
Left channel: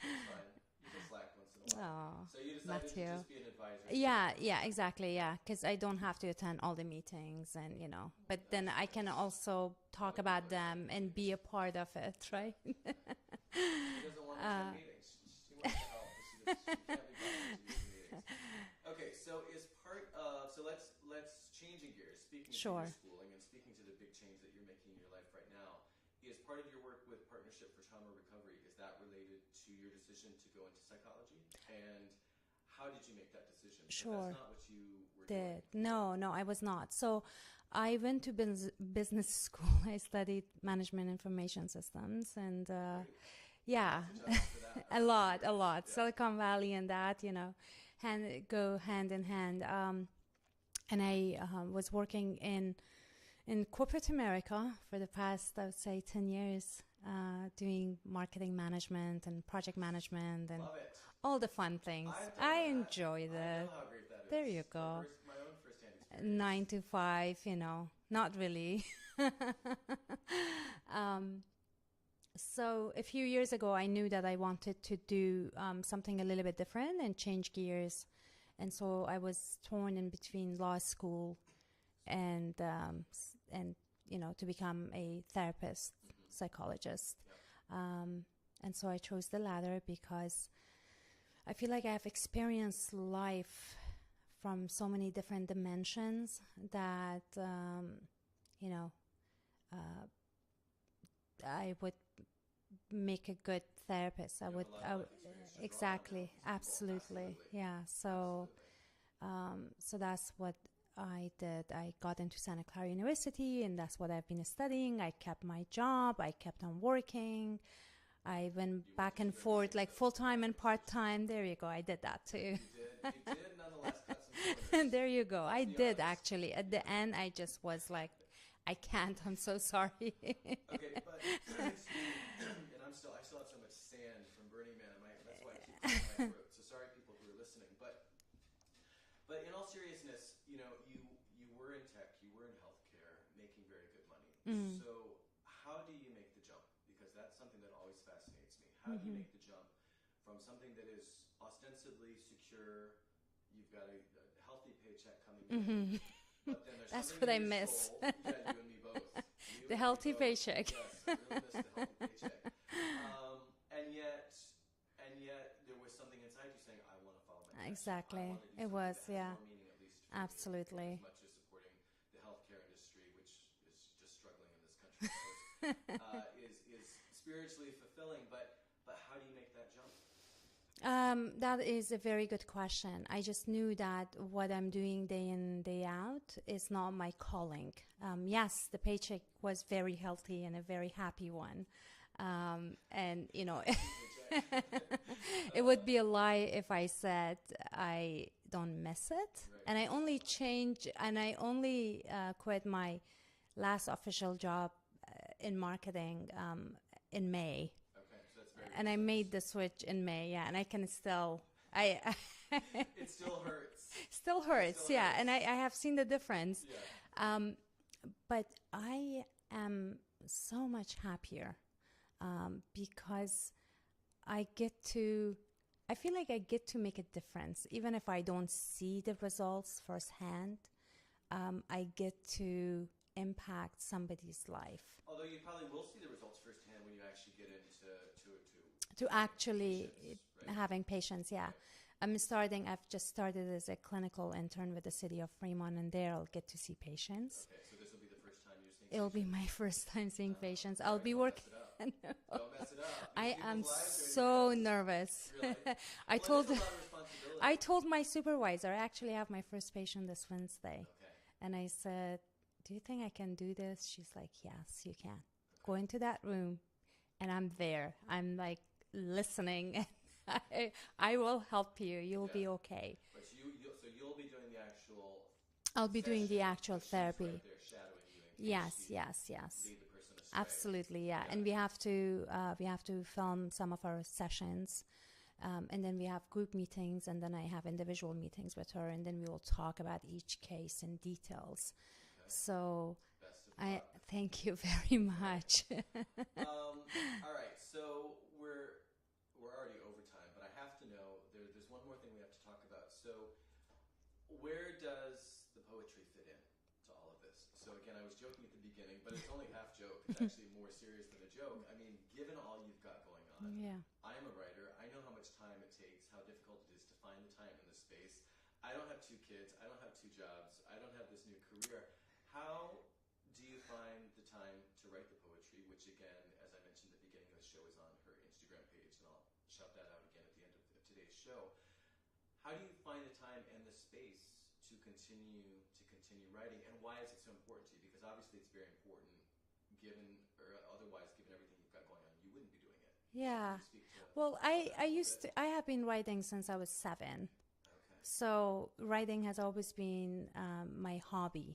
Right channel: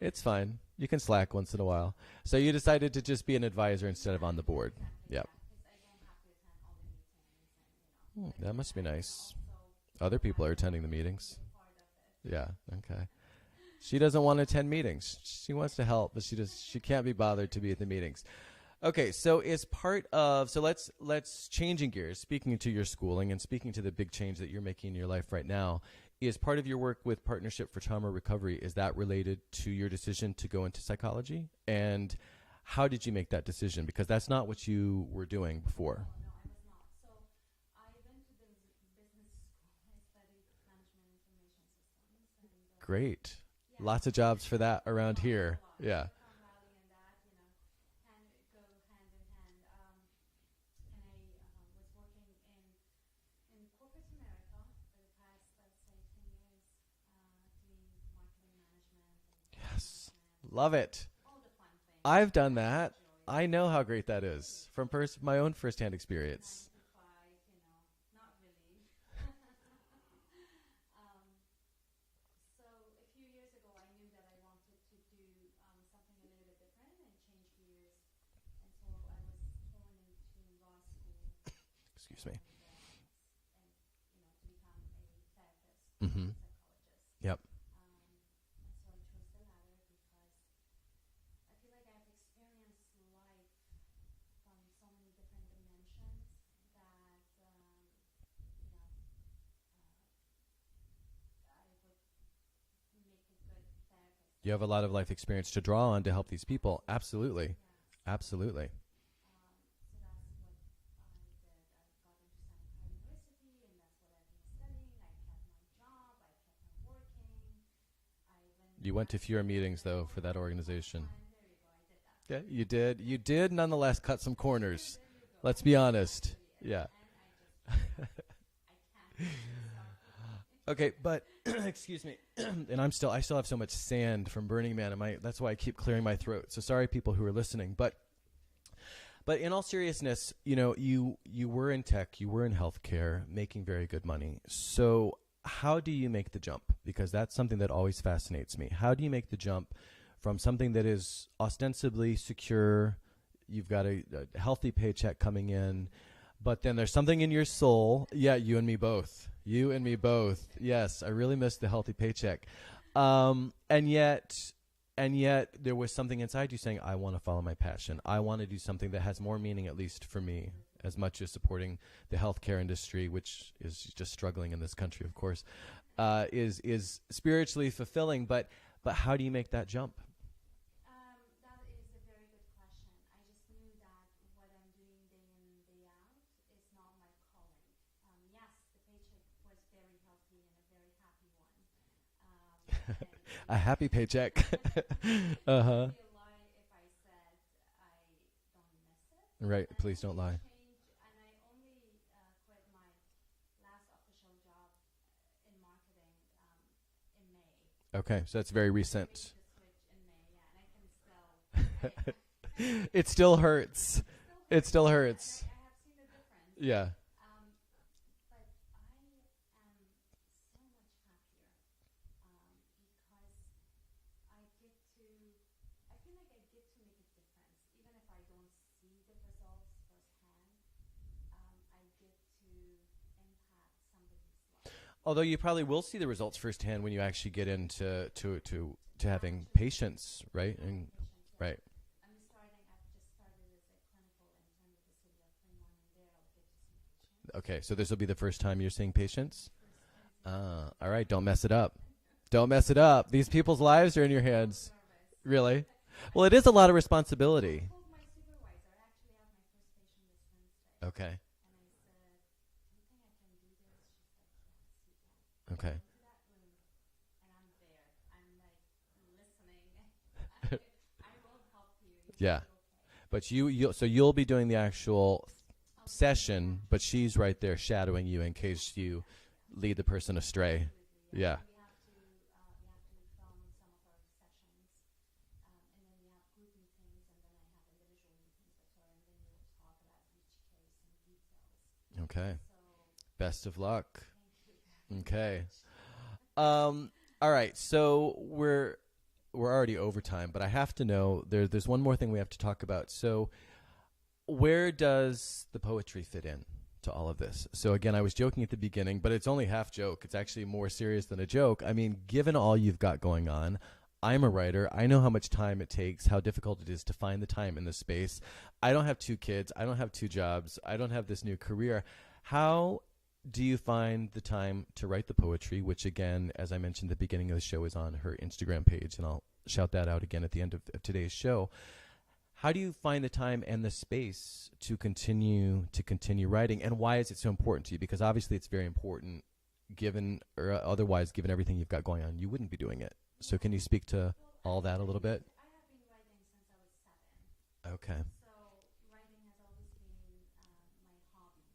It's fine. You can slack once in a while. Aw, So you decided to thank you. just be an advisor and serve on the board. Yeah, exactly. Yeah. Yeah, because I don't have to attend all the meetings, and but that then must be I can nice. also talk Other about people are them attending the and be meetings. a part of it, Yeah. right? Okay. She doesn't want to attend Uh, meetings. She wants to help, but she can't be bothered to be at the meetings. Okay, so is part of let's changing gears. Speaking to your Sure. schooling and speaking to the big change that you're making in your life right now, is part of your work with Partnership for Trauma Recovery, is that related to your decision to go into psychology? And how did you make that decision? Because that's Sure. not what you were doing before. No, I was not. So I went to business school. I studied management information systems, and Great. yeah, Lots of jobs for that around here. A lot. Yeah. Silicon Valley and that, go hand in hand. And I was working in corporate America for the past, I would say, 10 years, doing marketing management and project management. And Love it. all the fun things. I've done I that. enjoy I that. know how great that There is you from go. my own firsthand experience. 9 to 5, not really. So a few years ago, I knew that I wanted to do something a little bit different and change gears. And so I was torn in between law school and to become a therapist, Mhm. psychologist. Yep. And so I chose the latter because I feel like I have experienced life from so many different dimensions that I would make a good therapist. You have a lot of life experience to draw on to help these people. Absolutely. Yeah. So, Absolutely. So that's what I did. I got into Santa Clara University, and that's what I've been studying. I kept my job. I kept on working. I went You went back to and fewer forth, meetings, like though, for that full-time and organization. part-time. There you go. I did that too. Yeah, you did. You did nonetheless cut some corners. There you go. Let's I be did honest. Actually, at Yeah. the end, I just was like, I can't. I'm so sorry. Okay, but excuse me. And I still have so much sand from Burning Man. That's why I keep clearing my throat. So sorry, people who are listening. But in all seriousness, you were in tech, you were in healthcare, making very good money. So how do you make the jump? Because that's something that always fascinates me. How do you make the jump from something that is ostensibly secure? You've got a healthy paycheck coming in. But then there's something in what I your miss. soul. Yeah, you and me both. You The and me healthy both. paycheck. Yes, I really miss the healthy paycheck. And yet there was something inside you saying, I want to follow my passion. I Exactly. want to do It something that was, has yeah. more meaning, at least for me, Absolutely. as much as supporting the healthcare industry, which is just struggling in this country, of course, is spiritually fulfilling. But how do you make that jump? That is a very good question. I just knew that what I'm doing day in, day out is not my calling. Yes, the paycheck was very healthy and a very happy one. And A happy paycheck. it would be a lie if I said I don't miss it. Right, And I only quit my last official job in marketing in May. Okay, so that's very recent. And I made the switch in May, yeah, and I can still, It still hurts. still hurts. It still yeah, hurts. and I have seen the difference. Yeah. But I am so much happier because I feel like I get to make a difference. Even if I don't see the results firsthand, I get to impact somebody's life. Although you probably will see the results firsthand when you actually get into to having actually patients, right? Having patients, yeah. Right. I've just started as a clinical intern with the city of Fremont, and there I'll get to see patients. Okay, so this will be the first time you're seeing It'll patients? be my first time seeing patients. All right, don't work- mess it up. No. Don't mess it up. These I people's am lives are in your so hands. nervous. Really? I Well, it is a told- lot of responsibility. I told my supervisor, I actually have my first patient this Wednesday. Okay. And I said, do you think I can do this? She's like, yes, you can. Okay. Go into that room, and I'm there. I'm like listening. I will help you. You'll Yeah. be okay. But you'll be doing the actual I'll be session, doing the actual but she's right therapy. there shadowing you in case Yes, you yes. lead the person astray. Absolutely, yeah. Yeah. And we have to film some of our sessions, and then we have group meetings, and then I have individual meetings with her, and then we will talk about each case in details. Okay. So Best of luck. thank you very Okay. much. All right. So we're already over time, but I have to know there's one more thing we have to talk about. So where does the poetry fit in to all of this? So again, I was joking at the beginning, but it's only half joke. It's actually more serious than a joke. I mean, given all you've got going on, Yeah. I'm a writer. I know how much time it takes, how difficult it is to find the time in this space. I don't have 2 kids. I don't have 2 jobs. I don't have this new career. How do you find the time to write the poetry, which again, as I mentioned at the beginning of the show, is on her Instagram page, and I'll shout that out again at the end of today's show. How do you find the time and the space to continue writing, and why is it so important to you? Because obviously it's very important, given or otherwise, given everything you've got going on, you wouldn't be doing it. Yeah. So can you speak to Well, all that a little bit? I have been writing since I was 7. Okay. So writing has always been my hobby.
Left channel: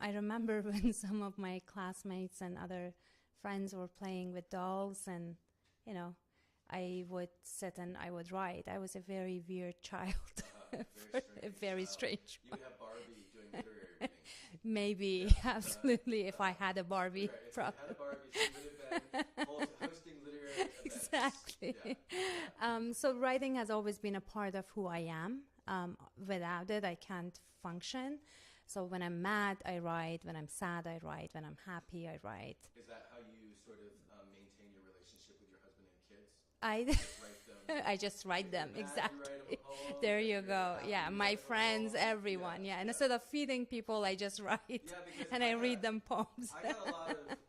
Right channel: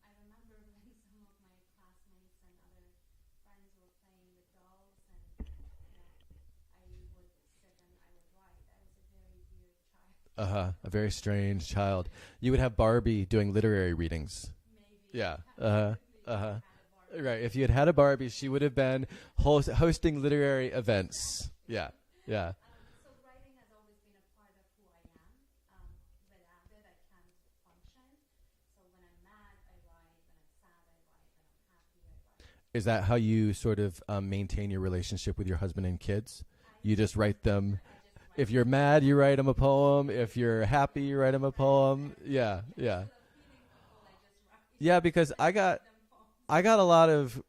I remember when some of my classmates and other friends were playing with dolls, and I would sit and I would write. I was a very weird child. A very strange Very child. strange. You would have Barbie doing literary readings. Maybe, Yeah. absolutely, if I had a Barbie. Right. If you had had a Barbie, she would have been hosting literary events. Exactly. Yeah. So writing has always been a part of who I am. Without it, I can't function. So when I'm mad, I write. When I'm sad, I write. When I'm happy, I write. Is that how you sort of maintain your relationship with your husband and kids? You just write them. I just write. If you're them, mad, you write them a exactly. poem. There If you you're go. happy, Yeah, you my write them a friends, poem. Everyone, yeah. And instead of feeding people, I just write. Yeah, because and I read them poems. I got a lot of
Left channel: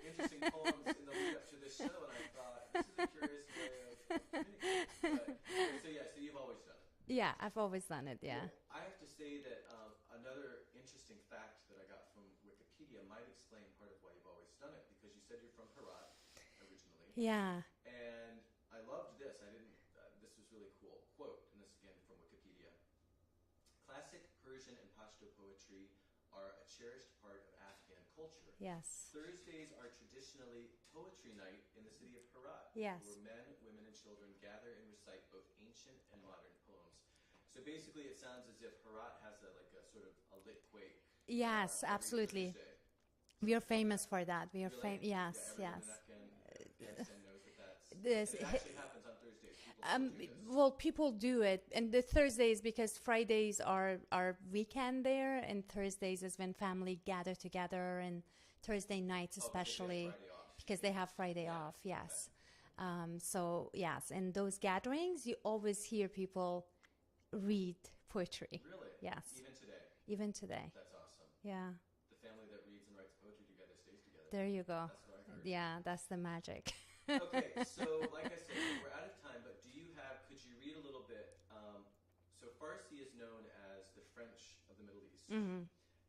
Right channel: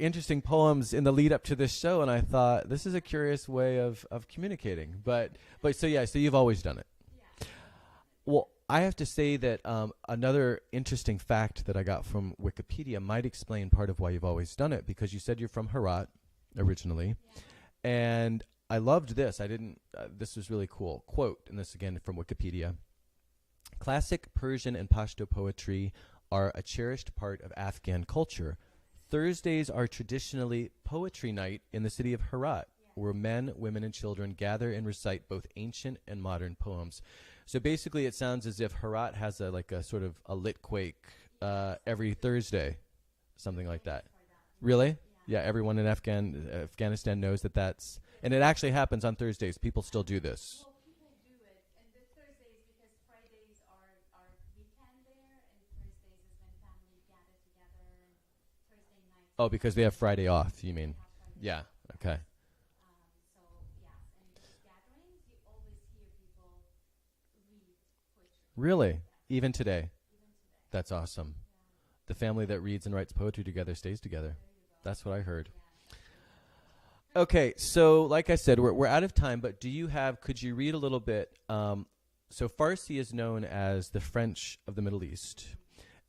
interesting poems in the lead up to this show, and I thought this is a curious way of communicating. But so you've always done it. Yeah, I've always done it. Yeah. Well, I have to say that another interesting fact that I got from Wikipedia might explain part of why you've always done it, because you said you're from Herat originally. Yeah. And I loved this. This was really cool. Quote, and this again from Wikipedia. Classic Persian and Pashto poetry are a cherished part of Afghan culture. Yes. Thursdays are traditionally poetry night in the city of Herat, Yes. where men, women, and children gather and recite both ancient and modern poems. So basically, it sounds as if Herat has a sort of a lit quake Yes, every absolutely. Thursday. We are Something like famous that. for that. We are Really? Yes. Yeah, everyone in yes. Afghanistan knows that's... This- And it actually happens on Thursdays. People still do this. Well, people do it, and the Thursdays, because Fridays are our weekend there, and Thursdays is when family gather together, and Thursday nights. Oh, because they have especially, Friday off, you Because mean? they have Friday Yeah, off. Yes. okay. So yes, in those gatherings, you always hear people read poetry. Really? Yes. Even today? Even today. That's awesome. Yeah. The family that reads and writes poetry together stays together. There you go. That's what I heard. Yeah, that's the magic. Okay, so like I said, we're out of time, but could you read a little bit? So Farsi is known as the French of the Middle East,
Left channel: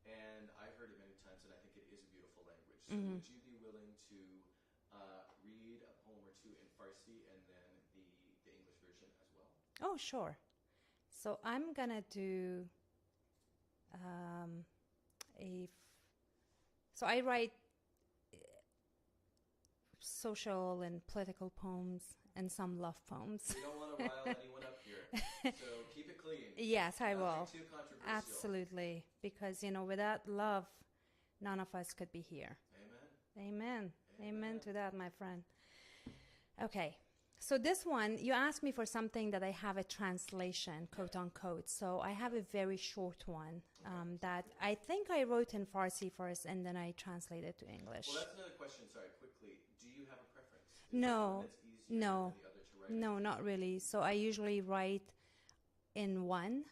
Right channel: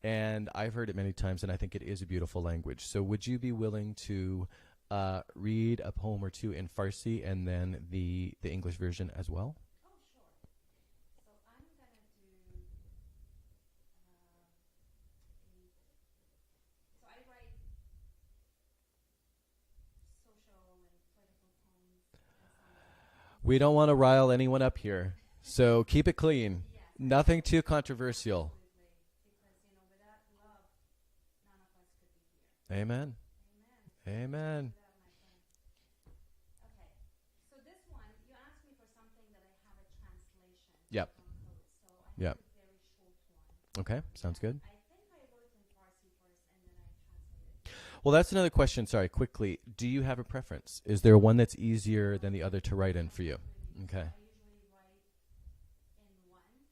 and I've heard it many times, and I think it is a beautiful language. So would you be willing to read a poem or two in Farsi and then the English version as well? Oh, sure. So I'm going to do So I write social and political poems and some love poems. We don't want to rile anyone up here, so keep it clean. Yes, I Nothing will. too controversial. Absolutely, because without love, none of us could be here. Amen. Amen. Amen. to that, my friend. Okay. So this one, you asked me for something that I have a translation, Yep. quote unquote. So I have Yep. a very short one. Okay, sounds that good. I think I wrote in Farsi first, and then I translated to English. Well, that's another question. Sorry, quickly. Do you have a preference? Is there one No. that's easier No. than the other to write in no, for you? not really. So Okay. I usually write in one,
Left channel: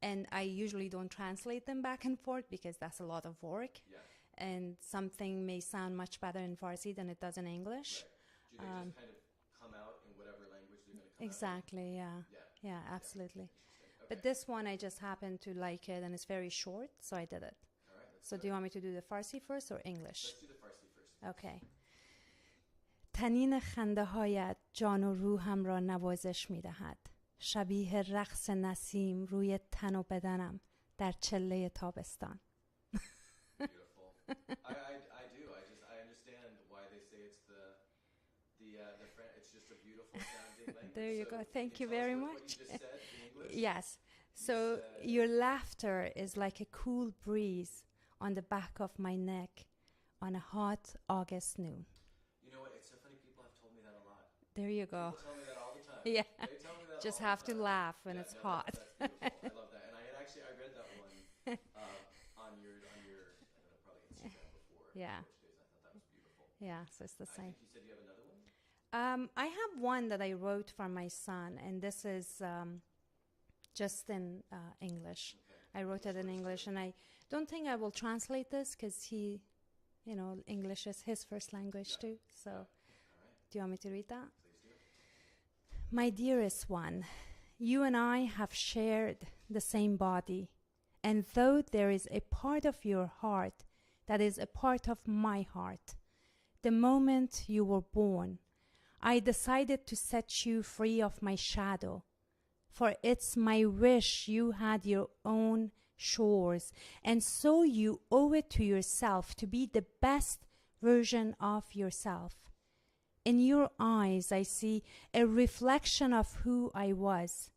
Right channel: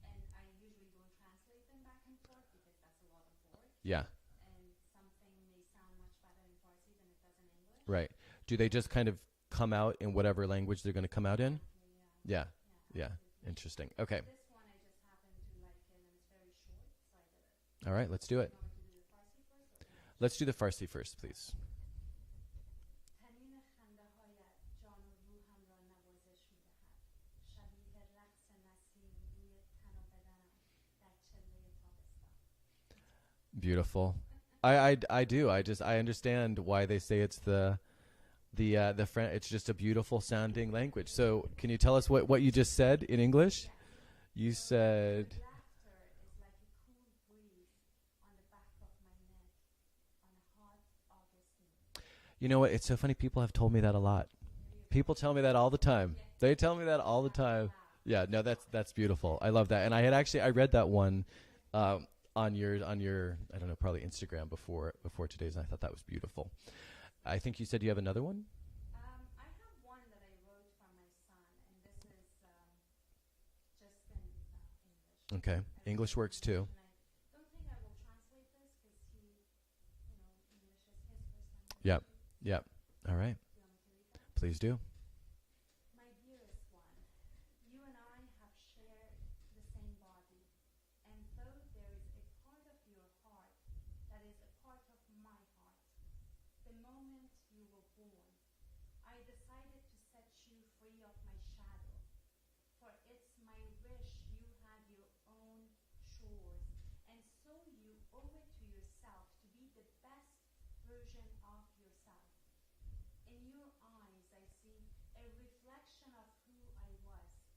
and I usually don't translate them back and forth because that's a lot of work. Yeah, And something may sound much better in Farsi than it does in English. right. Do they just kind of come out in whatever language they're going to come out in? Exactly, yeah. Yeah, Yeah, yeah. absolutely. Interesting. Okay. But this one, I just happened to like it, and it's very short, so I did it. All right, let's So do do it. you want me to do the Farsi first or English? Let's do the Farsi first, please. Okay. تنین خنده هایت جان و روحم را نوازش می دهد. شبیه رقص نسیم روی تن و بدنم در چله تابستان. Beautiful. I do. I understand why they say it's the it's just a beautiful sounding language. So can you tell us what you just said in English? Yes. You so said your laughter is like a cool breeze on the back of my neck on a hot August noon. You know what? It's so funny. People have told me that a lot. There you go. People tell me that all the time. Yeah. They tell me that Just all the have time. to laugh when Yeah, it's no, hot. that's beautiful. I love that. And I read that one on your I don't know, probably Instagram before today's, and I thought that was beautiful. Yeah, it's the I same. think you said you have another one? I have one that I wrote for my son, and this is just in English. Okay. I wrote English it in works English, too. and I don't think I will translate this because he, English is his first language too. So Yep. All right. do you want me to read that? Please do. My dearest one, you and I have shared the same body, and though there is a part of your heart that is a part of my heart, the moment you were born, I decided to set you free of my shadow, for it's my wish you had your own shores, and so you owe it to yourself to be the best version of yourself. In your eyes, I see a reflection of who I was,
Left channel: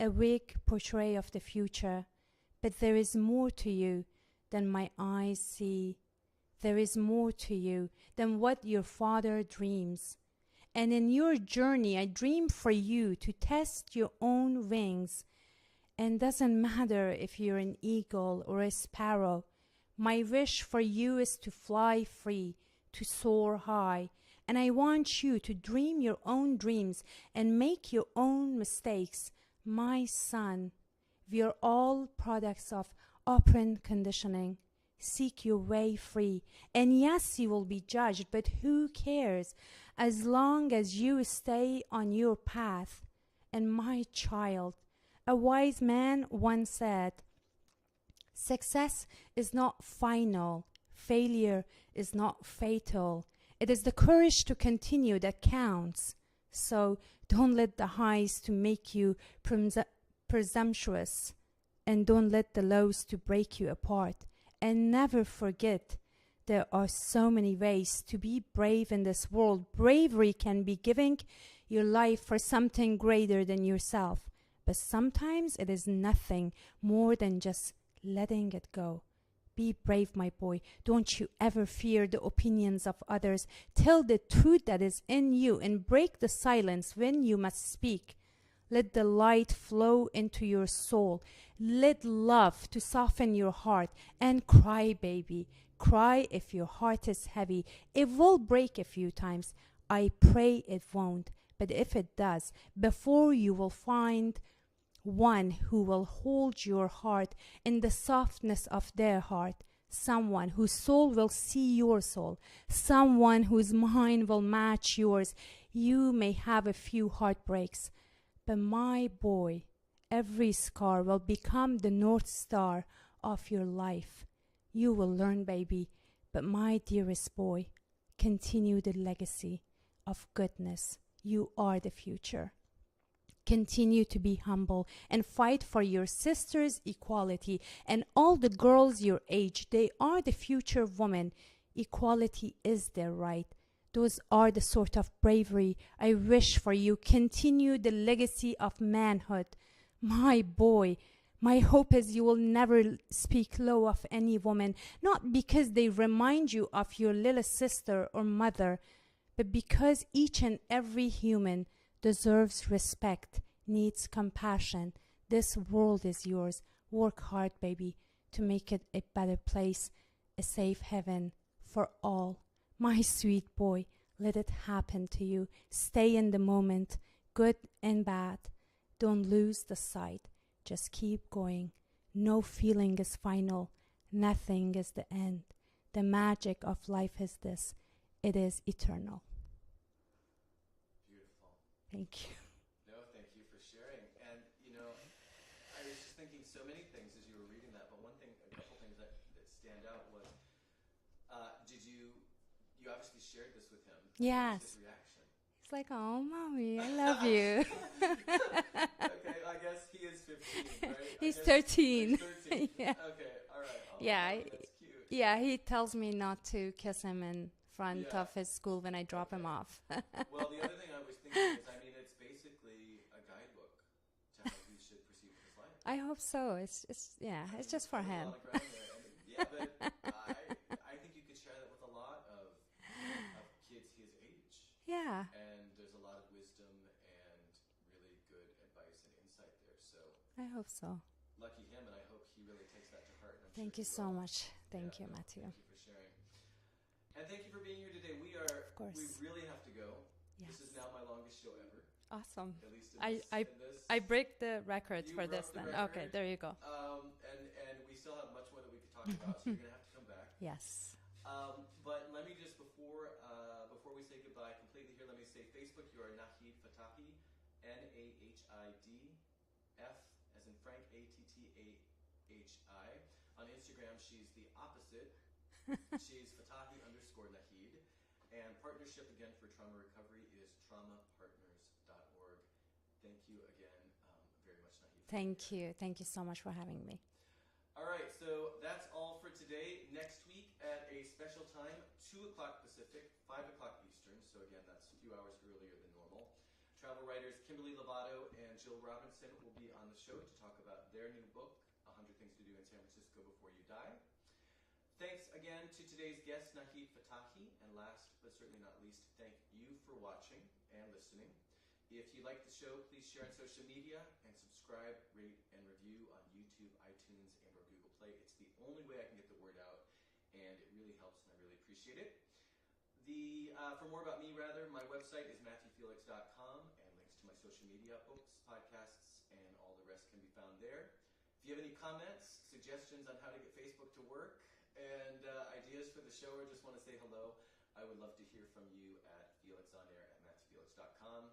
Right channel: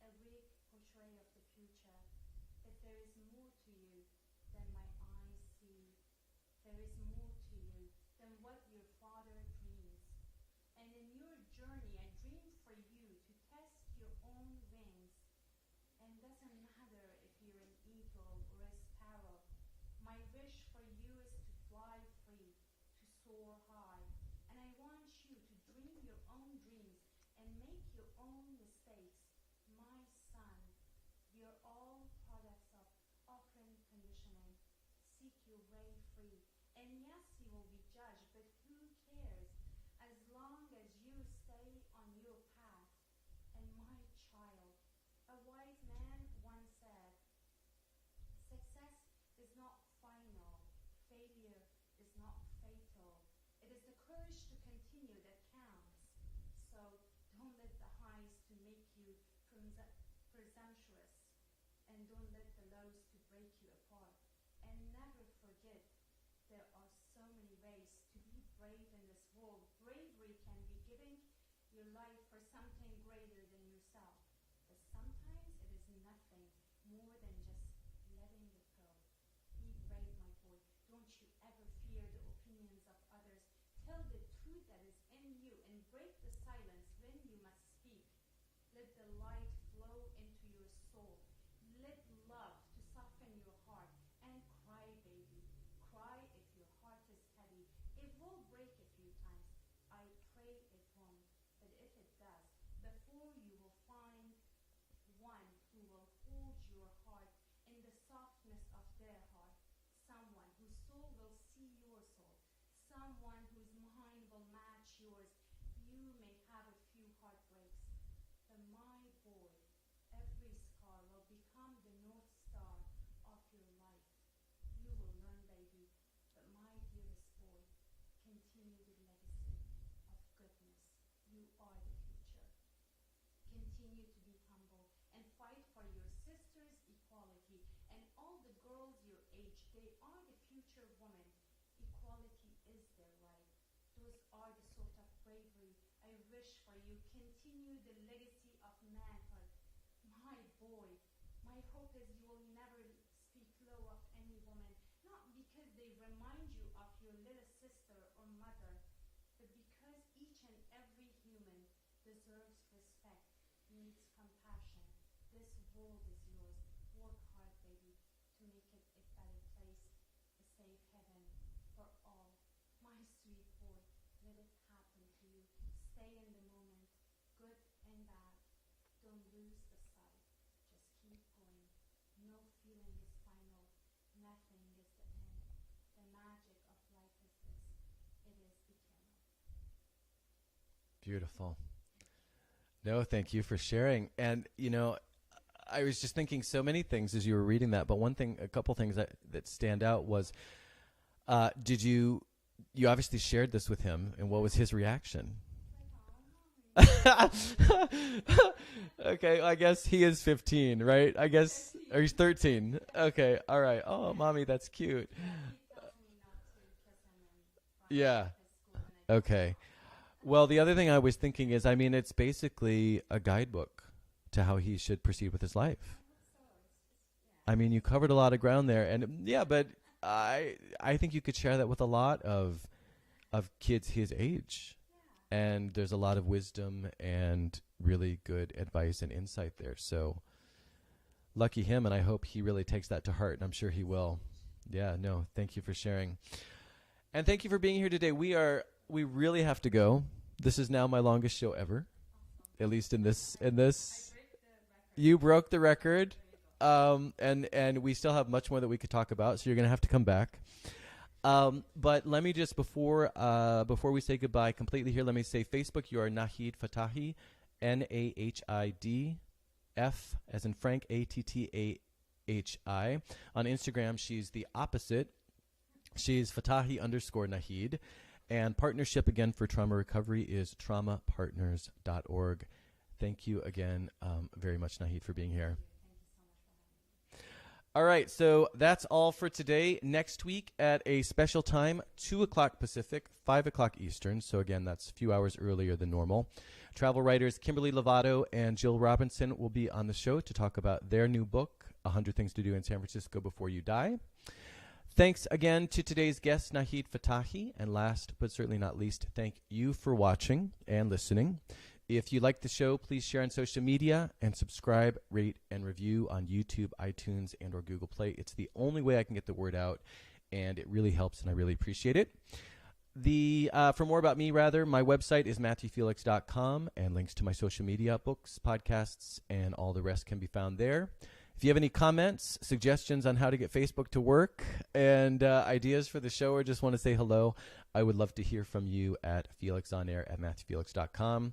a weak portrait of the future, but there is more to you than my eyes see. There is more to you than what your father dreams. And in your journey, I dream for you to test your own wings. And doesn't matter if you're an eagle or a sparrow. My wish for you is to fly free, to soar high. And I want you to dream your own dreams and make your own mistakes. My son, we are all products of operant conditioning. Seek your way free. And yes, you will be judged, but who cares? As long as you stay on your path. And my child, a wise man once said, success is not final. Failure is not fatal. It is the courage to continue that counts. So don't let the highs to make you presumptuous, and don't let the lows to break you apart. And never forget, there are so many ways to be brave in this world. Bravery can be giving your life for something greater than yourself, but sometimes it is nothing more than just letting it go. Be brave, my boy. Don't you ever fear the opinions of others. Tell the truth that is in you and break the silence when you must speak. Let the light flow into your soul. Let love to soften your heart. And cry, baby. Cry if your heart is heavy. It will break a few times. I pray it won't. But if it does, before you will find one who will hold your heart in the softness of their heart, someone whose soul will see your soul, someone whose mind will match yours. You may have a few heartbreaks, but my boy, every scar will become the North Star of your life. You will learn, baby, but my dearest boy, continue the legacy of goodness. You are the future. Continue to be humble and fight for your sisters' equality and all the girls your age. They are the future women. Equality is their right. Those are the sort of bravery I wish for you. Continue the legacy of manhood. My boy, my hope is you will never speak low of any woman, not because they remind you of your little sister or mother, but because each and every human deserves respect, needs compassion. This world is yours. Work hard, baby, to make it a better place, a safe heaven for all. My sweet boy, let it happen to you. Stay in the moment, good and bad. Don't lose the sight. Just keep going. No feeling is final. Nothing is the end. The magic of life is this. It is eternal. Beautiful. Thank you. No, thank you for sharing. And, I was just thinking so many things as you were reading that, but a couple things that stand out was, did you you obviously shared this with him. And what was his reaction? It's like, oh, mommy, I love you. Okay, I guess he is 15, right? I He's guess 13. Or he's 13. Yeah. Okay, all right. Oh, Yeah. mommy, that's cute. Yeah, he tells me not to kiss him in front Yeah. of his school when I drop Okay. him off. Well, the other thing I was thinking is, I mean, it's basically a guidebook to how he should proceed with his life. I hope so. It's yeah. I it's mean, you just for covered a him. lot of ground there, and yeah, but I think you could share that with a lot of kids his age, Yeah. and there's a lot of wisdom and really good advice and insight there. So I hope so. lucky him, and I hope he really takes that to heart, and I'm sure Thank he you will. so much. Yeah, Thank you, no, Matthew. thank you for sharing, and thank you for being here today. We course. really have to go. This is now my longest show ever, Awesome. at least in I- this I- in this. I break the record. You for broke this the time. record. Okay, there you go. And we still have much more that we could talk about, so you're gonna have to come back. Yes. But let me just before we say goodbye completely here, let me say Facebook. You are Nahid Fattahi, Nahid F as in Frank, Attahi. On Instagram, she's the opposite. She's Fattahi_Nahid. And partnership again for trauma recovery is traumapartners.org. Thank you again very much, Nahid, for being here. Thank you. Thank you so much for having me. All right, so that's all for today. Next week at a special time, 2 o'clock Pacific, 5 o'clock Eastern. So again, that's a few hours earlier than normal. Travel writers Kimberly Lovato and Jill Robinson will be on the show to talk about their new book, 100 Things to Do in San Francisco Before You Die. Thanks again to today's guest, Nahid Fattahi. And last but certainly not least, thank you for watching and listening. If you like the show, please share on social media and subscribe, rate, and review on YouTube, iTunes, and or Google Play. It's the only way I can get the word out, and it really helps, and I really appreciate it. For more about me, my website is MatthewFelix.com, and links to my social media, books, podcasts, and all the rest can be found there. If you have any comments, suggestions on how to get Facebook to work, and ideas for the show, or just want to say hello, I would love to hear from you at FelixOnAir@MatthewFelix.com.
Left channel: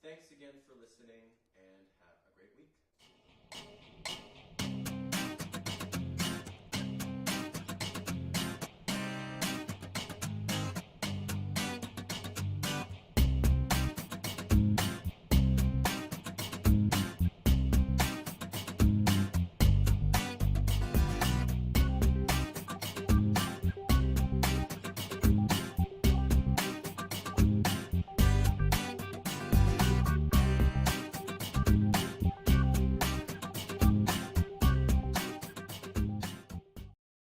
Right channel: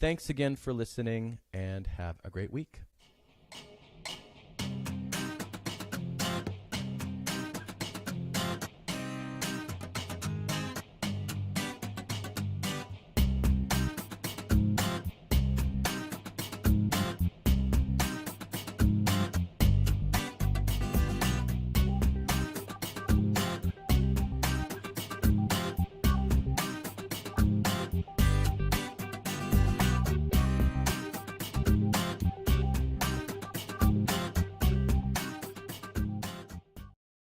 Thanks again for listening, and have a great week.